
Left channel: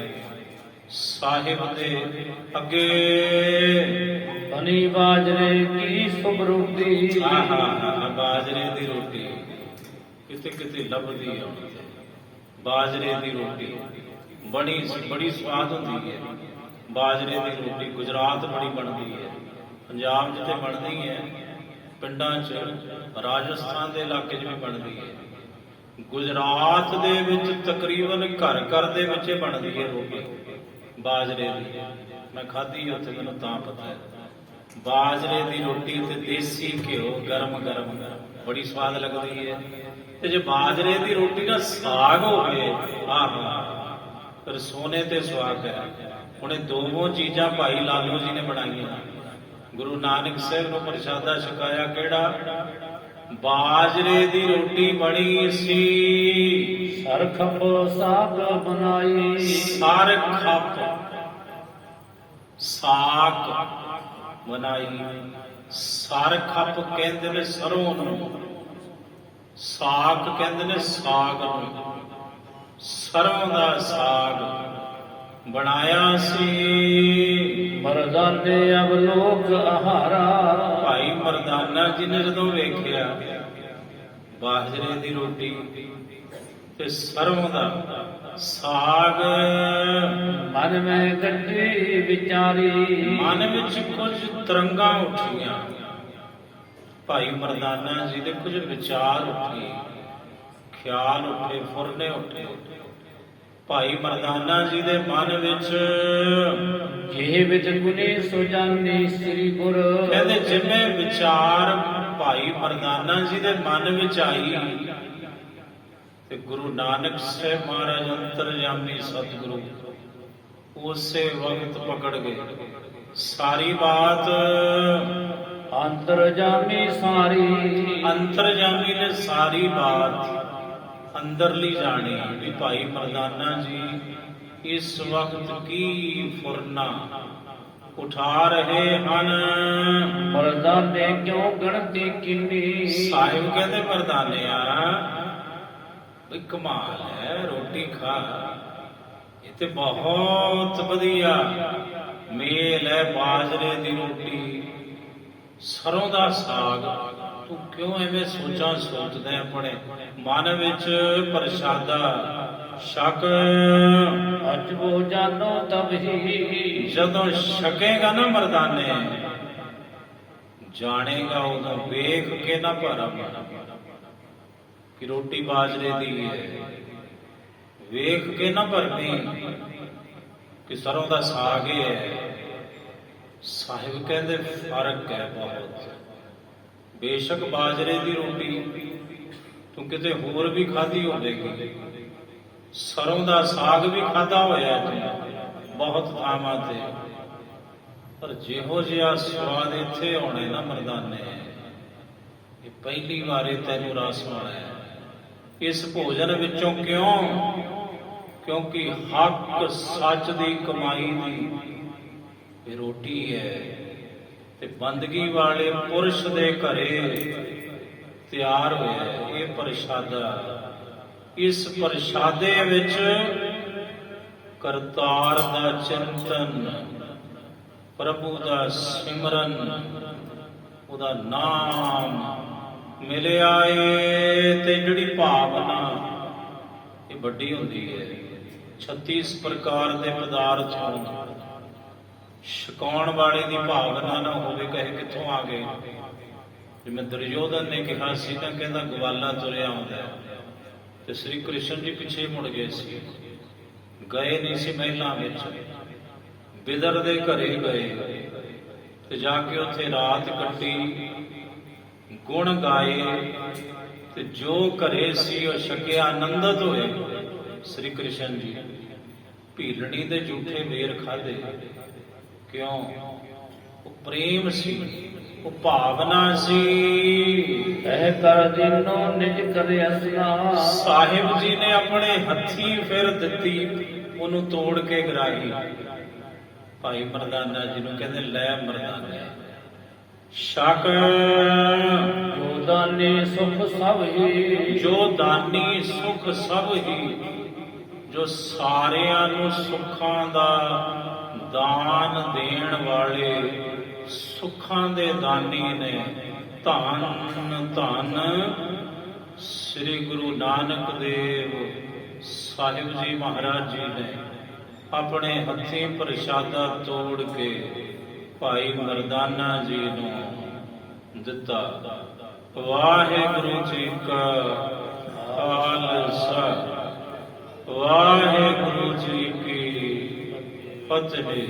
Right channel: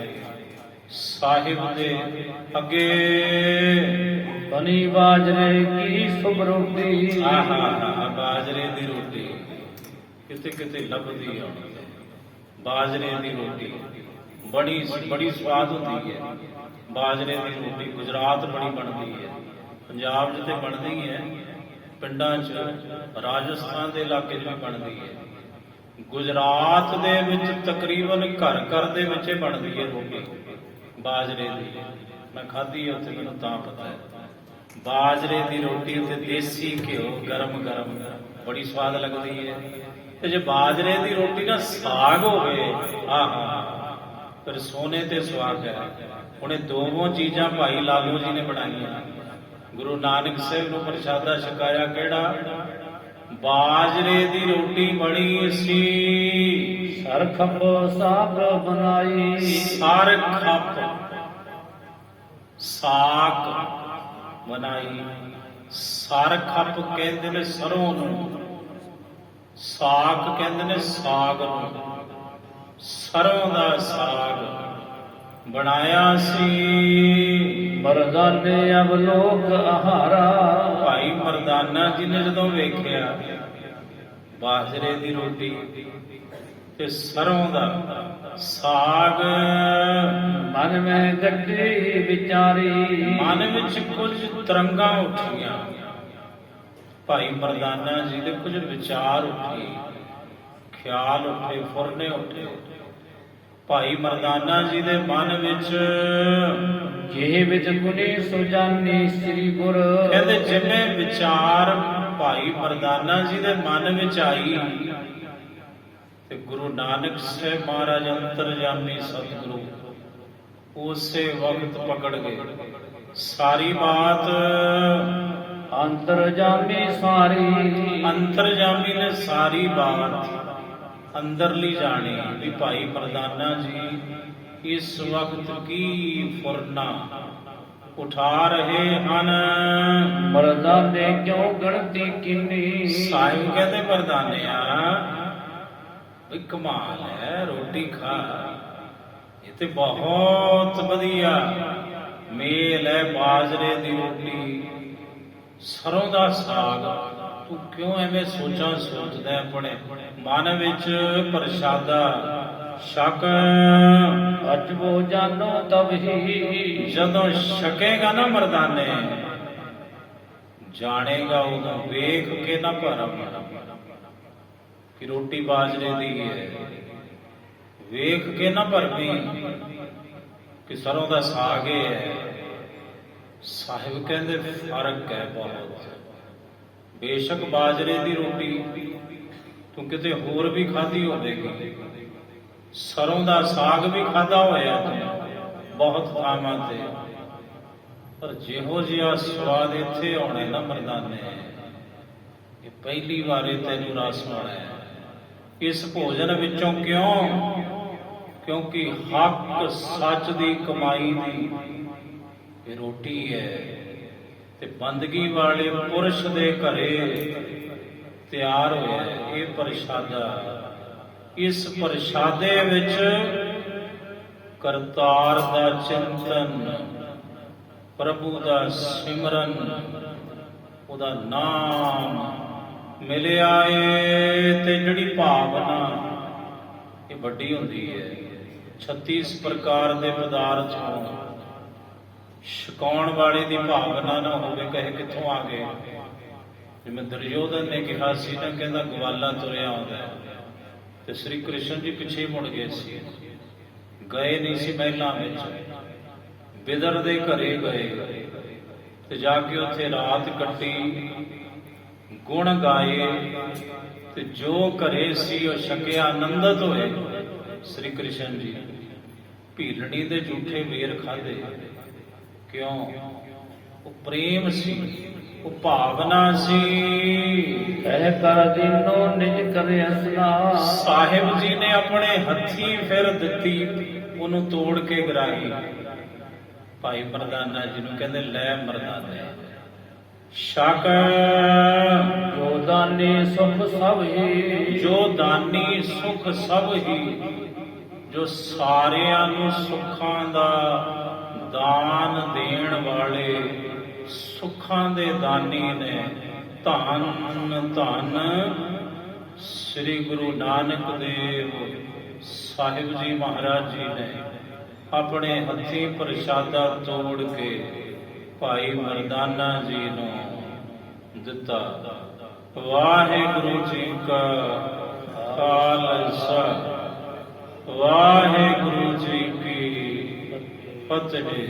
ਸਾਹਿਬ ਦੇ ਅੱਗੇ। ਬਣੀ ਬਾਜਰੇ ਕੀ ਸੁਭ ਰੋਟੀ, ਬਾਜਰੇ ਦੀ ਰੋਟੀ ਕਿਤੇ ਕਿਤੇ ਲੱਭਦੀ ਆ। ਬਾਜਰੇ ਦੀ ਰੋਟੀ ਬੜੀ ਸਵਾਦ ਹੁੰਦੀ ਹੈ। ਬਾਜਰੇ ਦੀ ਰੋਟੀ ਗੁਜਰਾਤ ਬੜੀ ਬਣਦੀ ਹੈ, ਪੰਜਾਬ 'ਚ ਤੇ ਬਣਦੀ ਹੈ, ਪਿੰਡਾਂ 'ਚ, ਰਾਜਸਥਾਨ ਦੇ ਇਲਾਕੇ 'ਚ ਵੀ ਬਣਦੀ ਹੈ। ਗੁਜਰਾਤ ਦੇ ਵਿੱਚ ਤਕਰੀਬਨ ਘਰ ਘਰ ਦੇ ਵਿੱਚ ਬਣਦੀ ਹੈ ਰੋਟੀ ਬਾਜਰੇ ਦੀ। ਮੈਂ ਖਾਧੀ ਉੱਥੇ, ਮੈਨੂੰ ਤਾਂ ਪਤਾ ਹੈ। ਬਾਜਰੇ ਦੀ ਰੋਟੀ ਤੇ ਦੇਸੀ ਘਿਓ ਗਰਮ ਗਰਮ ਬੜੀ ਸਵਾਦ ਲੱਗਦੀ ਹੈ। ਤੇ ਜੇ ਬਾਜਰੇ ਦੀ ਰੋਟੀ ਨਾਲ ਸਾਗ ਹੋਵੇ, ਫਿਰ ਸੋਨੇ ਤੇ ਸੁਆਗ ਹੈ। ਹੁਣ ਇਹ ਦੋਵੇਂ ਚੀਜ਼ਾਂ ਭਾਈ ਲਾਲੋ ਜੀ ਨੇ ਬਣਾਈਆਂ। ਗੁਰੂ ਨਾਨਕ ਸਾਹਿਬ ਨੂੰ ਪ੍ਰਸ਼ਾਦਾ ਛਕਾਇਆ ਕਿਹੜਾ? ਬਾਜਰੇ ਦੀ ਰੋਟੀ ਬਣੀ ਸੀ। ਸਰਖਪ ਸਾਗ ਬਣਾਈ, ਸਰਖਪ ਸਾਗ ਬਣਾਈ। ਸਰਖਪ ਕਹਿੰਦੇ ਨੇ ਸਰੋਂ ਨੂੰ, ਸਾਗ ਕਹਿੰਦੇ ਨੇ ਸਾਗ ਨੂੰ। ਸਰੋਂ ਦਾ ਸਾਗ ਬਣਾਇਆ ਸੀ। ਮਰਦਾਨੇ ਅਵਲੋਕ ਆਹਾਰਾ, ਭਾਈ ਮਰਦਾਨਾ ਜੀ ਨੇ ਜਦੋਂ ਵੇਖਿਆ ਬਾਜਰੇ ਦੀ ਰੋਟੀ ਤੇ ਸਰੋਂ ਦਾ ਸਾਗ, ਮਨ ਮੈਂ ਗੱਡੀ ਵਿਚਾਰੀ, ਮਨ ਵਿੱਚ ਕੁਝ ਤਰੰਗਾਂ ਉੱਠੀਆਂ। ਭਾਈ ਮਰਦਾਨਾ ਜੀ ਦੇ ਕੁਝ ਵਿਚਾਰ ਉੱਠੇ, ਖਿਆਲ ਉੱਠੇ, ਫੁਰਨੇ ਉੱਠੇ। ਭਾਈ ਮਰਦਾਨਾ ਜੀ ਦੇ ਮਨ ਵਿੱਚ ਜਿਹ ਵਿੱਚ ਗੁਨੀ ਸੁਜਾਨੀ ਸ੍ਰੀ ਗੁਰ। ਕਹਿੰਦੇ ਜਿਵੇਂ ਵਿਚਾਰ ਭਾਈ ਮਰਦਾਨਾ ਜੀ ਦੇ ਮਨ ਵਿੱਚ ਆਈ ਤੇ ਗੁਰੂ ਨਾਨਕ ਸਾਹਿਬ ਮਹਾਰਾਜ ਅੰਤਰਜਾਮੀ ਸਤਿਗੁਰੂ ਉਸੇ ਵਕਤ ਪਕੜ ਗਏ। ਸਾਰੀ ਬਾਤ ਅੰਤਰਜਾਮੀ ਸਾਰੀ। ਅੰਤਰਜਾਮੀ ਨੇ ਸਾਰੀ ਬਾਤ ਅੰਦਰਲੀ ਜਾਣੀ ਵੀ ਭਾਈ ਮਰਦਾਨਾ ਜੀ ਇਸ ਵਕਤ ਕੀ ਫੁਰਨਾ ਉਠਾ ਰਹੇ ਹਨ। ਮਰਦਾਨੇ ਕਿਉਂ ਗਣਤੀ ਕਿੰਨੀ। ਸਾਹਿਬ ਕਹਿੰਦੇ ਮਰਦਾਨਿਆ ਵੀ ਕਮਾਲ ਹੈ, ਰੋਟੀ ਖਾ, ਇਹ ਤੇ ਬਹੁਤ ਵਧੀਆ ਮੇਲ ਹੈ, ਬਾਜਰੇ ਦੀ ਰੋਟੀ, ਸਰੋਂ ਦਾ ਸਾਗ। ਤੂੰ ਕਿਉਂ ਐਵੇਂ ਸੋਚਾਂ ਸੋਚਦਾ ਆਪਣੇ ਮਨ ਵਿੱਚ ਪ੍ਰਸ਼ਾਦਾ ਛਕ। ਅਜਬੋ ਜਾਨੋ ਤਬ ਹੀ। ਜਦੋਂ ਛਕੇਗਾ ਨਾ ਮਰਦਾਨੇ ਜਾਣੇਗਾ ਉਦੋਂ ਵੇਖ ਕੇ ਨਾ ਭਰਮ ਕਿ ਰੋਟੀ ਬਾਜਰੇ ਦੀ ਹੈ, ਵੇਖ ਕੇ ਨਾ ਭਰਮੀ ਕਿ ਸਰੋਂ ਦਾ ਸਾਗ ਹੈ। ਸਾਹਿਬ ਕਹਿੰਦੇ ਫਰਕ ਹੈ ਬਹੁਤ। ਬੇਸ਼ੱਕ ਬਾਜਰੇ ਦੀ ਰੋਟੀ ਤੂੰ ਕਿਤੇ ਹੋਰ ਵੀ ਖਾਧੀ ਹੋਵੇਗੀ, ਸਰੋਂ ਦਾ ਸਾਗ ਵੀ ਖਾਧਾ ਹੋਇਆ ਤੂੰ ਬਹੁਤ ਥਾਵਾਂ ਤੇ, ਪਰ ਜਿਹੋ ਜਿਹਾ ਸਵਾਦ ਇੱਥੇ ਆਉਣਾ ਨਾ ਮਰਦਾਨੇ, ਇਹ ਪਹਿਲੀ ਵਾਰੀ ਤੈਨੂੰ ਰਸ ਆਉਣਾ ਹੈ ਇਸ ਭੋਜਨ ਵਿੱਚੋਂ। ਕਿਉਂ? ਕਿਉਂਕਿ ਹੱਕ ਸੱਚ ਦੀ ਕਮਾਈ ਦੀ ਇਹ ਰੋਟੀ ਹੈ ਤੇ ਬੰਦਗੀ ਵਾਲੇ ਪੁਰਸ਼ ਦੇ ਘਰੇ ਤਿਆਰ ਹੋਇਆ ਹੈ ਇਹ ਪ੍ਰਸ਼ਾਦਾ। ਇਸ ਪ੍ਰਸ਼ਾਦੇ ਵਿੱਚ ਕਰਤਾਰ ਦਾ ਚਿੰਤਨ, ਪ੍ਰਭੂ ਦਾ ਸਿਮਰਨ, ਉਹਦਾ ਨਾਮ ਮਿਲਿਆ ਏ ਤੇ ਜਿਹੜੀ ਭਾਵਨਾ ਇਹ ਵੱਡੀ ਹੁੰਦੀ ਹੈ। 36 ਪ੍ਰਕਾਰ ਦੇ ਪਦਾਰਥ ਹੋਣ, ਛਕਾਉਣ ਵਾਲੇ ਦੀ ਭਾਵਨਾ ਨਾ ਹੋਵੇ, ਕਹੇ ਕਿੱਥੋਂ ਆ ਗਏ। ਜਿਵੇਂ ਦੁਰਯੋਧਨ ਨੇ ਕਿਹਾ ਸੀ ਤਾਂ ਕਹਿੰਦਾ ਗਵਾਲਾ ਤੁਰਿਆ ਆਉਂਦਾ ਤੇ ਸ੍ਰੀ ਕ੍ਰਿਸ਼ਨ ਜੀ ਪਿੱਛੇ ਮੁੜ ਗਏ ਸੀ, ਗਏ ਨਹੀਂ ਸੀ ਮਹਿਲਾਂ ਵਿੱਚ, ਬਿਦਰ ਦੇ ਘਰੇ ਗਏ ਤੇ ਜਾ ਕੇ ਉੱਥੇ ਰਾਤ ਕੱਟੀ, ਗੁਣ ਗਾਏ ਤੇ ਜੋ ਘਰੇ ਸੀ ਉਹ ਛਕਿਆ, ਆਨੰਦਿਤ ਹੋਏ ਸ੍ਰੀ ਕ੍ਰਿਸ਼ਨ ਜੀ। ਭੀਲਣੀ ਦੇ ਝੂਠੇ ਮੇਰ ਖਾਧੇ। ਕਿਉਂ? ਉਹ ਪ੍ਰੇਮ ਸੀ, ਉਹ ਭਾਵਨਾ ਸੀ। ਕਹਿ ਕਰ ਦੀਨੋ ਨਿਜ ਕਰੇ ਅਸਨਾ। ਸਾਹਿਬ ਜੀ ਨੇ ਆਪਣੇ ਹੱਥੀਂ ਫਿਰ ਦਿੱਤੀ, ਉਹਨੂੰ ਤੋੜ ਕੇ ਗਰਾਹੀ। ਭਾਈ ਮਰਦਾਨਾ ਜੀ ਨੂੰ ਕਹਿੰਦੇ ਲੈ ਮਰਦਾਨੇ ਛਕ। ਜੋ ਦਾਨੀ ਸੁਖ ਸਭ ਹੀ। ਜੋ ਦਾਨੀ ਸੁਖ ਸਭ ਹੀ, ਜੋ ਸਾਰਿਆਂ ਨੂੰ ਸੁੱਖਾਂ ਦਾ ਦਾਨ ਦੇਣ ਵਾਲੇ ਸੁੱਖਾਂ ਦੇ ਦਾਨੀ ਨੇ। ਧੰਨ ਧੰਨ ਸ੍ਰੀ ਗੁਰੂ ਨਾਨਕ ਦੇਵ ਸਾਹਿਬ ਜੀ ਮਹਾਰਾਜ ਜੀ ਨੇ ਆਪਣੇ ਹੱਥੀਂ ਪ੍ਰਸ਼ਾਦਾ ਤੋੜ ਕੇ ਭਾਈ ਮਰਦਾਨਾ ਜੀ ਨੂੰ ਦਿੱਤਾ। ਵਾਹਿਗੁਰੂ ਜੀ ਕਾ ਖਾਲਸਾ, ਵਾਹਿਗੁਰੂ ਜੀ ਕੀ ਫਤਿਹ।